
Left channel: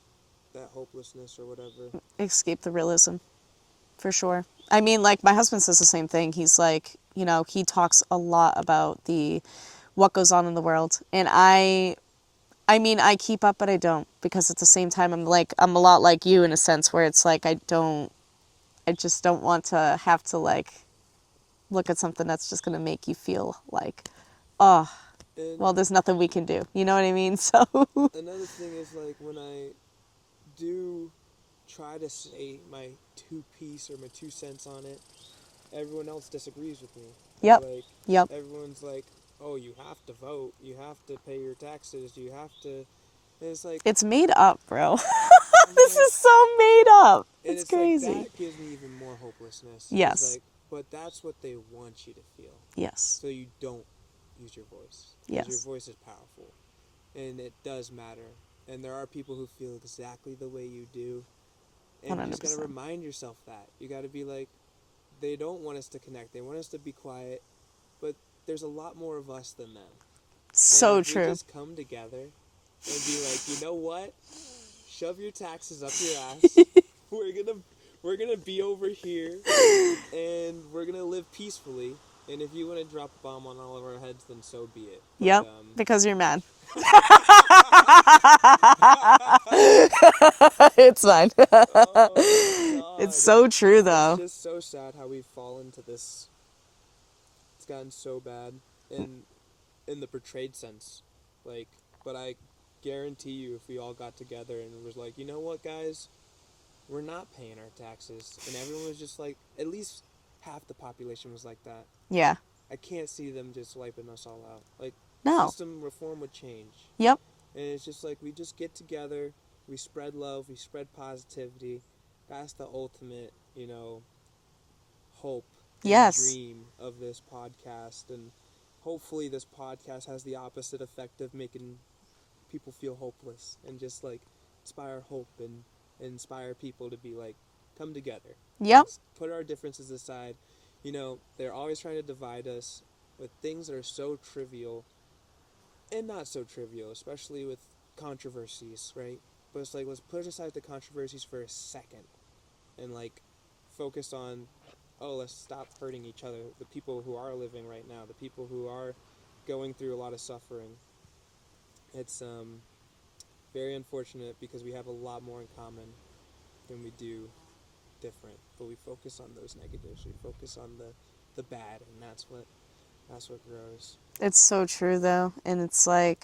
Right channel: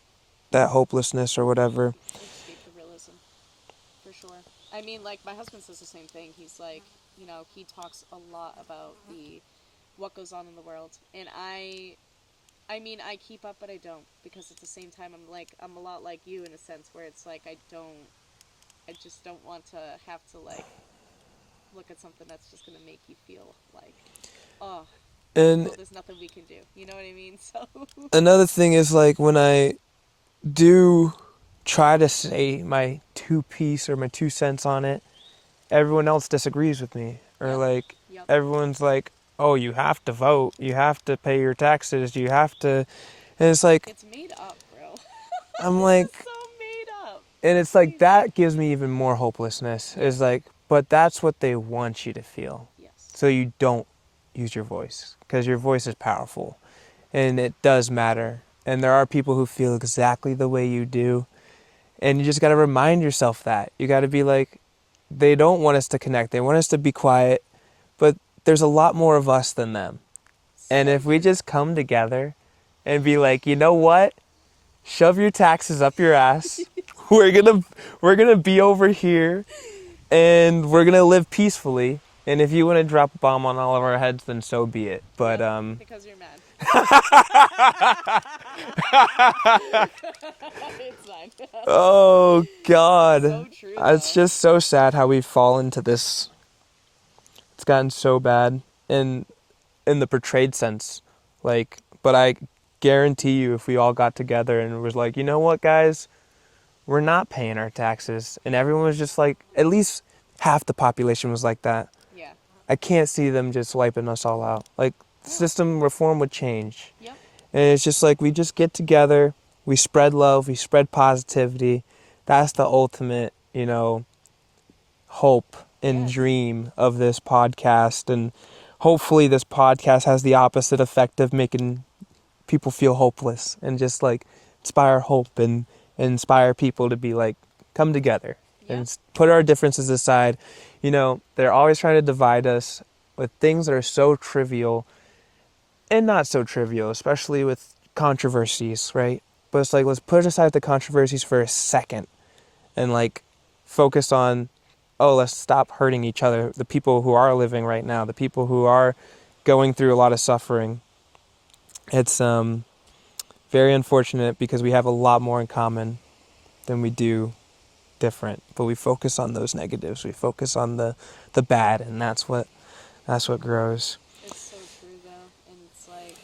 hopelessness or whatever. Escape the realism. For sure. I mean, like, my husband says the same thing. He's like, he talks a lot about what goes on in the world. And I mean, I keep up, but I don't, because at the same time, I'm a lot like you in a sense where it's like, I just don't want to have to like look at something that's just going to make you feel like, oh, well, there's nothing we can do. You know what I mean? So another thing is, like, when I do try to say my 2 piece or my 2 cents on it, everyone else disagrees with me. Or Yep. like, Yep. everyone's like, oh, you have to vote, you have to pay your taxes, you have to, and it's like, it's made up, bro. I'm This like, is so made up. and it's crazy. like, that gives me even more hopelessness. Yes. It's like, but that's what they want you to feel. Yes. So you don't use your voice, because your Yes. voice is powerful, and it does matter. And there are people who feel exactly the way you do, and you just got to 100%. remind yourself that. You got to be like, they don't want us to connect. They want us to be quiet, but there's a lot more of us than them. And So if we true. just come together and be like, you know what? Shove your taxes up your ass. we're gonna be over here, and we're gonna live peacefully. And if you want to drop a bomb on all of our heads, then so be it. But Yep, because you're mad. It's fine. oh God, It's so true, though. It's just so sad how we've fallen to this. It's gotten so bad in the portrayed sense, like. But I guarantee you, if we all got together and was like, you know what, guys, we're not paying our taxes, and everyone was just like, at least half the population was like that. Yeah. I can't see them just wiping us all out. Like, No. system reform would change. Yep. And it's just like, we just get together, we spread love, we spread positivity. That's the ultimate, hope and Yes. dream of this podcast. And hopefully this podcast has the opposite effect of making people feel hopeless, and just like inspire hope and inspire people to be like, come together. Yep. And put our differences aside. They're always trying to divide us with things that are so trivial and not so trivial, especially with controversies, right? But it's like, let's put aside the controversies for a second and like focus on oh, let's stop hurting each other. The people who are living right now, the people who are going through a lot of suffering. It's very unfortunate because we have a lot more in common than we do different. But we focus on those negatives. We focus on the bad, and that's what grows. It's so true though, and it's like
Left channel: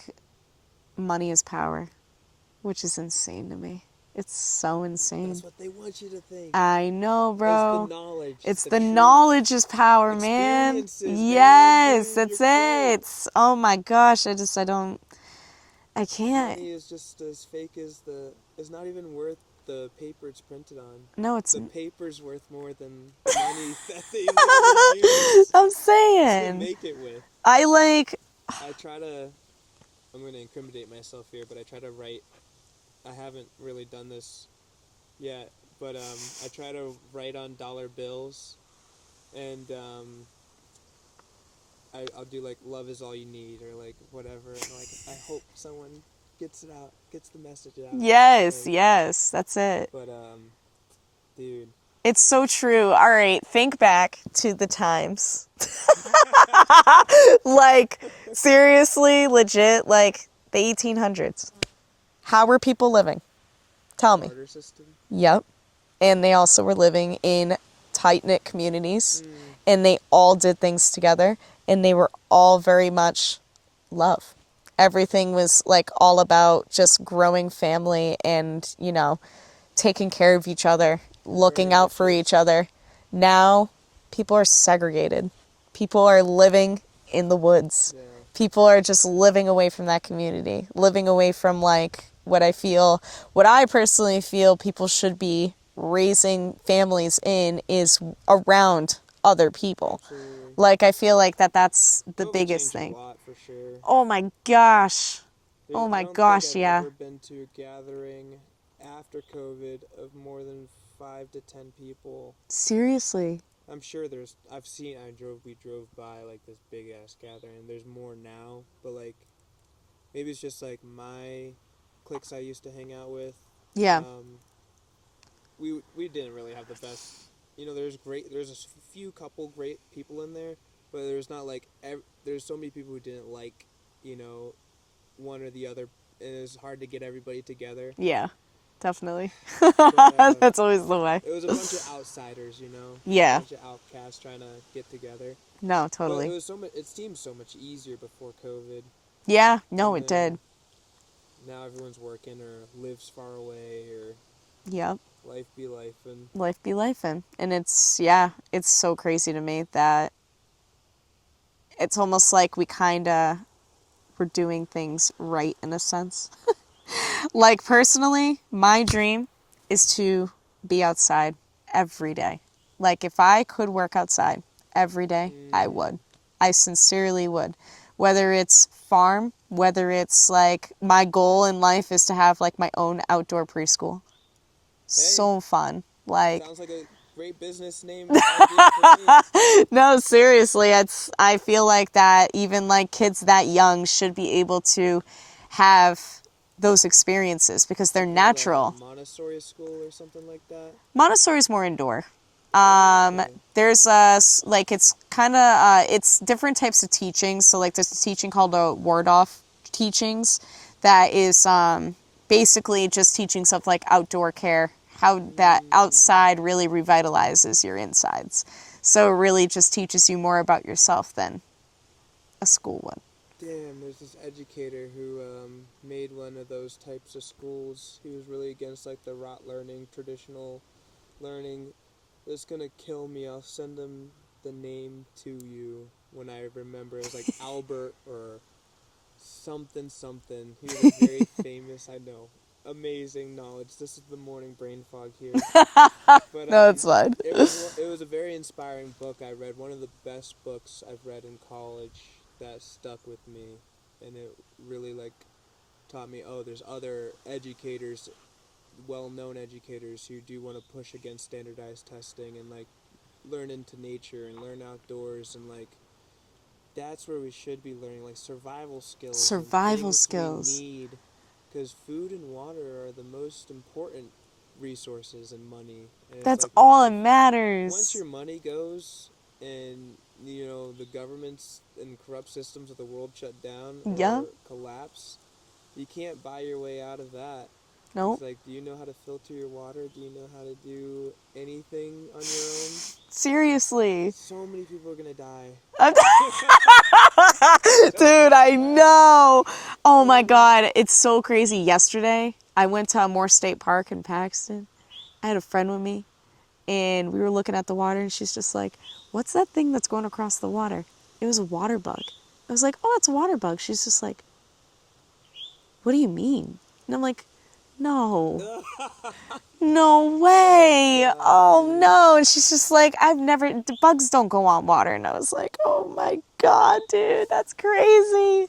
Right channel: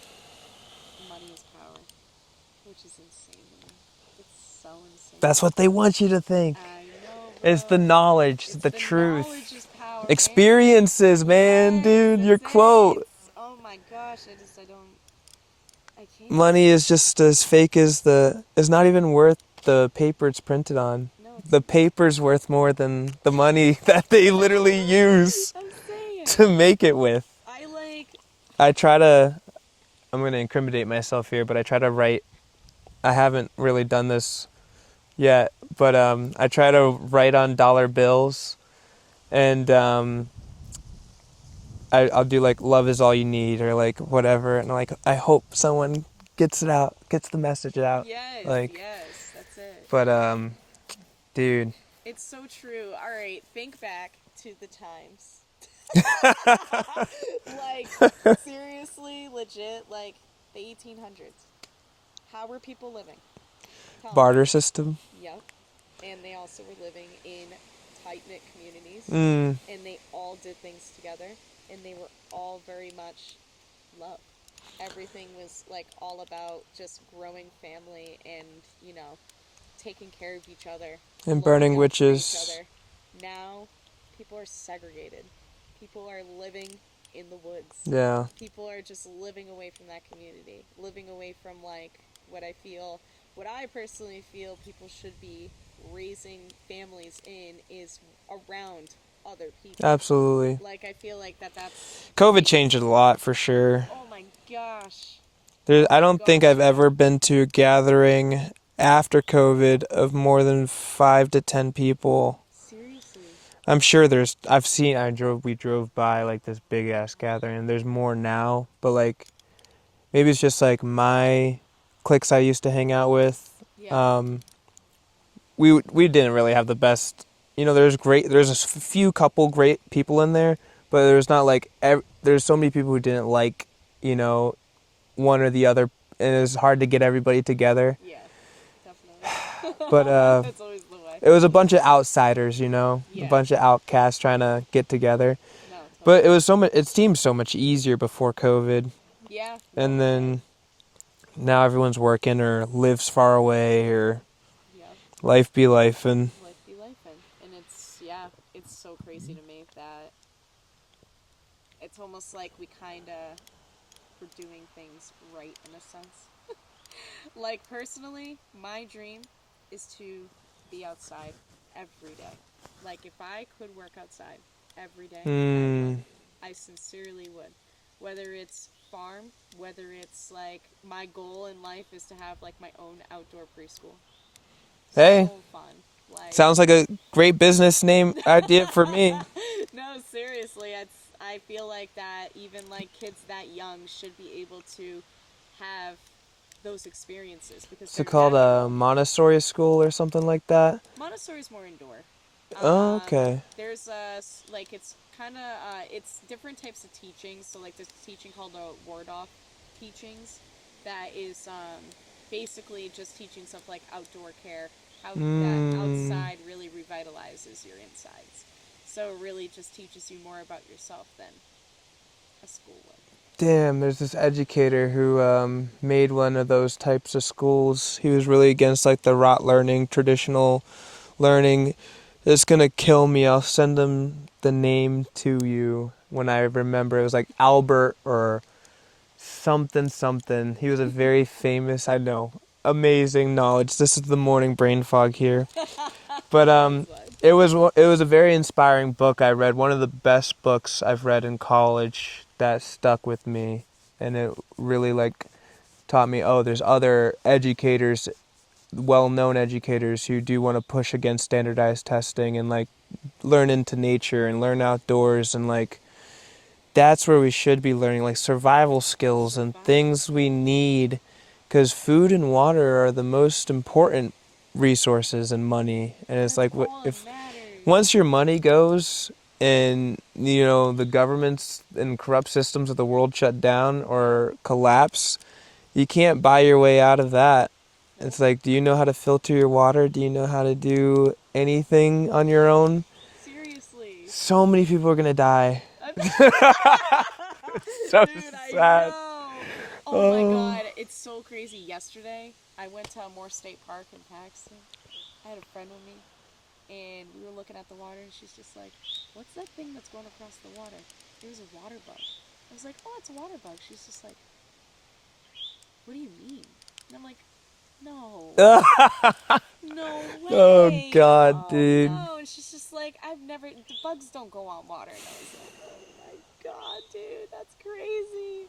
money is power, which is insane to me. It's so insane. That's what they want you to think. I know, bro. It's the knowledge. It's the truth. knowledge is power, Experiences, man. man, dude. Yes, Your quote. Oh my gosh, I can't. Money is just as fake as it's not even worth the paper it's printed on. No, it's the paper's worth more than the money that they literally use I'm saying to make it with. I'm going to incriminate myself here, but I try to write. I haven't really done this yet, but I try to write on dollar bills, and I'll do like "love is all you need" or like whatever, and like I hope someone gets it out, gets the message out. Yes, that's it. But dude, it's so true. All right, think back to the times. Like seriously, legit, like the 1800s. How were people living? Tell me. barter system. Yep. And they also were living in tight-knit communities. Mm. And they all did things together. And they were all very much love. Everything was like all about just growing family and, you know, taking care of each other, And looking burning out for witches. each other. Now, people are segregated. People are living in the woods. Yeah. People are just living away from that community, living away from like what I personally feel people should be raising families in is around other people. Absolutely. Like I feel like that's the COVID biggest changed it a thing. lot for sure. Oh my gosh. I don't think I've yeah. ever been to a gathering after COVID of more than 5 to 10 people. Seriously. I'm sure we drove by like this big ass gathering, and there's more now, but like maybe it's just like my cliques I used to hang out with. Yeah. We didn't really have the best, there's a few couple great people in there, but there's not like there's so many people who didn't like, one or the other, and it's hard to get everybody together. Yeah. Definitely. But That's always the way. it was a bunch of outsiders, Yeah. a bunch of outcasts trying to get together. No, totally. But it seemed so much easier before COVID. Yeah, no, and it then did. Now everyone's working or lives far away or Yep. life be life, and Life be lifing. And it's so crazy to me that it's almost like we kind of were doing things right in a sense. Like personally, my dream is to be outside every day. Like if I could work outside every day, I would. I sincerely would. Whether it's farm, whether it's like my goal in life is to have like my own outdoor preschool. Hey. So fun. Like sounds like a great business name idea for me. no, seriously, I feel like that even like kids that young should be able to have those experiences because they're natural. A Montessori school or something like that. Montessori's more indoor. Okay. There's like it's kind of it's different types of teaching. So like there's a teaching called the Waldorf teachings that is basically just teaching stuff like outdoor care, how that outside really revitalizes your insides. So it really just teaches you more about yourself than a school would. Damn, there's this educator who made one of those types of schools. He was really against like the rote learning, traditional learning. It's gonna kill me. I'll send him the name to you when I remember. It was like Albert or something. He was a very famous, I know, amazing knowledge. This is the morning brain fog here. But No, it's fine. it was a very inspiring book I read. One of the best books I've read in college that stuck with me, and it really like taught me, oh, there's other educators, well-known educators who do want to push against standardized testing and like learn into nature and learn outdoors, and like that's where we should be learning like survival skills and things we need, because food and water are the most important resources and money, and it's That's like all that if, matters. once your money goes and the governments and corrupt systems of the world shut down or collapse, you can't buy your way out of that. Nope. It's like, do you know how to filter your water? Do you know how to do anything on your own? Seriously. So many people are gonna die. Dude, I know. Oh my God. It's so crazy. Yesterday, I went to Moore State Park in Paxton. I had a friend with me, and we were looking at the water, and she's just like, what's that thing that's going across the water? It was a water bug. I was like, oh, it's a water bug. She's just like, what do you mean? And I'm like, no. No way. Oh, God, dude. No. And she's just like, the bugs don't go on water. And I was like, oh my God, dude, that's crazy.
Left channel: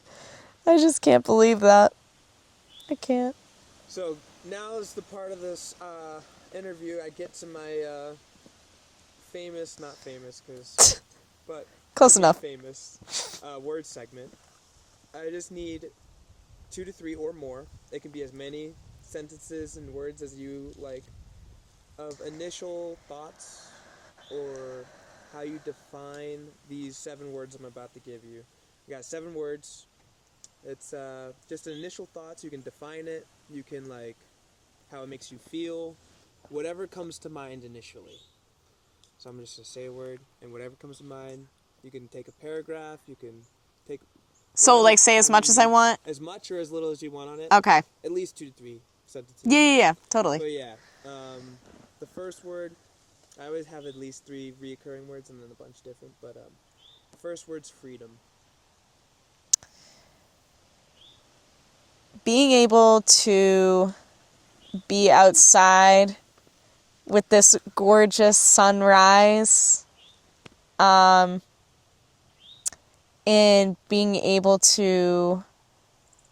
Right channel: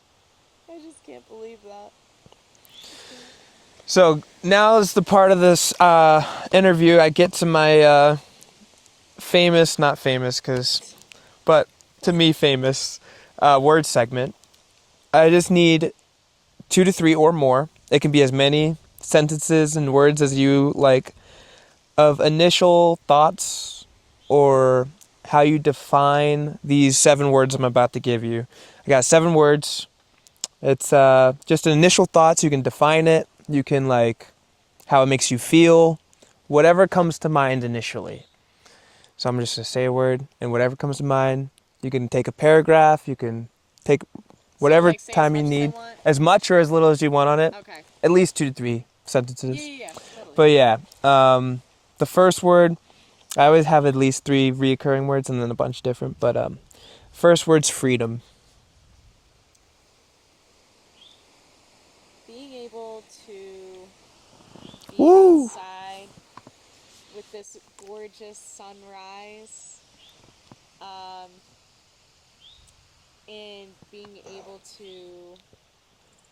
I just can't believe that. I can't. So now is the part of this interview I get to my not famous, but Close to me enough. famous word segment. I just need 2 to 3 or more. It can be as many sentences and words as you like of initial thoughts or how you define these 7 words I'm about to give you. I got 7 words. It's just initial thoughts. You can define it. You can how it makes you feel, whatever comes to mind initially. So I'm just going to say a word, and whatever comes to mind, you can take a paragraph, you can take whatever say as time much you as I need. want? As much or as little as you want on it. Okay. At least 2 to 3 sentences. Yeah, totally. But yeah, the first word, I always have at least 3 reoccurring words and then a bunch different, but first word's freedom. Being able to be outside with this gorgeous sunrise, and being able to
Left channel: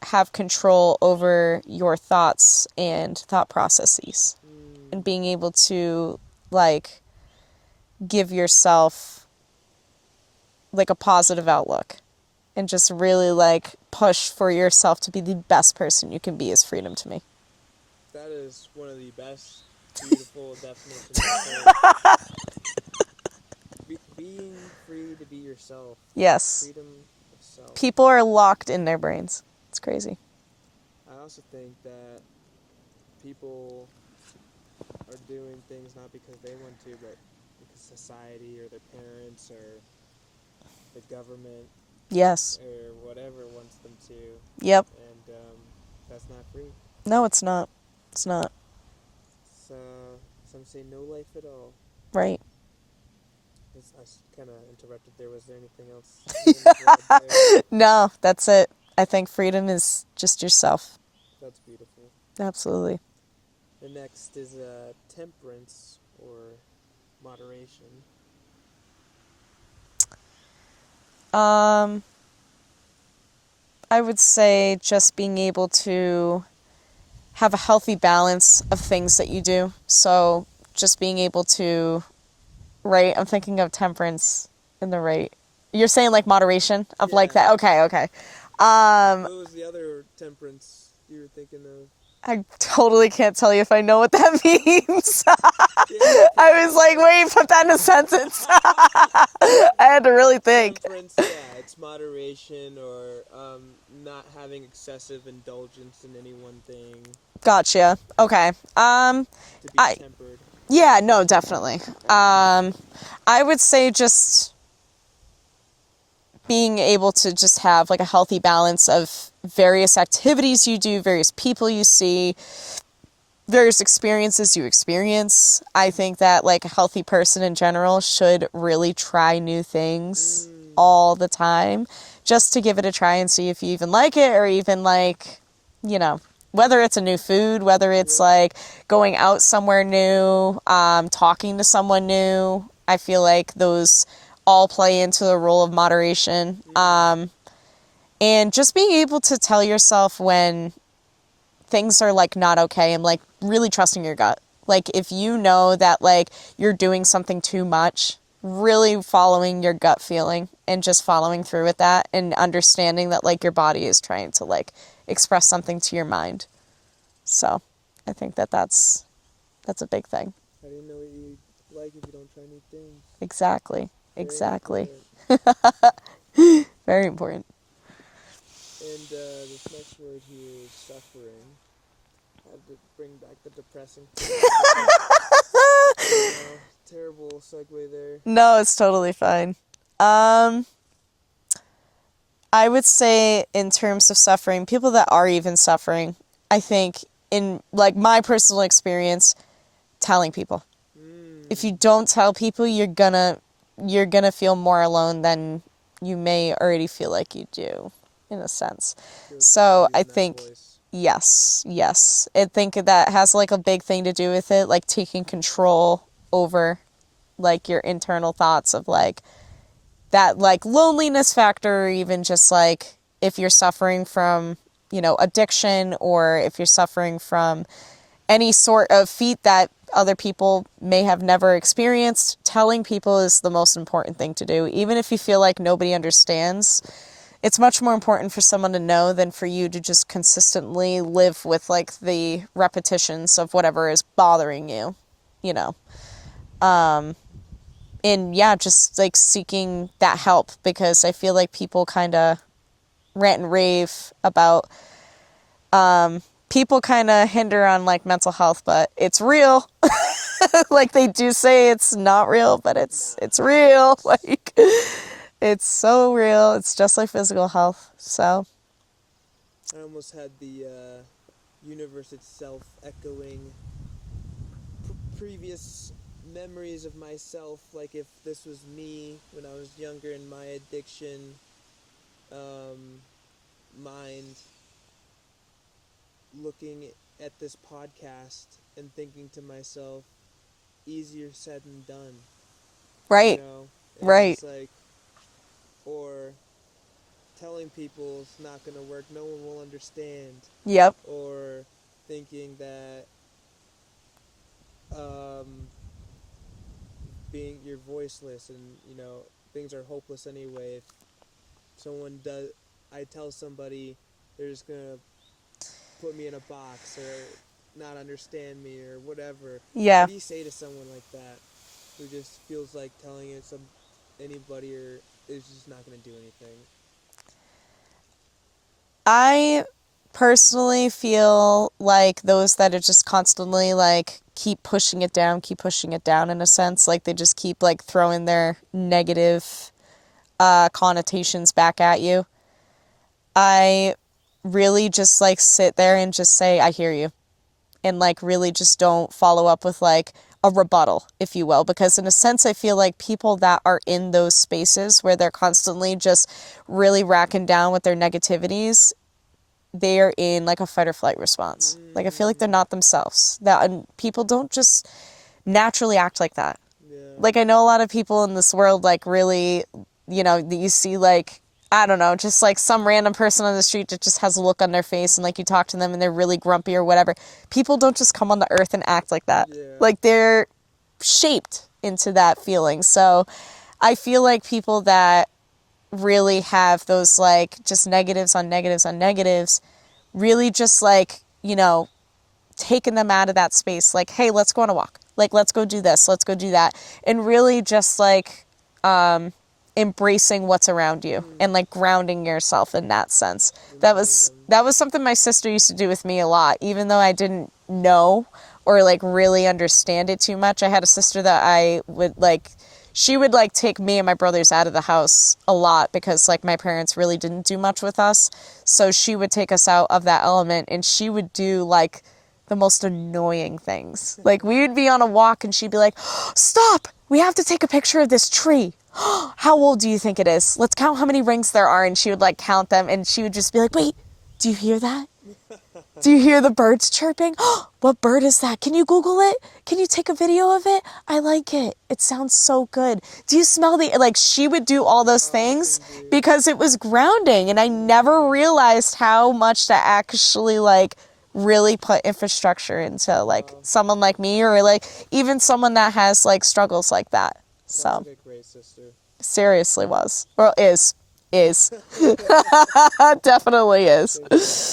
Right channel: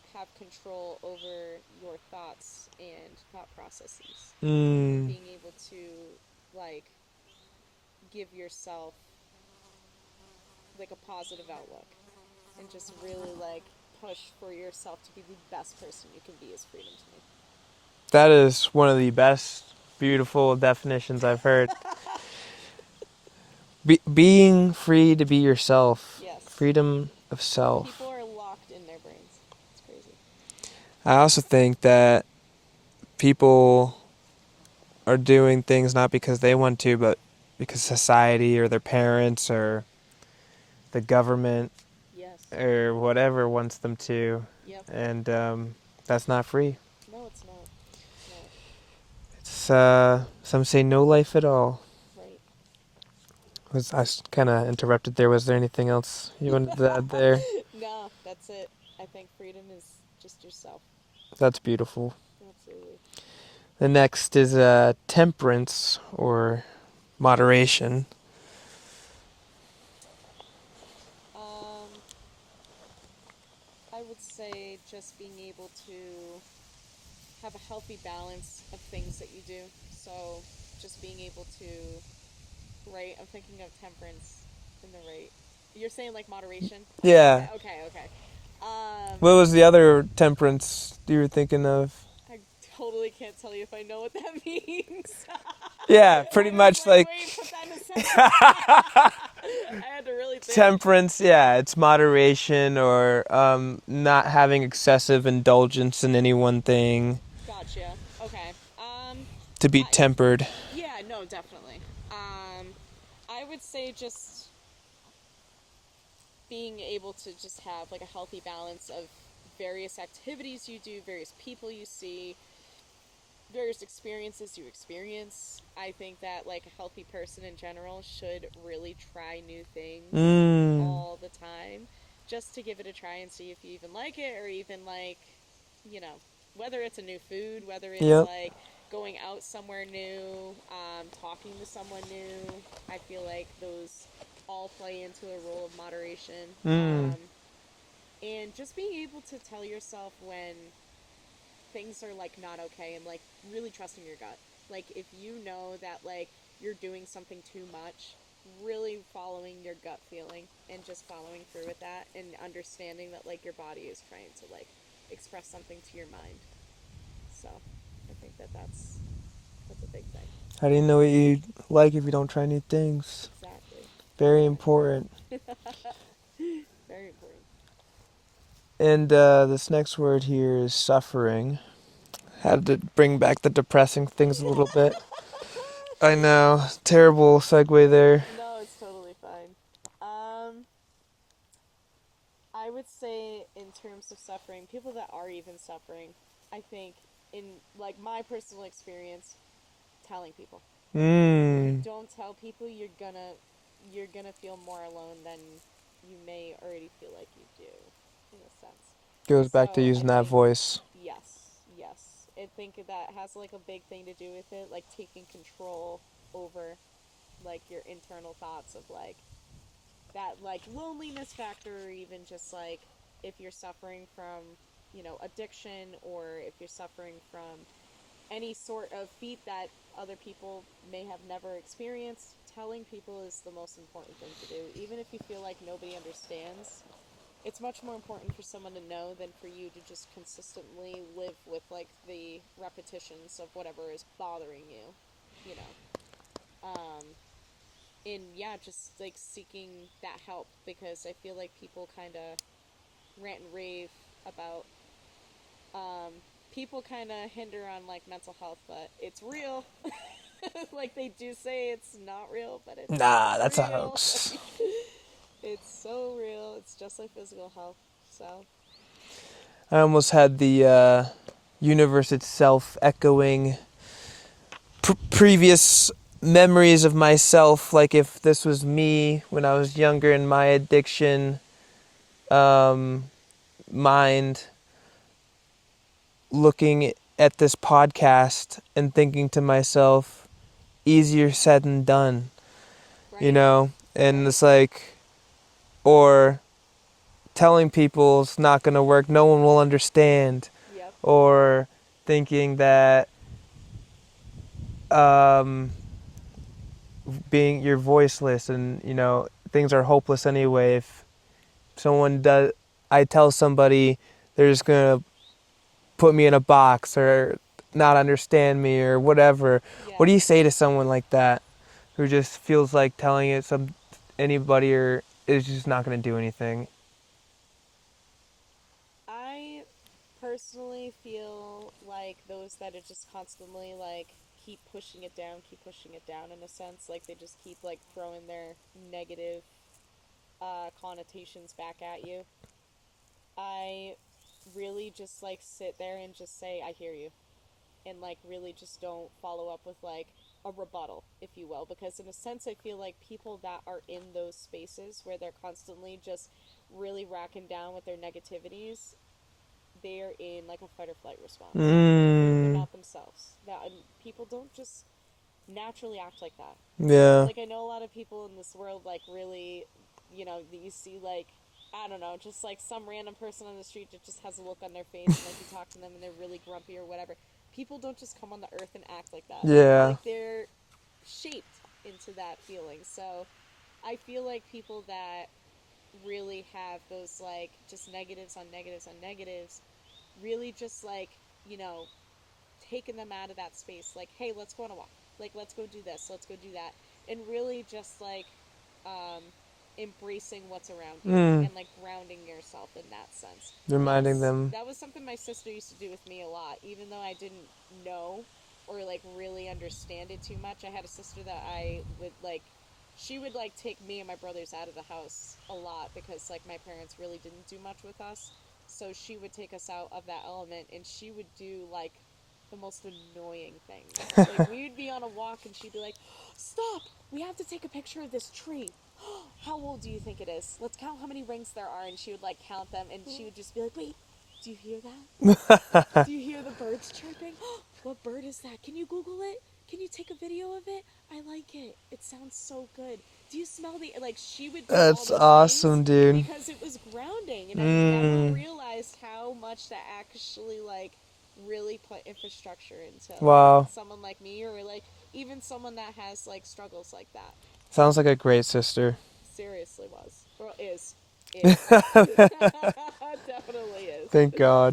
have control over your thoughts and thought processes, and being able to give yourself a positive outlook and just really push for yourself to be the best person you can be is freedom to me. That is one of the best, beautiful definitions I've heard. Being free to be yourself. Yes. Freedom of self. People are locked in their brains. It's crazy. I also think that people are doing things not because they want to, but because society or their parents or the government Yes. or whatever wants them to. Yep. And that's not free. No, it's not. It's not. It's some say no life at all. Right. I kind of interrupted there. Was there anything else you wanted to add there? No, that's it. I think freedom is just yourself. That's beautiful. Absolutely. The next is temperance or moderation. I would say just being able to have a healthy balance of things that you do. So just being able to, right, I'm thinking of temperance in the right. You're saying moderation of Yeah. that. Okay. What was the other temperance you were thinking of? I totally can't tell you if I know what that means. Yeah, pretty I was much wait, put that in a sentence. I had to really think. Temperance, yeah, it's moderation or not having excessive indulgence in any one thing. Gotcha. Okay. To be tempered. Yeah, no, definitely. I would say just being able to just have a healthy balance of various activities you do, various people you see, various experiences you experience. I think that a healthy person in general should really try new things all the time just to give it a try and see if you even like it, or even whether it's a new food, whether it's going out somewhere new, talking to someone new. I feel like those all play into the role of moderation. And just being able to tell yourself when things are not okay, and really trusting your gut. If you know that you're doing something too much, really following your gut feeling and just following through with that, and understanding that your body is trying to express something to your mind. So I think that that's That's a big thing. How do you know what you like if you don't try new things? Exactly. Very Exactly. important. Very important. And this next word here is suffering. Had to bring back the depressing things a little bit. I know. Terrible segue there. No, it's totally fine. I would say in terms of suffering, people that are even suffering, I think in like my personal experience, telling people. If you don't tell people, you're gonna feel more alone than you may already feel like you do, in a sense. Goes So back to I using that think voice. yes. I think that has like a big thing to do with it, like taking control over like your internal thoughts of like that like loneliness factor, or even just like if you're suffering from, you know, addiction, or if you're suffering from any sort of feat that other people may have never experienced, telling people is the most important thing to do. Even if you feel like nobody understands, it's much more important for someone to know than for you to just consistently live with like the repetitions of whatever is bothering you, you know. And yeah, just like seeking that help, because I feel like people kind of rant and rave about people kind of hinder on like mental health, but it's real. Like they do say it's not real, but it's real. Like it's so real. It's just like physical health. So I almost had the universe itself echoing previous memories of myself, like if this was me when I was younger in my addiction mind, looking at this podcast and thinking to myself, easier said than done. right. You know? And Right. it's like, or telling people it's not going to work, no one will understand. Yep. Or thinking that being you're voiceless and, you know, things are hopeless anyway. If someone does, I tell somebody they're just going to put me in a box or not understand me or whatever. Yeah. What do you say to someone like that who just feels like telling it anybody or is just not going to do anything? I personally feel like those that are just constantly like keep pushing it down in a sense, like they just keep like throwing their negative connotations back at you. I really just like sit there and just say, I hear you. And like really just don't follow up with like a rebuttal, if you will. Because in a sense, I feel like people that are in those spaces where they're constantly just really racking down with their negativities, they are in like a fight or flight response. Like I feel like they're not themselves. And people don't just naturally act like that. Yeah. Like I know a lot of people in this world like really, you know, that you see like, I don't know, just like some random person on the street that just has a look on their face and like you talk to them and they're really grumpy or whatever. People don't just come on the earth and act like that. Yeah. Like they're shaped into that feeling. So I feel like people that really have those like just negatives on negatives on negatives, really just like, you know, taking them out of that space. Like, hey, let's go on a walk. Like, let's go do this. Let's go do that. And really just like, embracing what's around you and like grounding yourself in that sense. Reminding That was something my sister used to do with me a lot, even though I didn't know or like really understand it too much. I had a sister that I would like, she would like take me and my brothers out of the house a lot because like my parents really didn't do much with us. So she would take us out of that element and she would do like the most annoying things. Like we would be on a walk and she'd be like, stop, we have to take a picture of this tree. How old do you think it is? Let's count how many rings there are. And she would like count them and she would just be like, wait, do you hear that? Do you hear the birds chirping? What bird is that? Can you Google it? Can you take a video of it? I like it. It sounds so good. Do you smell the, like she would do all those That's awesome, things dude. because it was grounding. And I never realized how much to actually like really put infrastructure into Wow. like someone like me or like even someone that has like struggles like that. Sounds So, like a great sister. seriously was. Well, is. Definitely is. Thank God.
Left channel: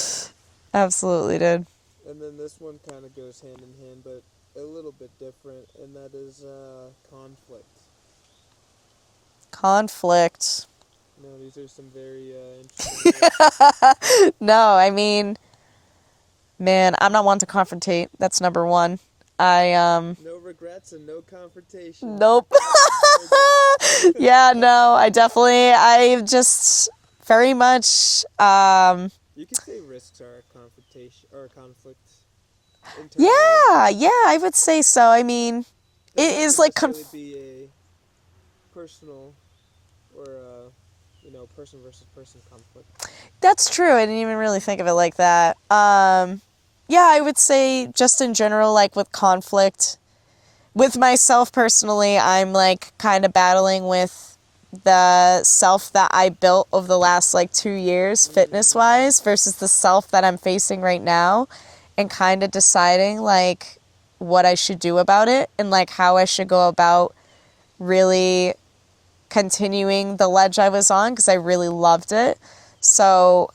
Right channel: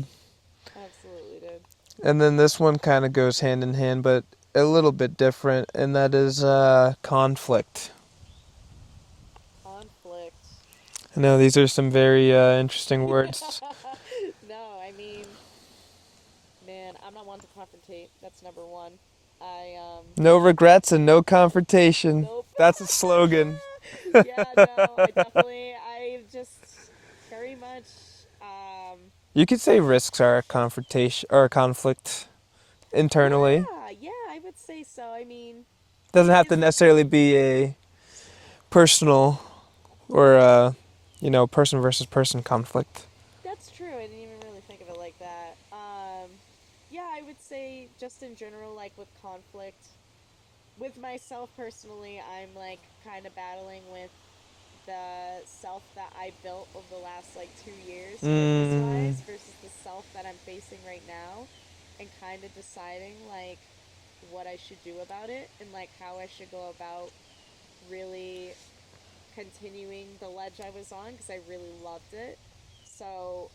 Absolutely did. And then this one kind of goes hand in hand, but a little bit different, and that is conflict. Conflict. I know these are some very interesting words. No, I mean, man, I'm not one to confrontate. That's number one. No regrets and no confrontation. Nope. That's a slogan. Yeah, no, I just very much, You could say risks are a confrontation or a conflict internally. yeah, I would say so. I mean, Doesn't it have is to like necessarily be a personal or person versus person conflict. that's true. I didn't even really think of it like that. Yeah, I would say just in general, like with conflict, with myself personally, I'm like kind of battling with the self that I built over the last like 2 years, fitness wise, versus the self that I'm facing right now, and kind of deciding like what I should do about it and like how I should go about really continuing the ledge I was on because I really loved it. So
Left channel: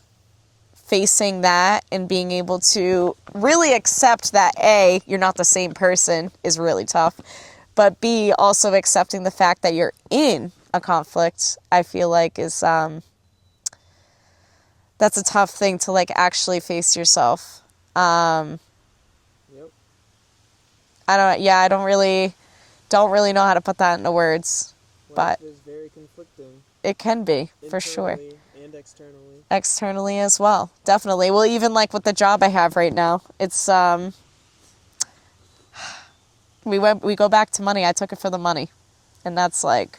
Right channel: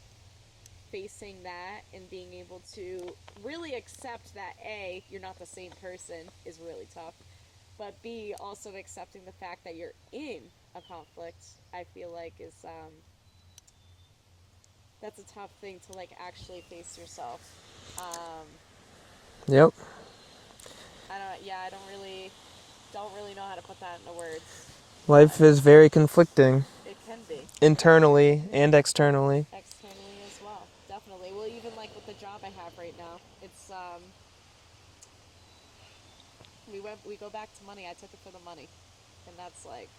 facing that and being able to really accept that A, you're not the same person is really tough, but B, also accepting the fact that you're in a conflict, I feel like is that's a tough thing to like actually face yourself. Yep. I don't really know how to put that into words. Life But is very conflicting. it can be for sure. Internally and externally. Externally as well, definitely. Well, even like with the job I have right now, it's we go back to money. I took it for the money, and that's like,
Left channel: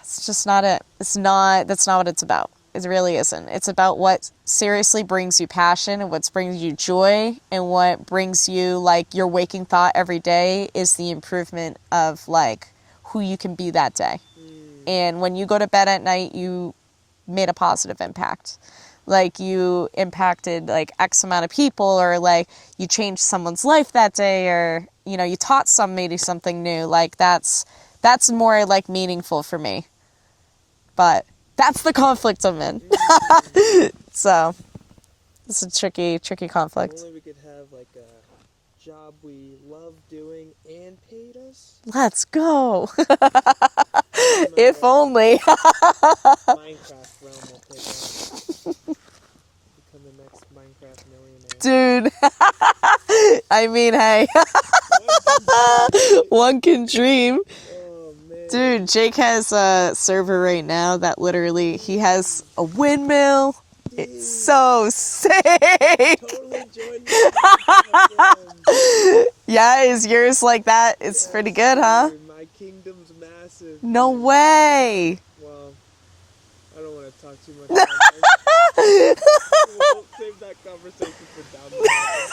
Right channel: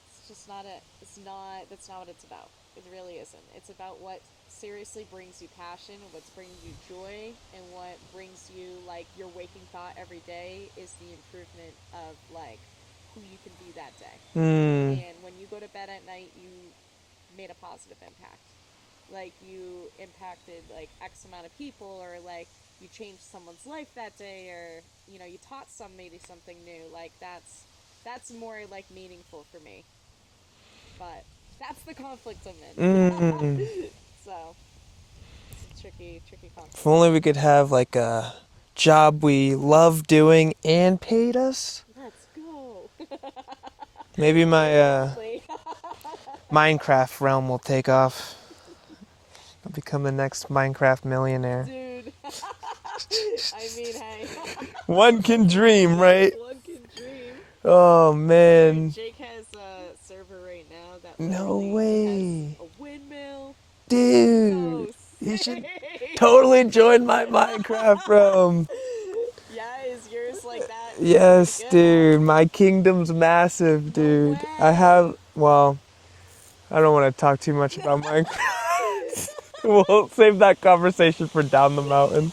it's just not it. That's not what it's about. It really isn't. It's about what seriously brings you passion and what brings you joy and what brings you like your waking thought every day is the improvement of like who you can be that day. And when you go to bed at night, you made a positive impact. Like you impacted like X amount of people, or like you changed someone's life that day, or you taught somebody something new. Like that's more like meaningful for me. But that's the conflict I'm in. So it's a tricky conflict. If only we could have like a job we love doing and paid us. Let's go. Maybe my If only. Minecraft realm will take off. I'll become the next Minecraft millionaire. Dude. I mean, hey. One can dream, right? One can dream. Oh, man. Dude, Jake has a server right now that literally, he has a windmill. Dude. So sick. Totally joined my Minecraft realm. Yeah, is yours like that? It's Yes, pretty good, dude. huh? My kingdom's massive, No dude. way. I don't want to talk too much about Minecraft. We'll save that conversation for down the mountain.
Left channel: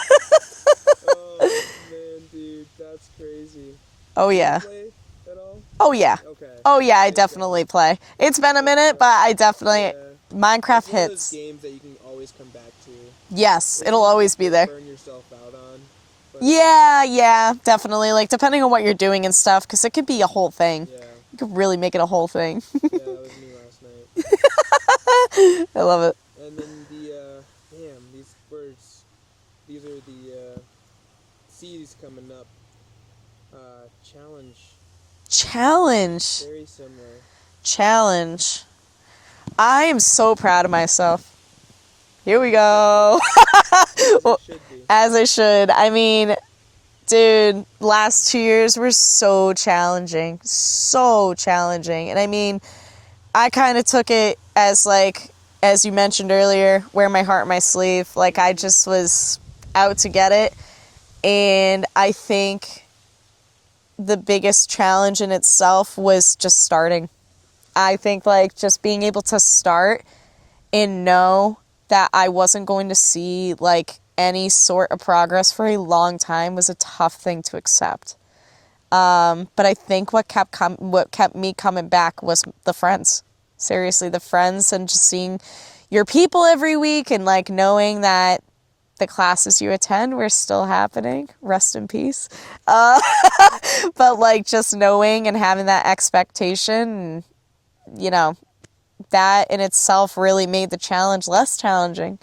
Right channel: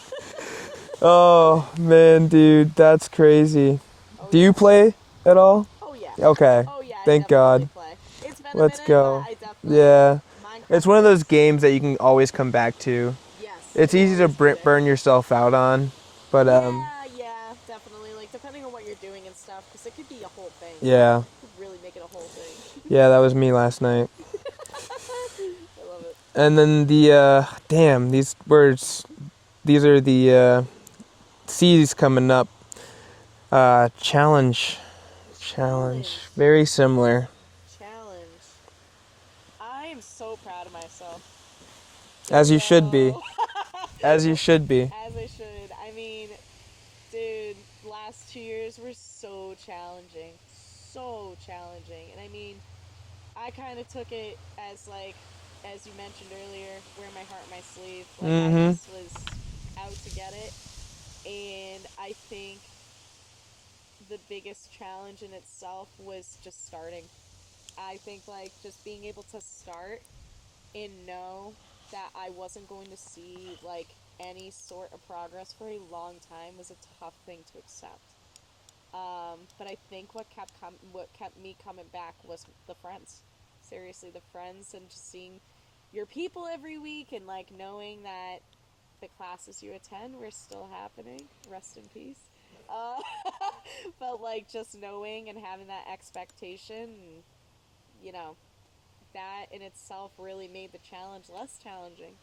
Oh, man, dude. That's crazy. Oh, Do yeah. you play at all? Oh, yeah. Okay. Oh, yeah, I Thank definitely God. play. It's been a Let's minute, go. but I definitely... Yeah. Minecraft It's one of those hits. games that you can always come back to. Yes, It's it'll easy always to be there. burn yourself out on. But Yeah, definitely. Like, depending on what you're doing and stuff, because it could be a whole thing. yeah. You could really make it a whole thing. Yeah, that was me last night. I love it. And then the, these words, these are the C's coming up. Challenge. Challenge. Very similar. Challenge. I am so proud of myself. Here As we you go. should be. As you should be. As I should. I mean, dude, last 2 years were so challenging. So challenging. And I mean, I kind of took it as like, as you mentioned earlier, wear my heart on my sleeve. Like I just was out to get it. And I think the biggest challenge in itself was just starting. I think like just being able to start and know that I wasn't going to see like any sort of progress for a long time was a tough thing to accept. But I think what kept me coming back was the friends. Seriously, the friends and just seeing your people every week and like knowing that the classes you attend were still happening. Rest in peace. But like just knowing and having that expectation, that in itself really made the challenge less challenging,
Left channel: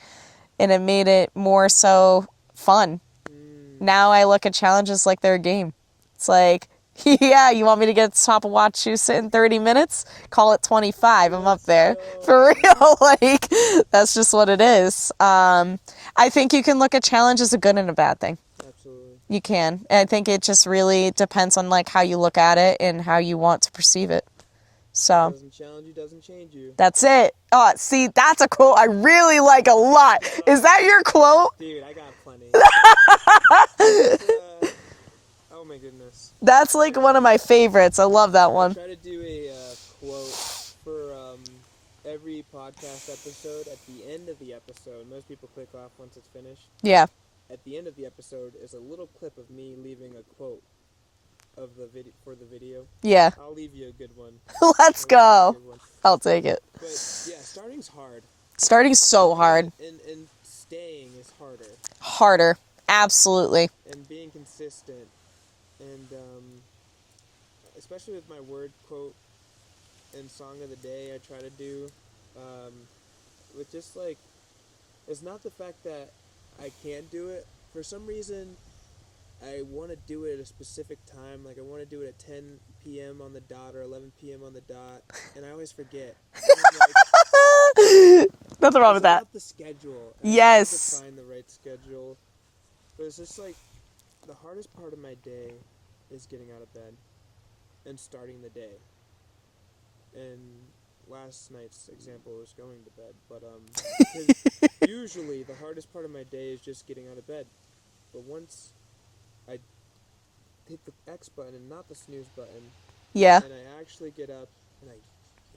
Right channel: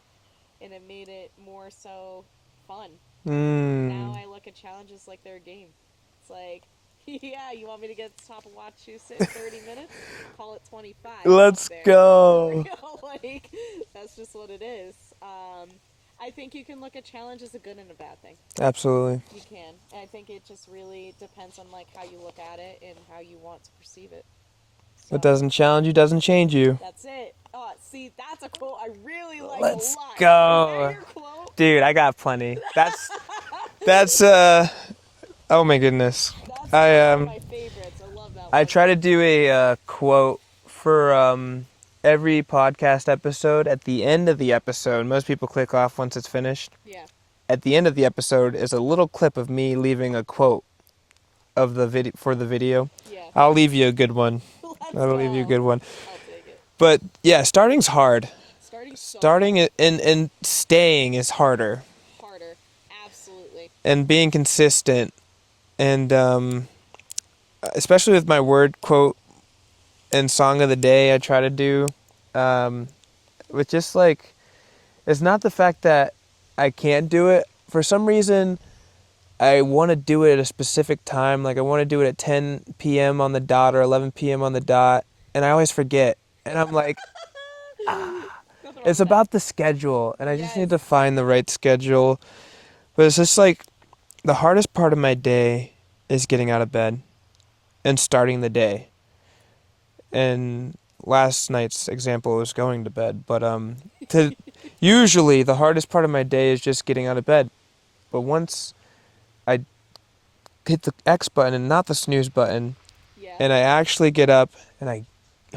and it made it more so fun Now I look at challenges like they're a game. It's like, yeah, you want me to get to the top of Wachusett in 30 minutes? Call it 25. I'm up Let's there. go. For real. Like, that's just what it is. I think you can look at challenge as a good and a bad thing. Absolutely. You can. And I think it just really depends on like how you look at it and how you want to perceive it. So It doesn't challenge you, doesn't change you. that's it. Oh, see, that's a quote I really like a lot. go. Is that your quote? Dude, I got plenty. That's oh my goodness. That's like I, one of my favorites. I love that one. I try to do a quote for every podcast episode. At the end of the episode, most people click off once it's finished. Yeah. At the end of the episode is a little clip of me leaving a quote of the video for the video. Yeah. I'll leave you a good one. Let's I'll go. leave you a good one. I'll take it. But yeah, starting's hard. Starting's so Starting hard. and staying is harder. Harder. Absolutely. And being consistent, and especially with my word quote and song of the day, I try to do with just like, it's not the fact that I can't do it. For some reason, I want to do it at a specific time. Like I want to do it at 10 p.m. on the dot or 11 p.m. on the dot, and I always forget. And I'm like, Nothing wrong it's with about the schedule, and I Yes. just need to find the right schedule. But it's just like the hardest part of my day is getting out of bed and starting the day. And last night's example was going to bed, but usually the hardest part of my day is just getting out of bed. But once I hit the X button and not the snooze button, that. Yeah. and I actually get up and I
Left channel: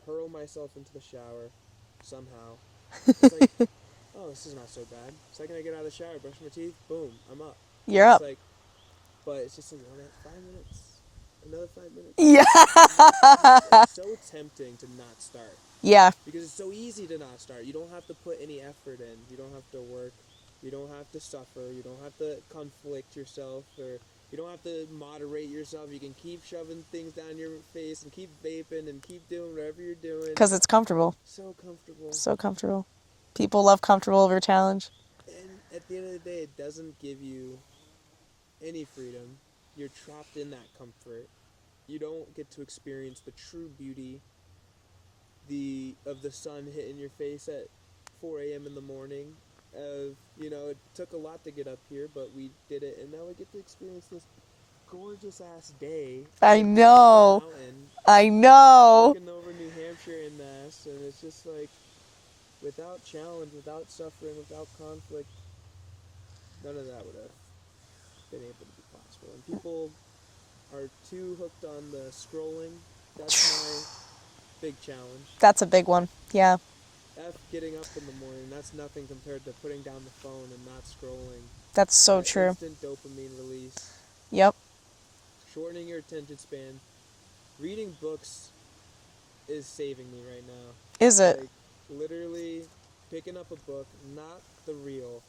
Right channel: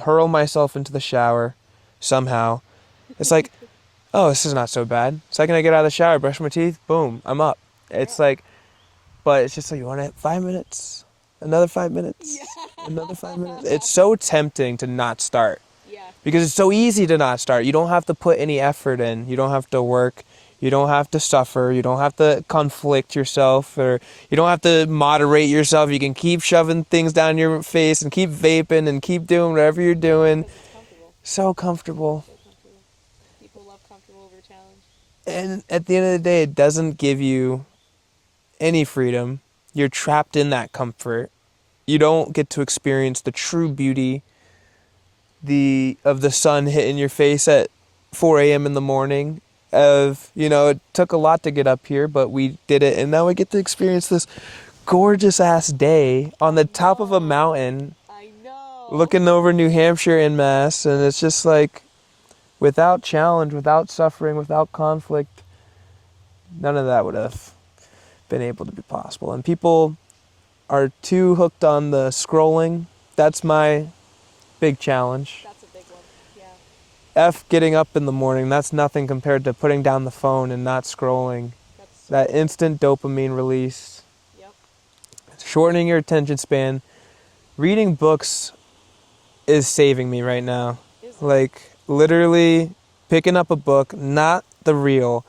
hurl myself into the shower somehow, it's like, oh, this is not so bad. Second I get out of the shower, brush my teeth, boom, I'm up. You're it's up. like, but it's just like, you want it 5 minutes? Another 5 minutes? Yeah. Another 5 minutes? It's so tempting to not start Yeah. because it's so easy to not start. You don't have to put any effort in. You don't have to work. You don't have to suffer. You don't have to conflict yourself, or you don't have to moderate yourself. You can keep shoving things down your face and keep vaping and keep doing whatever you're doing. Because it's comfortable. So comfortable. So comfortable. People love comfortable over challenge. And at the end of the day, it doesn't give you any freedom. You're trapped in that comfort. You don't get to experience the true beauty of the sun hitting your face at 4 a.m. in the morning. It took a lot to get up here, but we did it, and now we get to experience this gorgeous ass day on the top of a mountain. I know. Looking over New Hampshire en masse, and it's just like, without challenge, without suffering, without conflict, none of that would have been able to be possible. And people are too hooked on the scrolling. That's my big challenge. That's a big one. Yeah. Getting up in the morning, that's nothing compared to putting down the phone and not scrolling. That's so that true. instant dopamine release. Yep. Shortening your attention span. Reading books is saving me right now. Is it? Like, literally picking up a book, not the reel.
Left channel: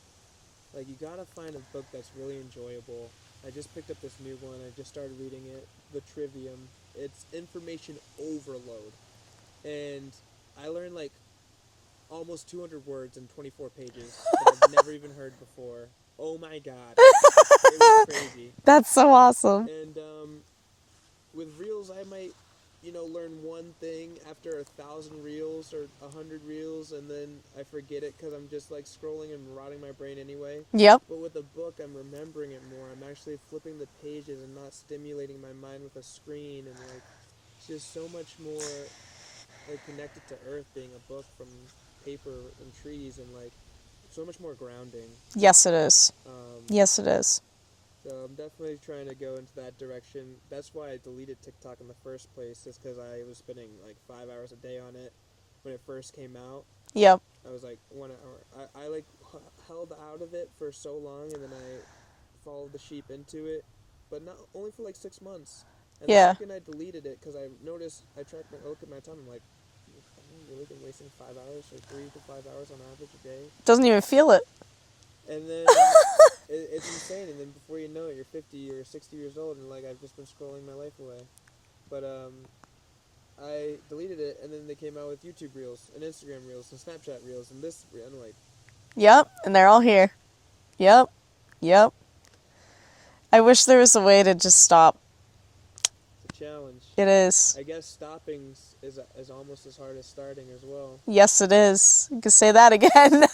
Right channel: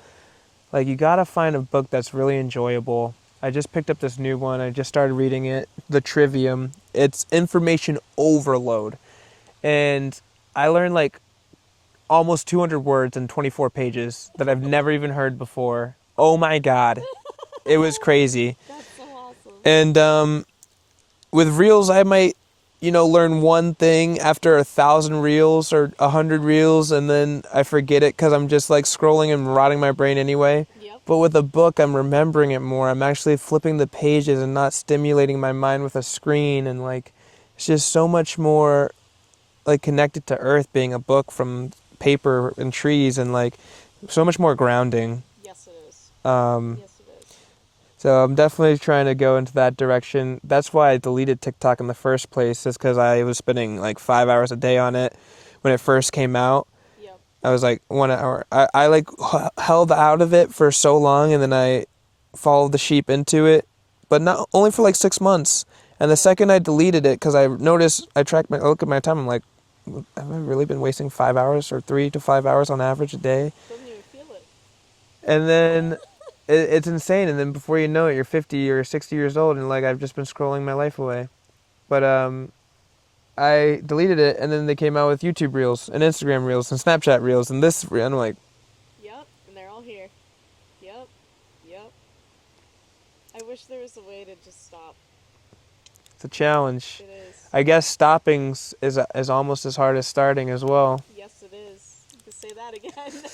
Like, you gotta find a book that's really enjoyable. I just picked up this new one. I just started reading it, The Trivium. It's information overload. And I learned like almost 200 words in 24 pages that I've never even heard before. Oh my God. It was crazy. That's so awesome. And with reels, I might, learn one thing after 1,000 reels or 100 reels, and then I forget it because I'm just like scrolling and rotting my brain anyway. Yep. But with a book, I'm remembering it more. I'm actually flipping the pages and not stimulating my mind with a screen, and like, it's just so much more like connected to earth being a book from paper and trees, and like so much more grounding. Yes, it is. Yes, it is. So I'm definitely trying to go into that direction. That's why I deleted TikTok in the first place, is because I was spending like 5 hours a day on it when it first came out. Yep. I was like 1 hour. I like held out of it for so long, and then I followed the sheep into it, but not only for like 6 months. And the Yeah. second I deleted it, because I noticed, I look at my time, I'm like, have I really been wasting 5 hours or 3 to 5 hours on average a day? Doesn't even feel it. And then it's insane. And then before you know it, you're 50 or 60 years old, and like, I've just been scrolling my life away. But I deleted it, and then they came out with YouTube Reels and Instagram Reels and Snapchat Reels and this, and I'm like, Yep. And they're all here. Yep. Yep. I wish there was a way to just stop. It's a challenge. It is. I guess stopping is almost as hard as starting as well. Yes, it is. You can say that again.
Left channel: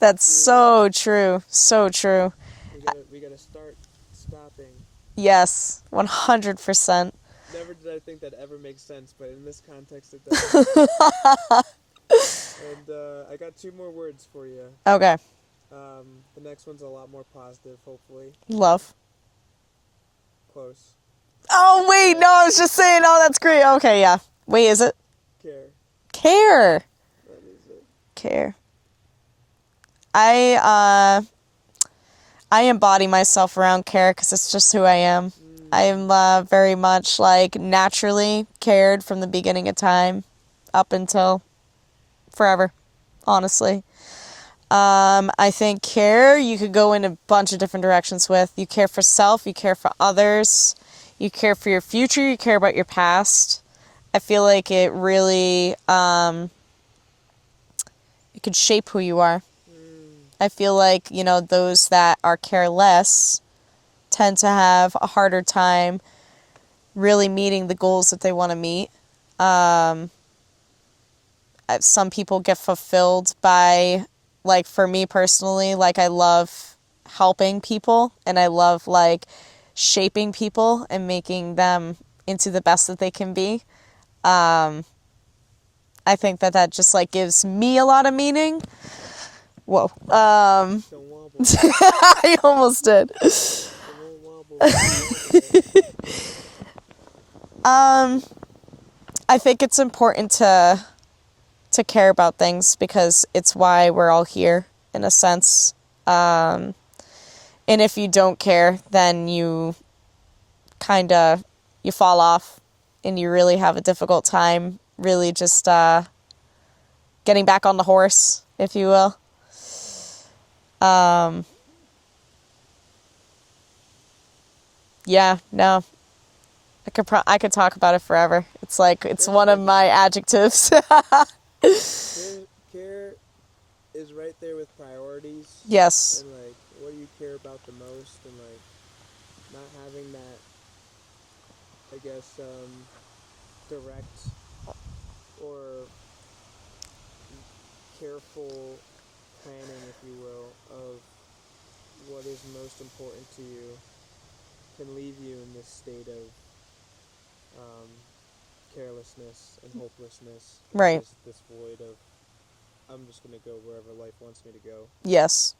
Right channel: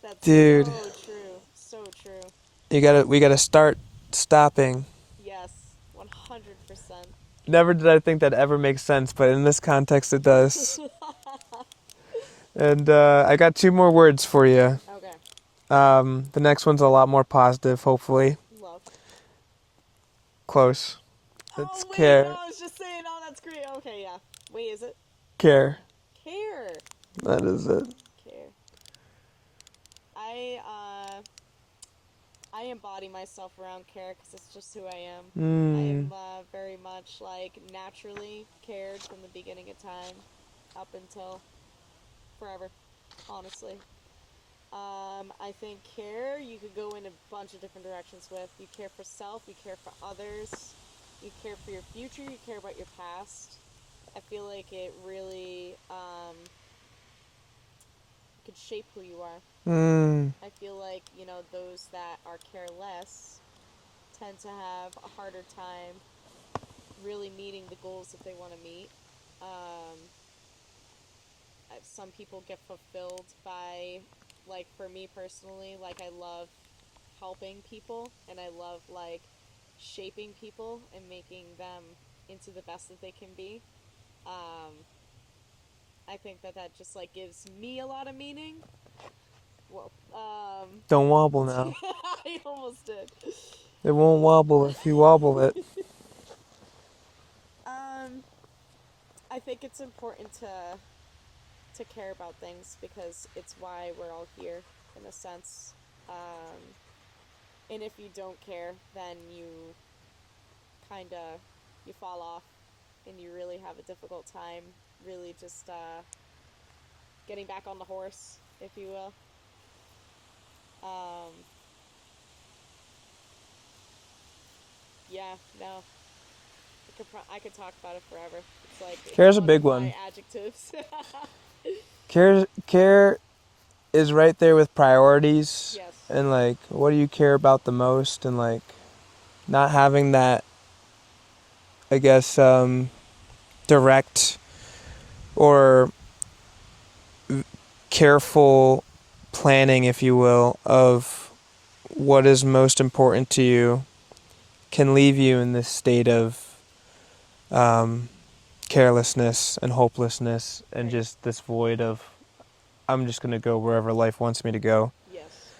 That's Dude. so true. So true. We gotta start stopping. Yes, 100%. Never did I think that ever makes sense, but in this context it does. And I got 2 more words for you. Okay. The next one's a lot more positive, hopefully. Love. Close. Oh, wait. care. No, I was just saying, oh, that's great. Okay, yeah. Wait, is it? Care. Care. That is it. Care. I embody myself around care because it's just who I am. I am very much like naturally cared from the beginning of time up until forever, honestly. I think care you could go in a bunch of different directions with. You care for self, you care for others, you care for your future, you care about your past. I feel like it really, it could shape who you are. I feel like, those that are careless tend to have a harder time really meeting the goals that they want to meet. Some people get fulfilled by, like, for me personally, like, I love helping people and I love, like, shaping people and making them into the best that they can be. I think that just, like, gives me a lot of meaning. Whoa. Don't wobble now. I almost did. It won't wobble if you wobble it. I think it's important to care about things because it's why we're all here, in a sense. And if you don't care, then you fall off and you really have a difficult time really just getting back on the horse, if you will. Yeah, no. I could talk about it forever. It's like, it's Care's a one of big my one. adjectives. Care is right there with priorities. Yes. And, like, what do you care about the most? And, like, not having that, I guess, direct or careful planning, if you will, of what is most important to you can leave you in this state of carelessness and hopelessness and Right. just this void of I'm just going to go wherever life wants me to go. Yes.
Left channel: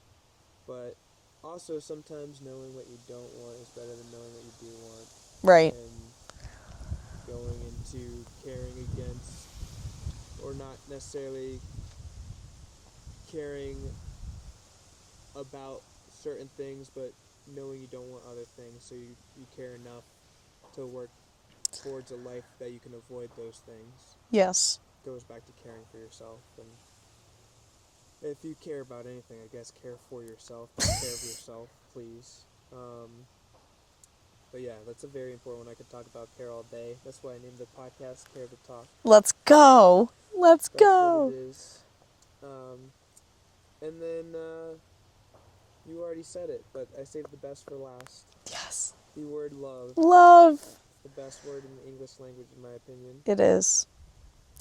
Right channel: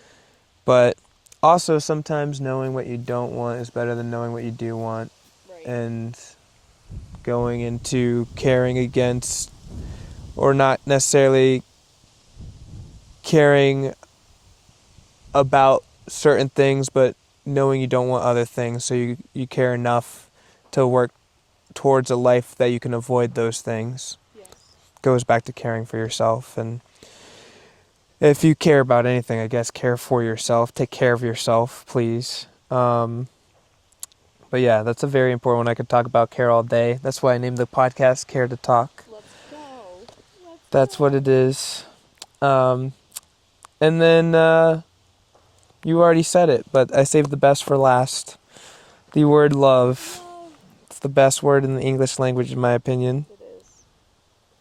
But also sometimes knowing what you don't want is better than knowing what you do want. Right. And going into caring against or not necessarily caring about certain things, but knowing you don't want other things, so you care enough to work towards a life that you can avoid those things. Yes. Goes back to caring for yourself. And if you care about anything, I guess care for yourself. Take care of yourself, please. But yeah, that's a very important one. I could talk about care all day. That's why I named the podcast Care2Talk. Let's go. Let's go. That's what it is. And then you already said it, but I saved the best for last. Yes. The word love. Love. It's the best word in the English language, in my opinion. It is.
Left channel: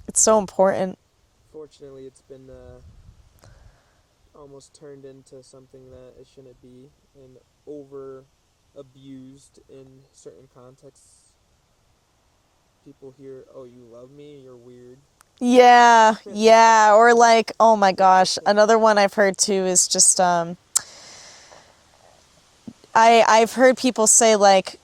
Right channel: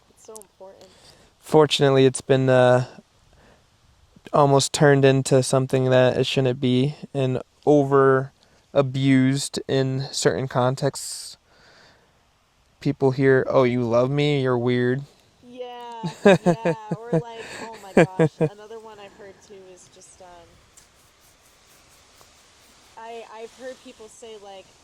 It's so important. Fortunately, it's been almost turned into something that it shouldn't be and over abused in certain contexts. People hear, "Oh, you love me? You're weird." Yeah. Yeah. Or like, oh my gosh. Another one I've heard too is just, I've heard people say like,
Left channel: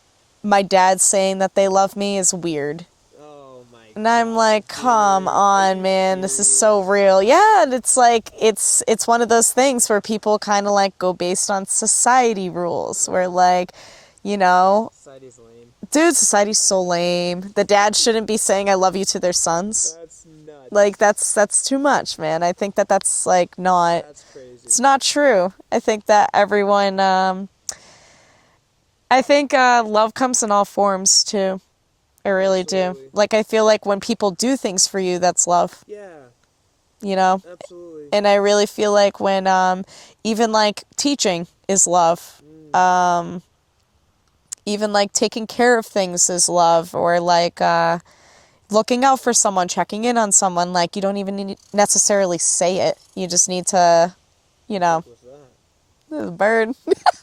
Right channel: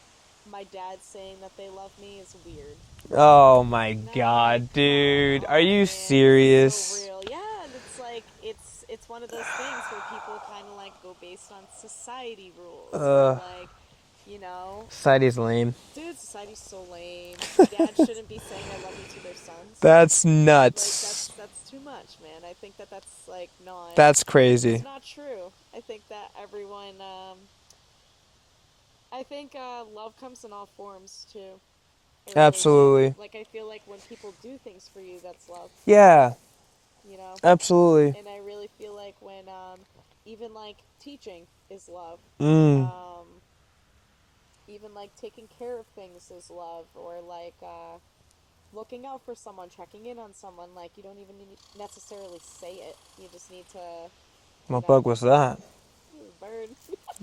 my dad saying that they love me is weird. Oh my god. And I'm like, come dude. on, Are you man. serious? This is so real. Yeah, and it's like it's one of those things where people kind of like go based on society rules. Where like, Society's lame. dude, society's so lame. The dad shouldn't be saying I love you to their sons. That's nuts. Like that's too much, man. I think that's like not. That's crazy. It's not true. I think that everyone. I think love comes in all forms too. I really Absolutely. do. Like I feel like when people do things for you, that's love. Yeah, You know. absolutely. And I really feel like when even like teaching is love. even like taking care of things is love, or like looking out for someone, checking in on someone. Like you don't even need necessarily say it. You just need to, you What know, bug was that? there's a bird.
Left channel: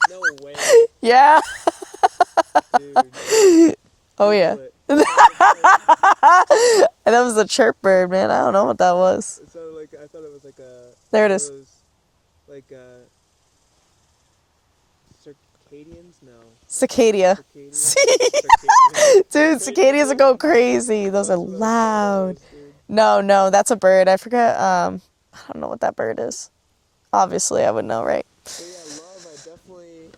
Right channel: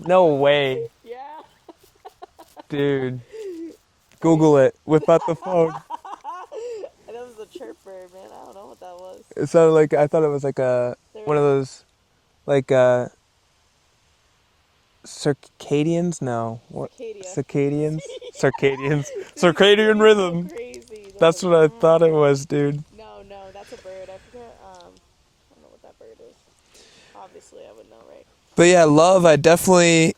No way, Yeah. dude. Oh Google yeah. it. Without the phone. And that was a chirp bird, man. I don't know what that was. It sounded like, I thought it was like a There it one is. of those like circadians? No. What? Cicada. Circadians? Circadians. Dude, Circadian cicadas go rhythm. crazy. Those That's are what I thought it loud. was, dude. No, that's a bird. I forget. I don't know what that bird is. Obviously, I would know, right? But yeah, love, I definitely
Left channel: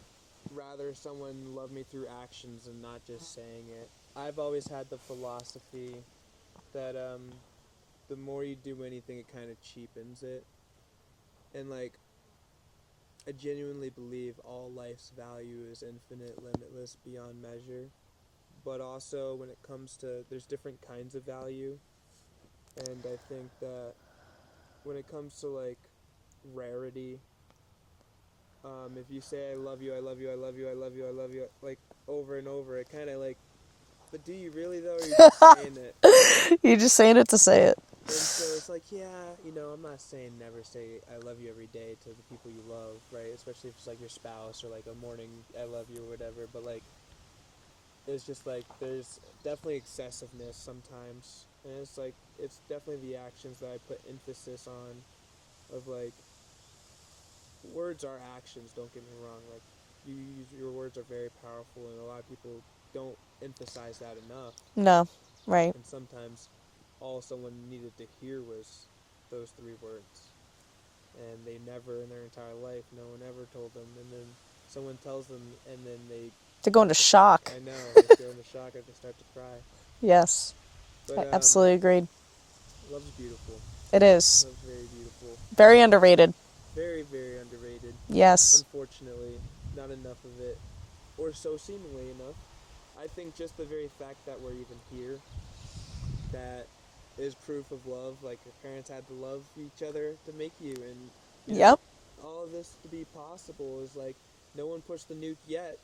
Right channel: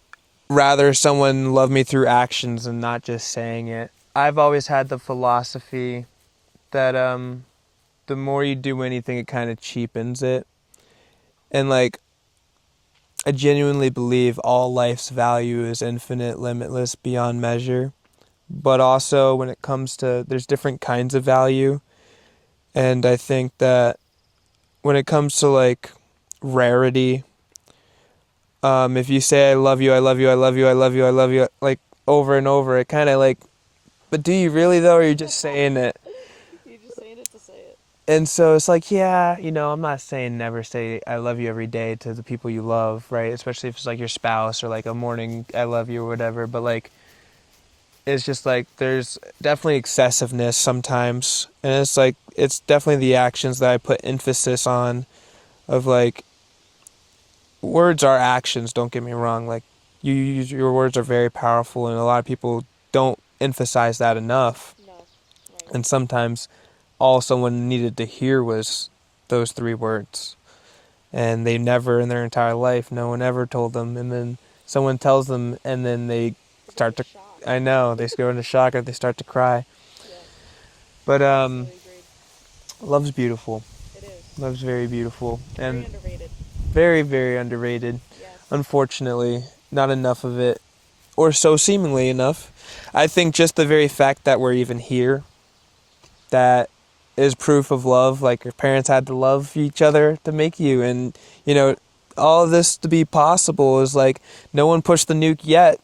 rather someone love me through actions and not just saying it. I've always had the philosophy that the more you do anything, it kind of cheapens it. And like, I genuinely believe all life's value is infinite, limitless, beyond measure. But also when it comes to, there's different kinds of value. And I think that when it comes to like rarity, if you say I love you, I love you, I love you, I love you, I love you, like over and over, it kind of like, but do you really though, or are you just saying it? You're just saying it to say it. And so it's like, yeah, you know, I'm not saying never say I love you every day to the people you love, right? Especially if it's like your spouse or like a morning I love you or whatever. But like, it's just like there's definitely excessiveness sometimes. And it's like, it's definitely the actions that I put emphasis on of like, words are actions, don't get me wrong. Like, your words are very powerful, and a lot of people don't emphasize that enough. No, right. And sometimes all someone needed to hear was those 3 words. And they never in their entire life, no one ever told them. And then someone tells them, and then they To go into shock. I know, they go into shock or they start to cry. Yes. But Absolutely agreed. love's beautiful. It is. Love's very beautiful. Very And underrated. very, very underrated. Yes. Unfortunately, not enough of it, or so seemingly enough. I think just the very fact that we're even here, that is proof of love. Like your parents had to love each other to make you, and you know, Yep. all of this to be possible is like no one pushed the nuke yet.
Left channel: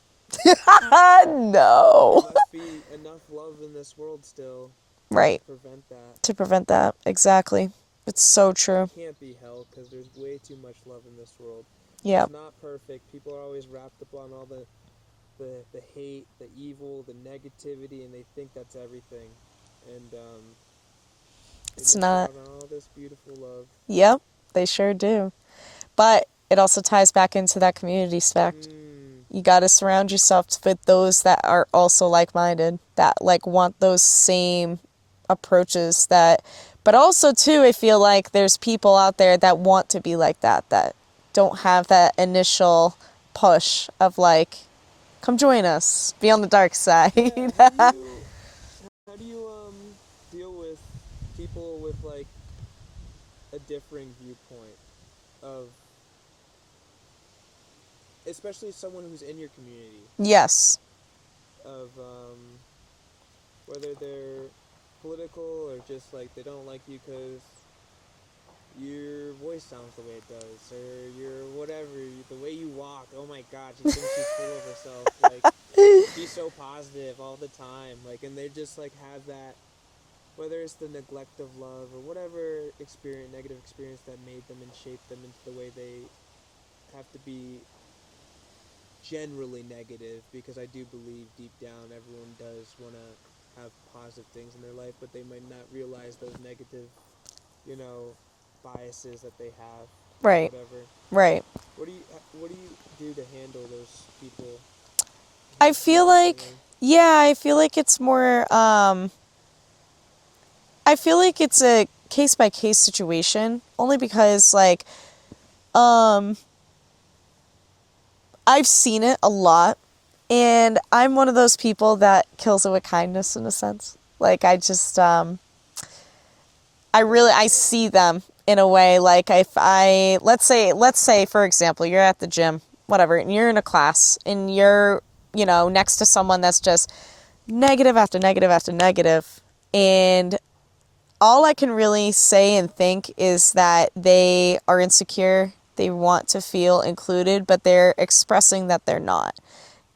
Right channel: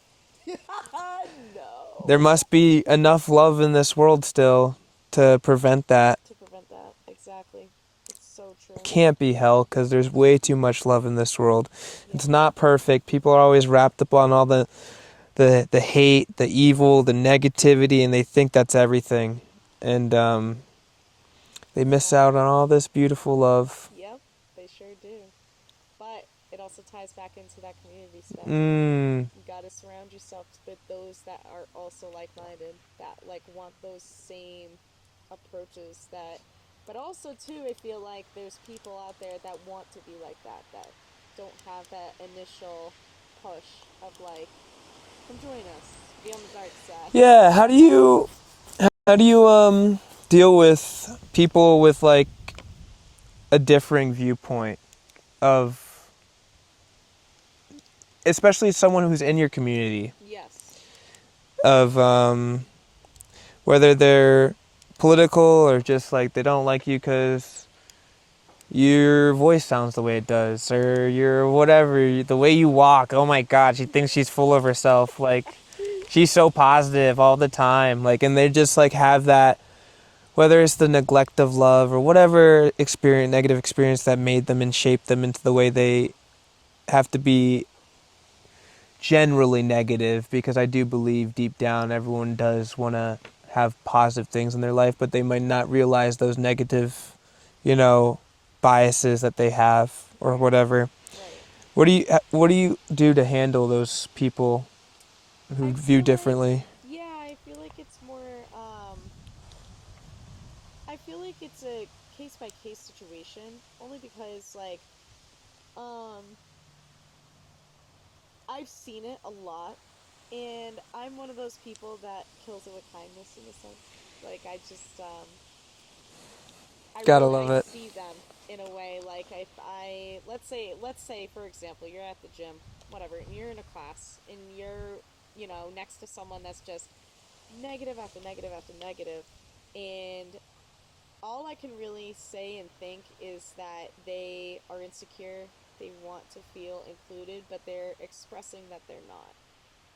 No. There must be enough love in this world still to Right. prevent that. To prevent that. Exactly. It's so true. Can't be hell because there's way too much love in this world. Yeah. It's not perfect. People are always wrapped up on all the hate, the evil, the negativity, and they think that's everything. And they It's miss not. out on all this beautiful love. Yep. They sure do. But it also ties back into that community aspect. You got to surround yourself with those that are also like-minded, that like want those same approaches, that but also too I feel like there's people out there that want to be like that don't have that initial push of like, come join us, be on the dark side. Yeah, how do you deal with people with like a differing viewpoint of, especially someone who's in your community, Yes. of whether they're political or just like they don't like you because your voice sounds the way it does, or your whatever, the way you walk, oh my god, she thinks she's full of herself, like she's so positive all the time, like, and they just like have that, whether it's the neglect of love or whatever experience, negative experience that made them and shaped them into the way they have to be generally negative, because I do believe deep down everyone does want to have positive things in their life, but they might not realize those negative, you know, biases that they have or Right. whatever. Right. What do you do to handle those people who I feel view like differently? yeah, I feel like it's more I feel like it's a case by case situation, only because like I've seen it a lot, and I'm one of those people that kills it with kindness in a sense. Like I just I love it. see them in a way, like if I let's say for example, you're at the gym, whatever, and you're in a class and you're, you know, next to someone that's just negative after negative after negative, and all I can really say and think is that they are insecure. They want to feel included, but they're expressing that they're not.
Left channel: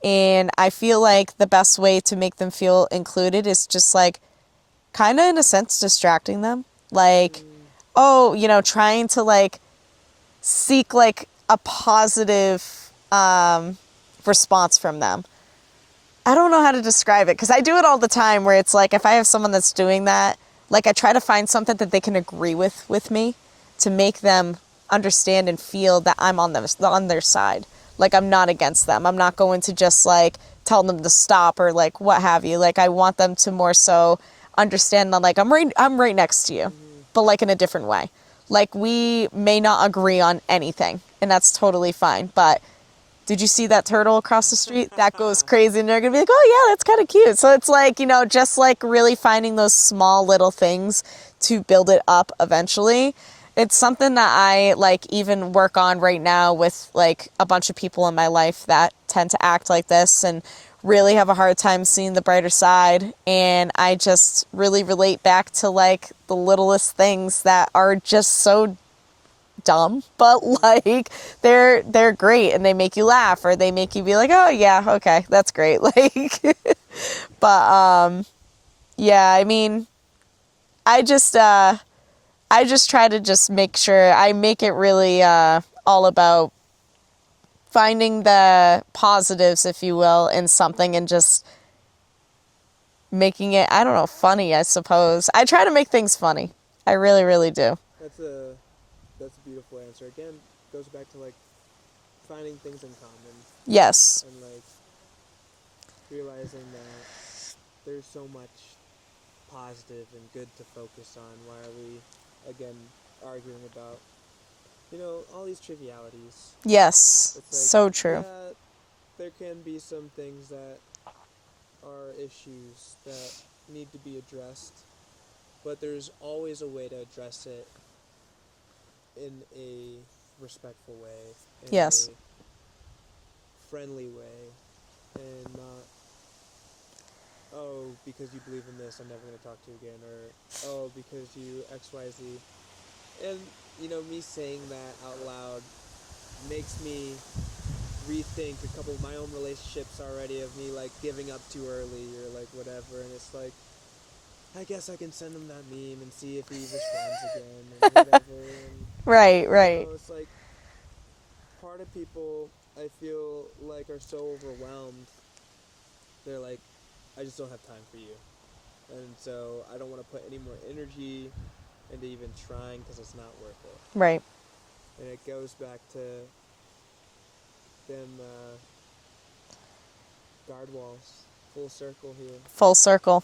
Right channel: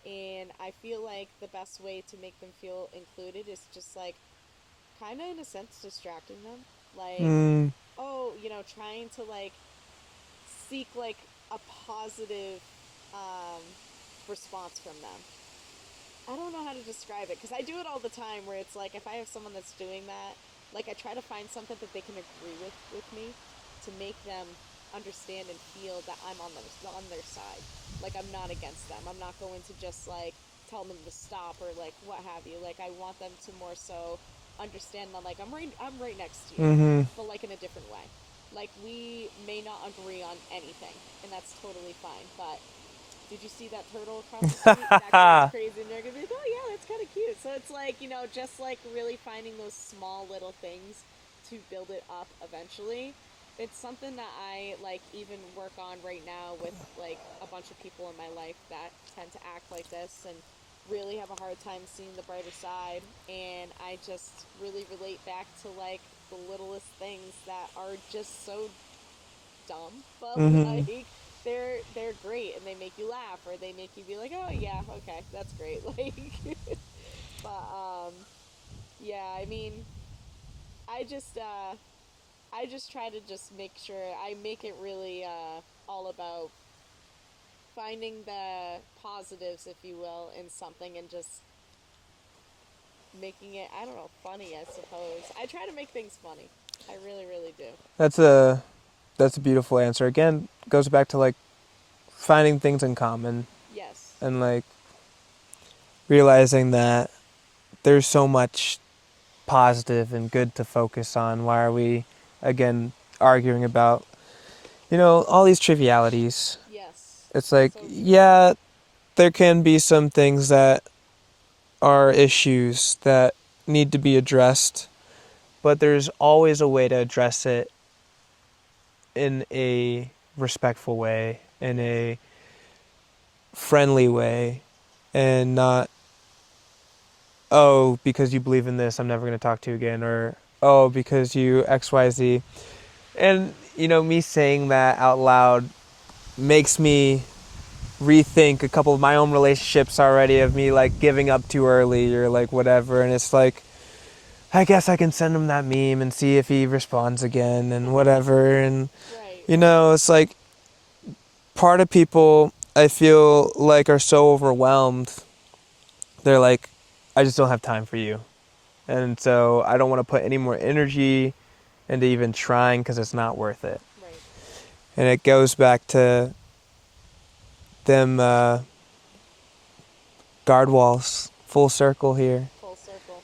And I feel like the best way to make them feel included is just like kind of in a sense distracting them. Like, oh, you know, trying to like seek like a positive response from them. I don't know how to describe it because I do it all the time where it's like if I have someone that's doing that, like I try to find something that they can agree with me to make them understand and feel that I'm on their side. Like I'm not against them. I'm not going to just like tell them to stop or like what have you. Like I want them to more so understand that like I'm right next to you, but like in a different way. Like we may not agree on anything and that's totally fine. But did you see that turtle across the street? That goes crazy and they're going to be like, oh yeah, that's kind of cute. So it's like, you know, just like really finding those small little things to build it up eventually. It's something that I like even work on right now with like a bunch of people in my life that tend to act like this and really have a hard time seeing the brighter side. And I just really relate back to like the littlest things that are just so dumb, but like they're great and they make you laugh or they make you be like, oh yeah, okay, that's great. Like, but yeah, I mean, I just try to just make sure I make it really all about finding the positives, if you will, in something and just making it, I don't know, funny, I suppose. I try to make things funny. I really, really do. That's a beautiful answer. Again, goes back to like finding things in common Yes. and like realizing that there's so much positive and good to focus on. Why are we again arguing about, you know, all these trivialities? Yes. It's like, so true. yeah, there can be some things that are issues that need to be addressed, but there's always a way to address it in a respectful way, in Yes. a friendly way, and not, oh, because you believe in this, I'm never going to talk to you again, or, oh, because you XYZ. And, you know, me saying that out loud makes me rethink a couple of my own relationships already of me, like, giving up too early or, like, whatever. And it's like, I guess I can send him that meme and see if he responds again and whatever. And, Right, you know, it's like part of people I feel like are so overwhelmed. They're like, I just don't have time for you. And so I don't want to put any more energy into even trying because it's not worth it. Right. And it goes back to them guard walls, full circle here. Full circle.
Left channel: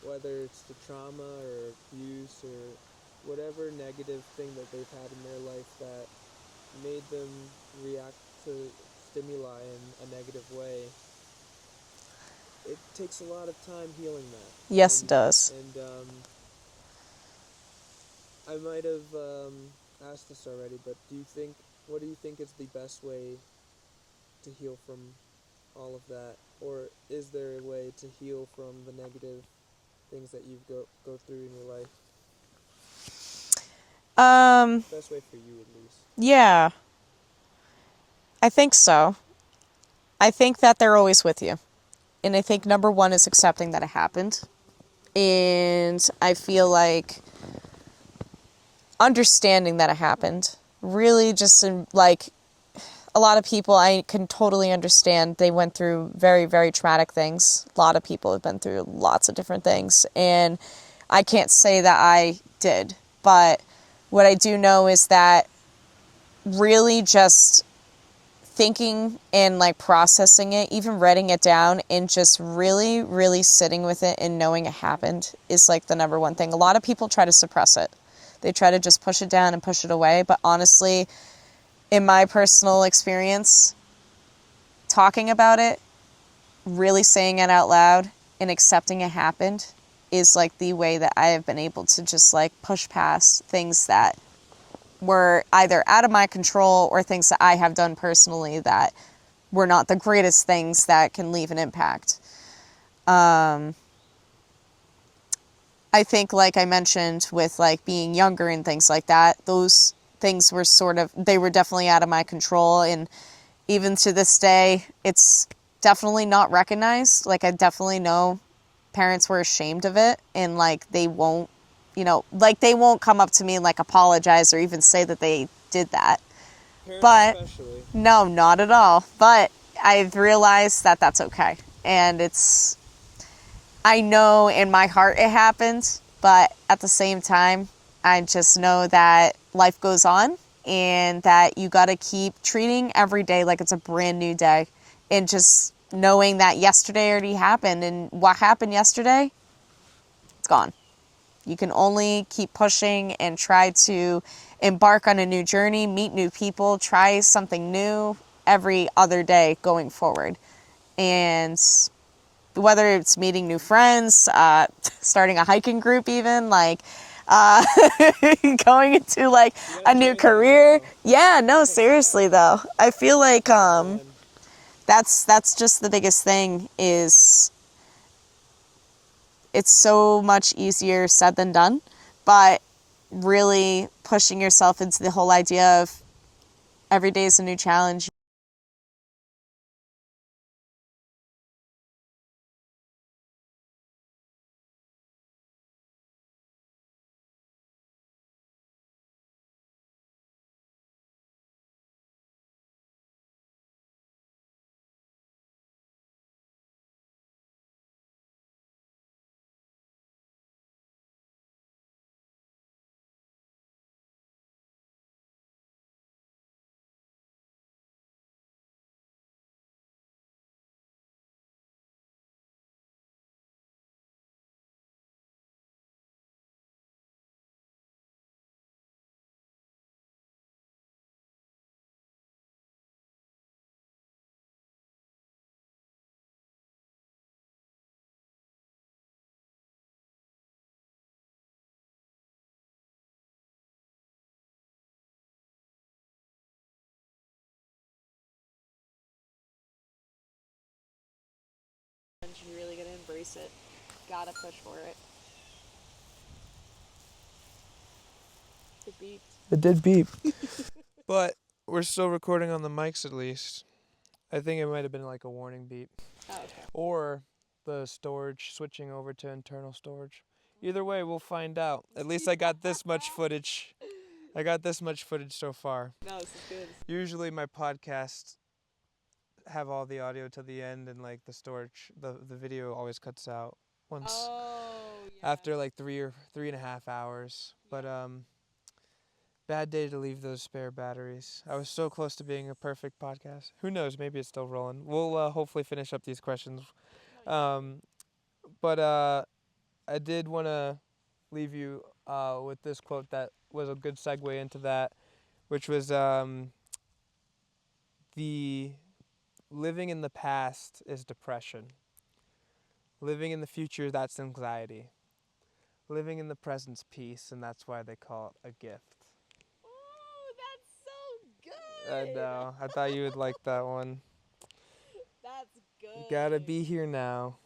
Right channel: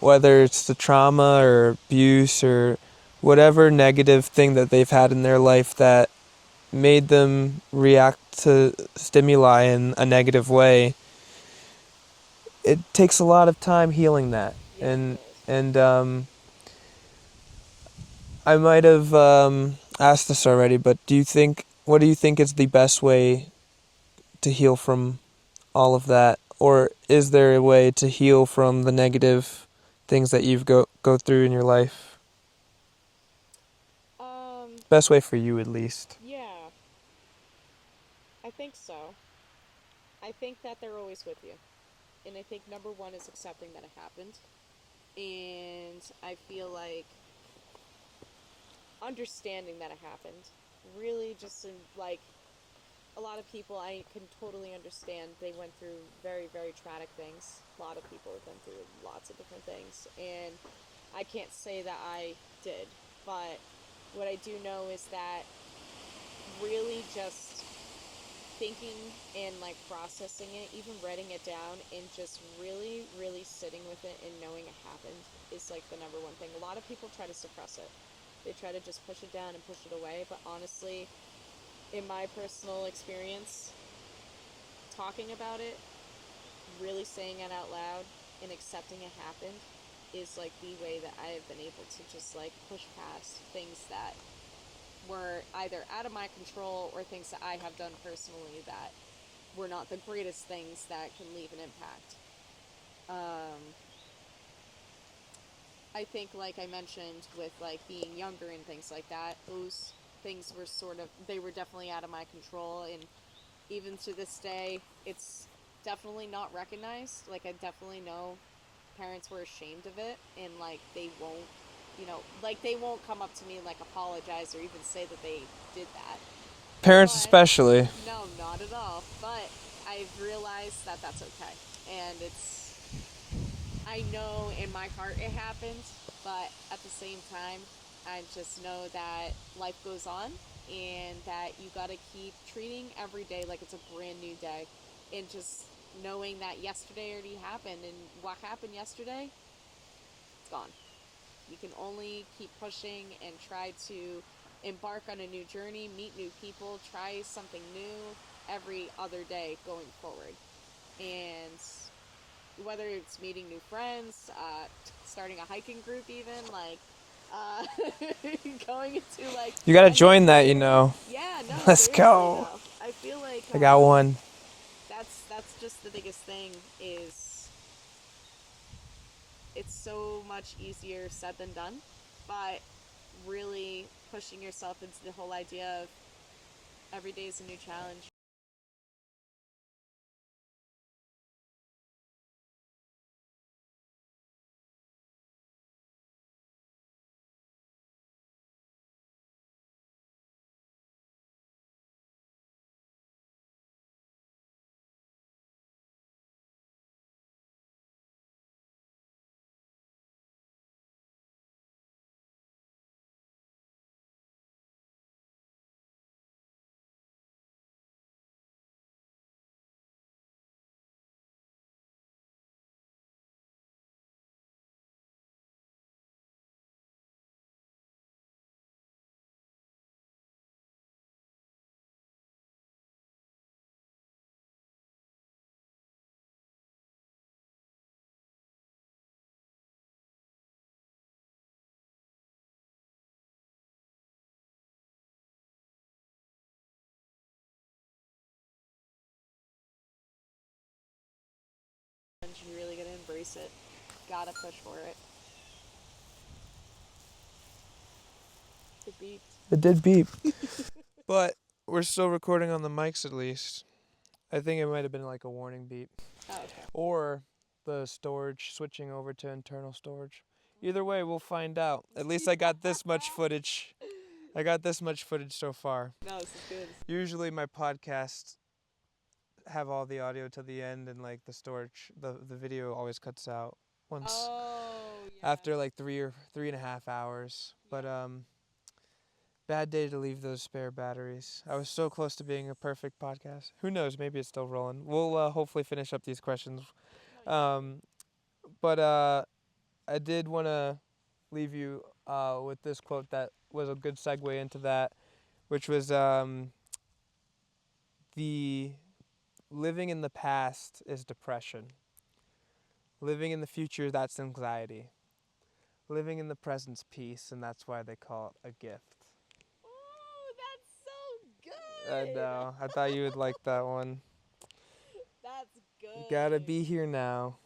Whether it's the trauma or abuse or whatever negative thing that they've had in their life that made them react to stimuli in a negative way, it takes a lot of time healing that. Yes, it does. And I might have asked this already, but what do you think is the best way to heal from all of that? Or is there a way to heal from the negative things that you've go through in your life? Best way for you, at least. Yeah. I think so. I think that they're always with you. And I think number one is accepting that it happened. And I feel like understanding that it happened. Really just like a lot of people I can totally understand. They went through very, very traumatic things. A lot of people have been through lots of different things. And I can't say that I did. But what I do know is that really just thinking and like processing it, even writing it down and just really, really sitting with it and knowing it happened is like the number one thing. A lot of people try to suppress it. They try to just push it down and push it away. But honestly, in my personal experience, talking about it, really saying it out loud and accepting it happened is like the way that I have been able to just like push past things that were either out of my control or things that I have done personally that were not the greatest things that can leave an impact. I think, like I mentioned, with like being younger and things like that, those things were they were definitely out of my control. And even to this day, it's definitely not recognized. Like, I definitely know parents were ashamed of it, and like they won't, like they won't come up to me and like apologize or even say that they did that. Parents But especially. no, not at all. But I've realized that that's okay. And I know in my heart it happened, but at the same time, I just know that life goes on and that you got to keep treating every day like it's a brand new day, and just knowing that yesterday already happened, and what happened yesterday, it's gone. You can only keep pushing and try to embark on a new journey, meet new people, try something new every other day going forward. And whether it's meeting new friends, starting a hiking group, even like uh, going into like You gotta a new join that, career. Yeah, no, Let's seriously go. though, I feel like I got one. that's just the biggest thing. Is it's so much easier said than done, but really pushing yourself into the whole idea of every day is a new challenge. You really gotta embrace it. Gotta push for it. It beeps. It did beep. But we're still recording on the mics at least. I think it might have been like a warning beep. Oh, okay. Or the storage switching over to internal storage. Either way, we'll find out. At least I got this much footage. I got this much footage so far. No, this is good. Usually my podcasts have all the audio to the end, and like the storage, the video always cuts out once after like 3.5 hours. But bad day to leave those spare batteries. I was so close to being a perfect podcast. Who knows? Maybe it's still rolling. We'll hopefully finish up these questions. But I did want to leave you with this quote that was a good segue into that, which was the living in the past is depression. Living in the future, that's anxiety. Living in the present's peace, and that's why they call it a gift. Oh, that's so good. I know. I thought you would like that one. That's good. You gotta be here now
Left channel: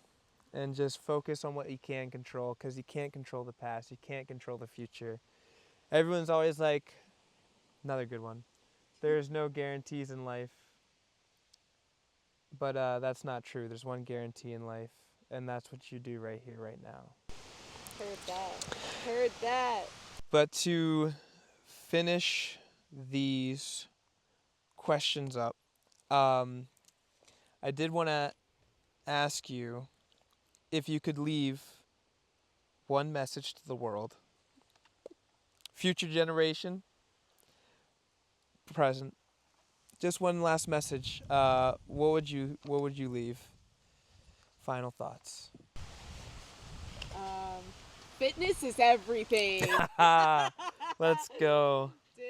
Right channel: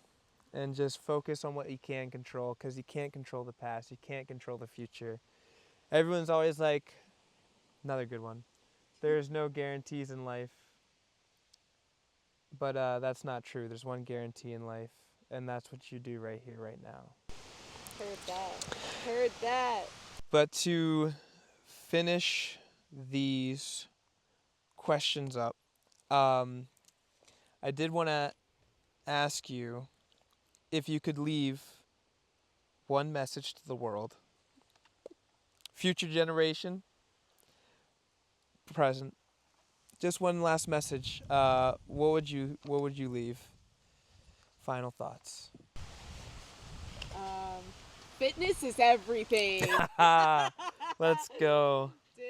and just focus on what you can control, because you can't control the past. You can't control the future. Everyone's always like, another good one, there's no guarantees in life. But that's not true. There's one guarantee in life, and that's what you do right here, right now. Heard that. Heard that. But to finish these questions up, I did want to ask you if you could leave one message to the world, future generation, present, just one last message. What would you leave? Final thoughts. Fitness is everything. Let's go. Dude.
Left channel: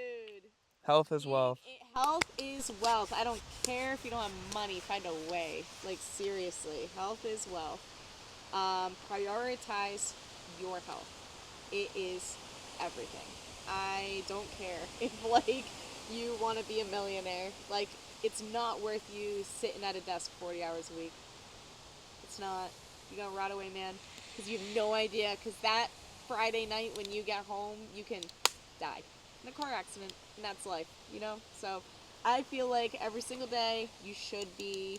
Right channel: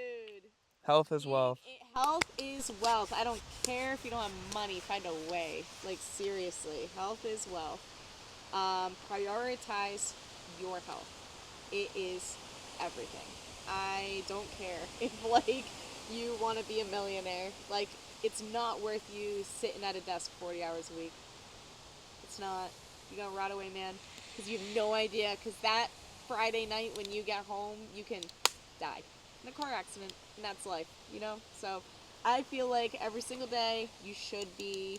Health is wealth. Health is wealth. I don't care if you don't have money, find a way. Like, seriously, health is wealth. Prioritize your health. It is everything. I don't care if, like, you want to be a millionaire. Like, it's not worth you sitting at a desk 40 hours a week. It's not. You're gonna rot away, man, because you have no idea. Because that Friday night when you get home, you can die in a car accident, and that's life, So I feel like every single day you should be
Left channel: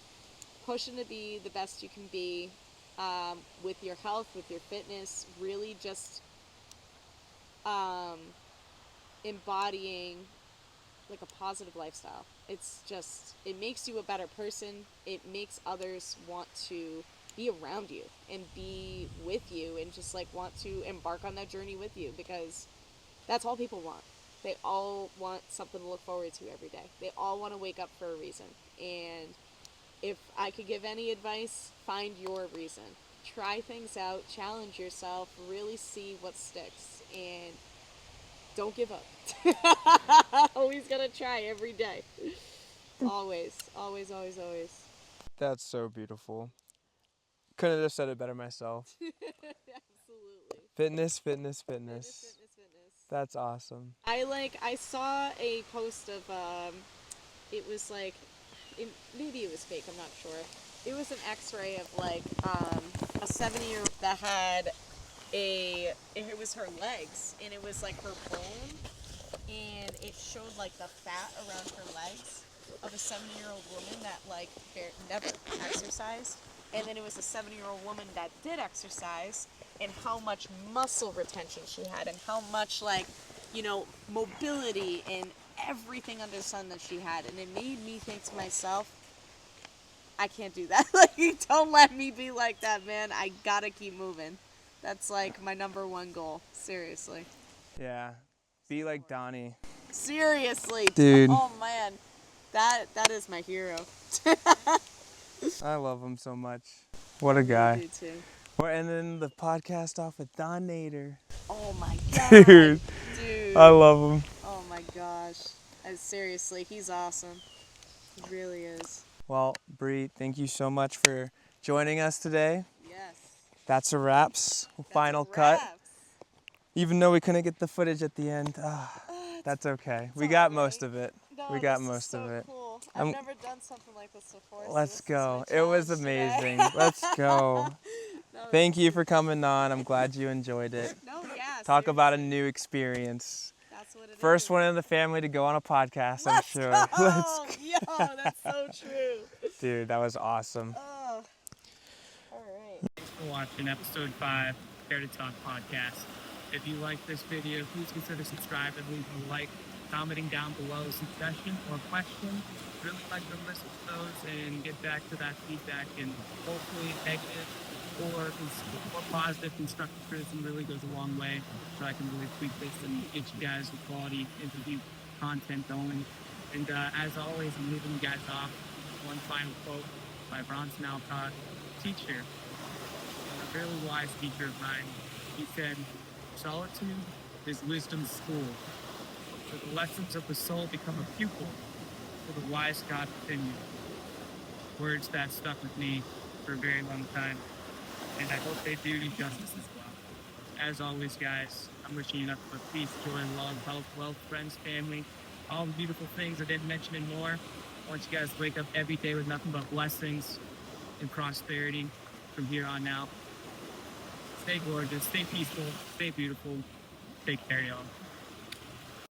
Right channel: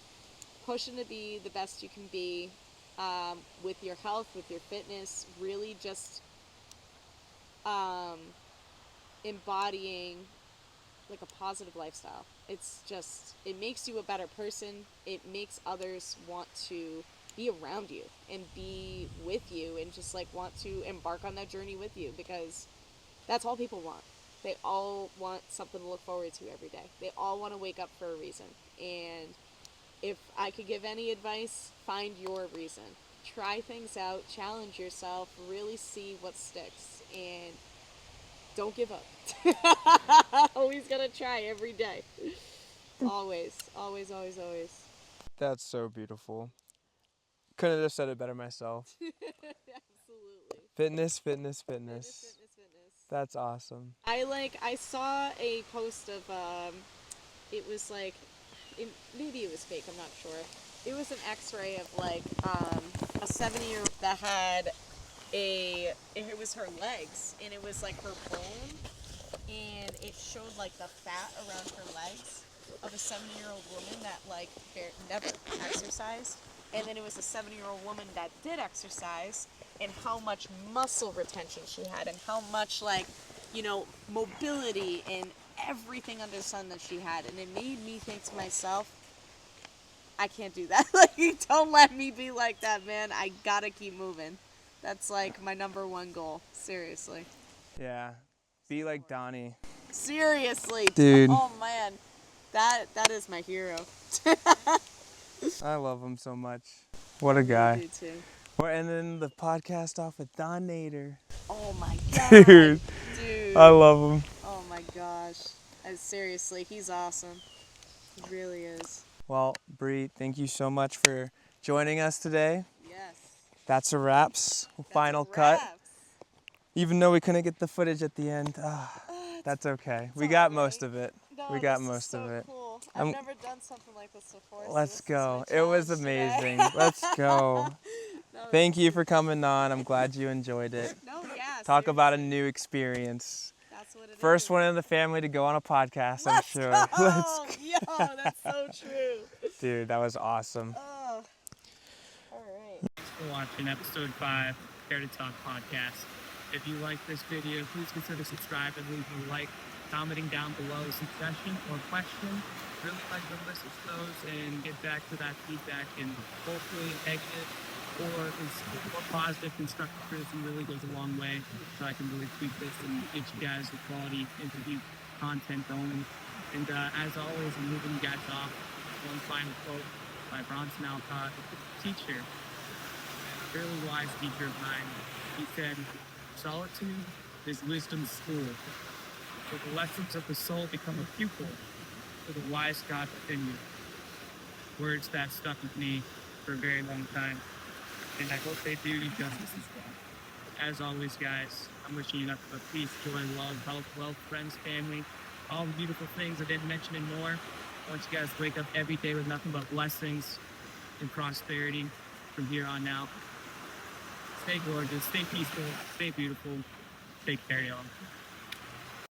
pushing to be the best you can be, with your health, with your fitness, really just embodying like a positive lifestyle. It's just, it makes you a better person. It makes others want to be around you and be with you and just like want to embark on that journey with you, because that's all people want. They all want something to look forward to every day. They all want to wake up for a reason. And if I could give any advice, find your reason. Try things out, challenge yourself, really see what sticks, and don't give up. Always gotta try every day. Always, always, always, always. That's so beautiful. Couldn't have said it better myself. Absolutely. Fitness, fitness, fitness. Fitness. That's awesome. I saw a post of, it was like, maybe it was fake, I'm not sure. It was an x-ray of like, a 7-year-old that had it was her legs, and it was like her bone, and it showed like the fat around her legs of a 7-year-old woman that like never exercised, and then it was a 7-year-old woman that did exercise, and how much muscle retention she had, and how much like, mobility and everything under the sun that she had. And it made me think to myself, I can't do that. Like, don't let me be like that, man. I gotta keep moving. That's like my number one goal. Seriously. Yeah. Be like Donnie. Seriously. Dude. Oh man. That is my hero. I love him so much. What a guy. I do too. We're ending the podcast off with Don Nader. Oh my god. Dude. Dude. I love him. Oh my gosh. Seriously, he's awesome. He really is. Well, Bree, thank you so much for joining us today. Yes. That's a wraps. Final cut. Even though we couldn't get the footage at the end, that's okay. We got most of it. No, We got this most is so of it. Cool. I've never done something like this before. So Let's this go. Is my It was challenge amazing. today. Let's go. No, Thank you for coming on. I'm glad you enjoyed it. No, yeah. Talk about a seriously. new experience. That's what it First is. one in the family to go on a podcast, I'm sure. Go. Let's go. Yo, that's so true. Dude, that was awesome. Oh. All right. Thanks for watching episode 5 Care2Talk podcast. If you like this video, please consider subscribing, leave a like, commenting down below a suggestion or question. Really like to listen to those and get back to that feedback, and hopefully negative or more positive constructive criticism really goes a long way, so I can really tweak this and get you guys the quality interview content going. And as always, I'm moving you guys off one final quote by Bronson Alcott, teacher, and a really wise teacher of mine. He said, "Solitude is wisdom's school. So the lessons of the soul become a pupil to the wise God within you." Words that stuck with me for a very long time, and I hope they do you justice as well. As always, guys, I'm wishing you nothing but peace, joy, love, health, wealth, friends, family, all the beautiful things I didn't mention and more. I want you guys to wake up every day with nothing but blessings and prosperity from here on out. Stay gorgeous, stay peaceful, stay beautiful. Take care, y'all.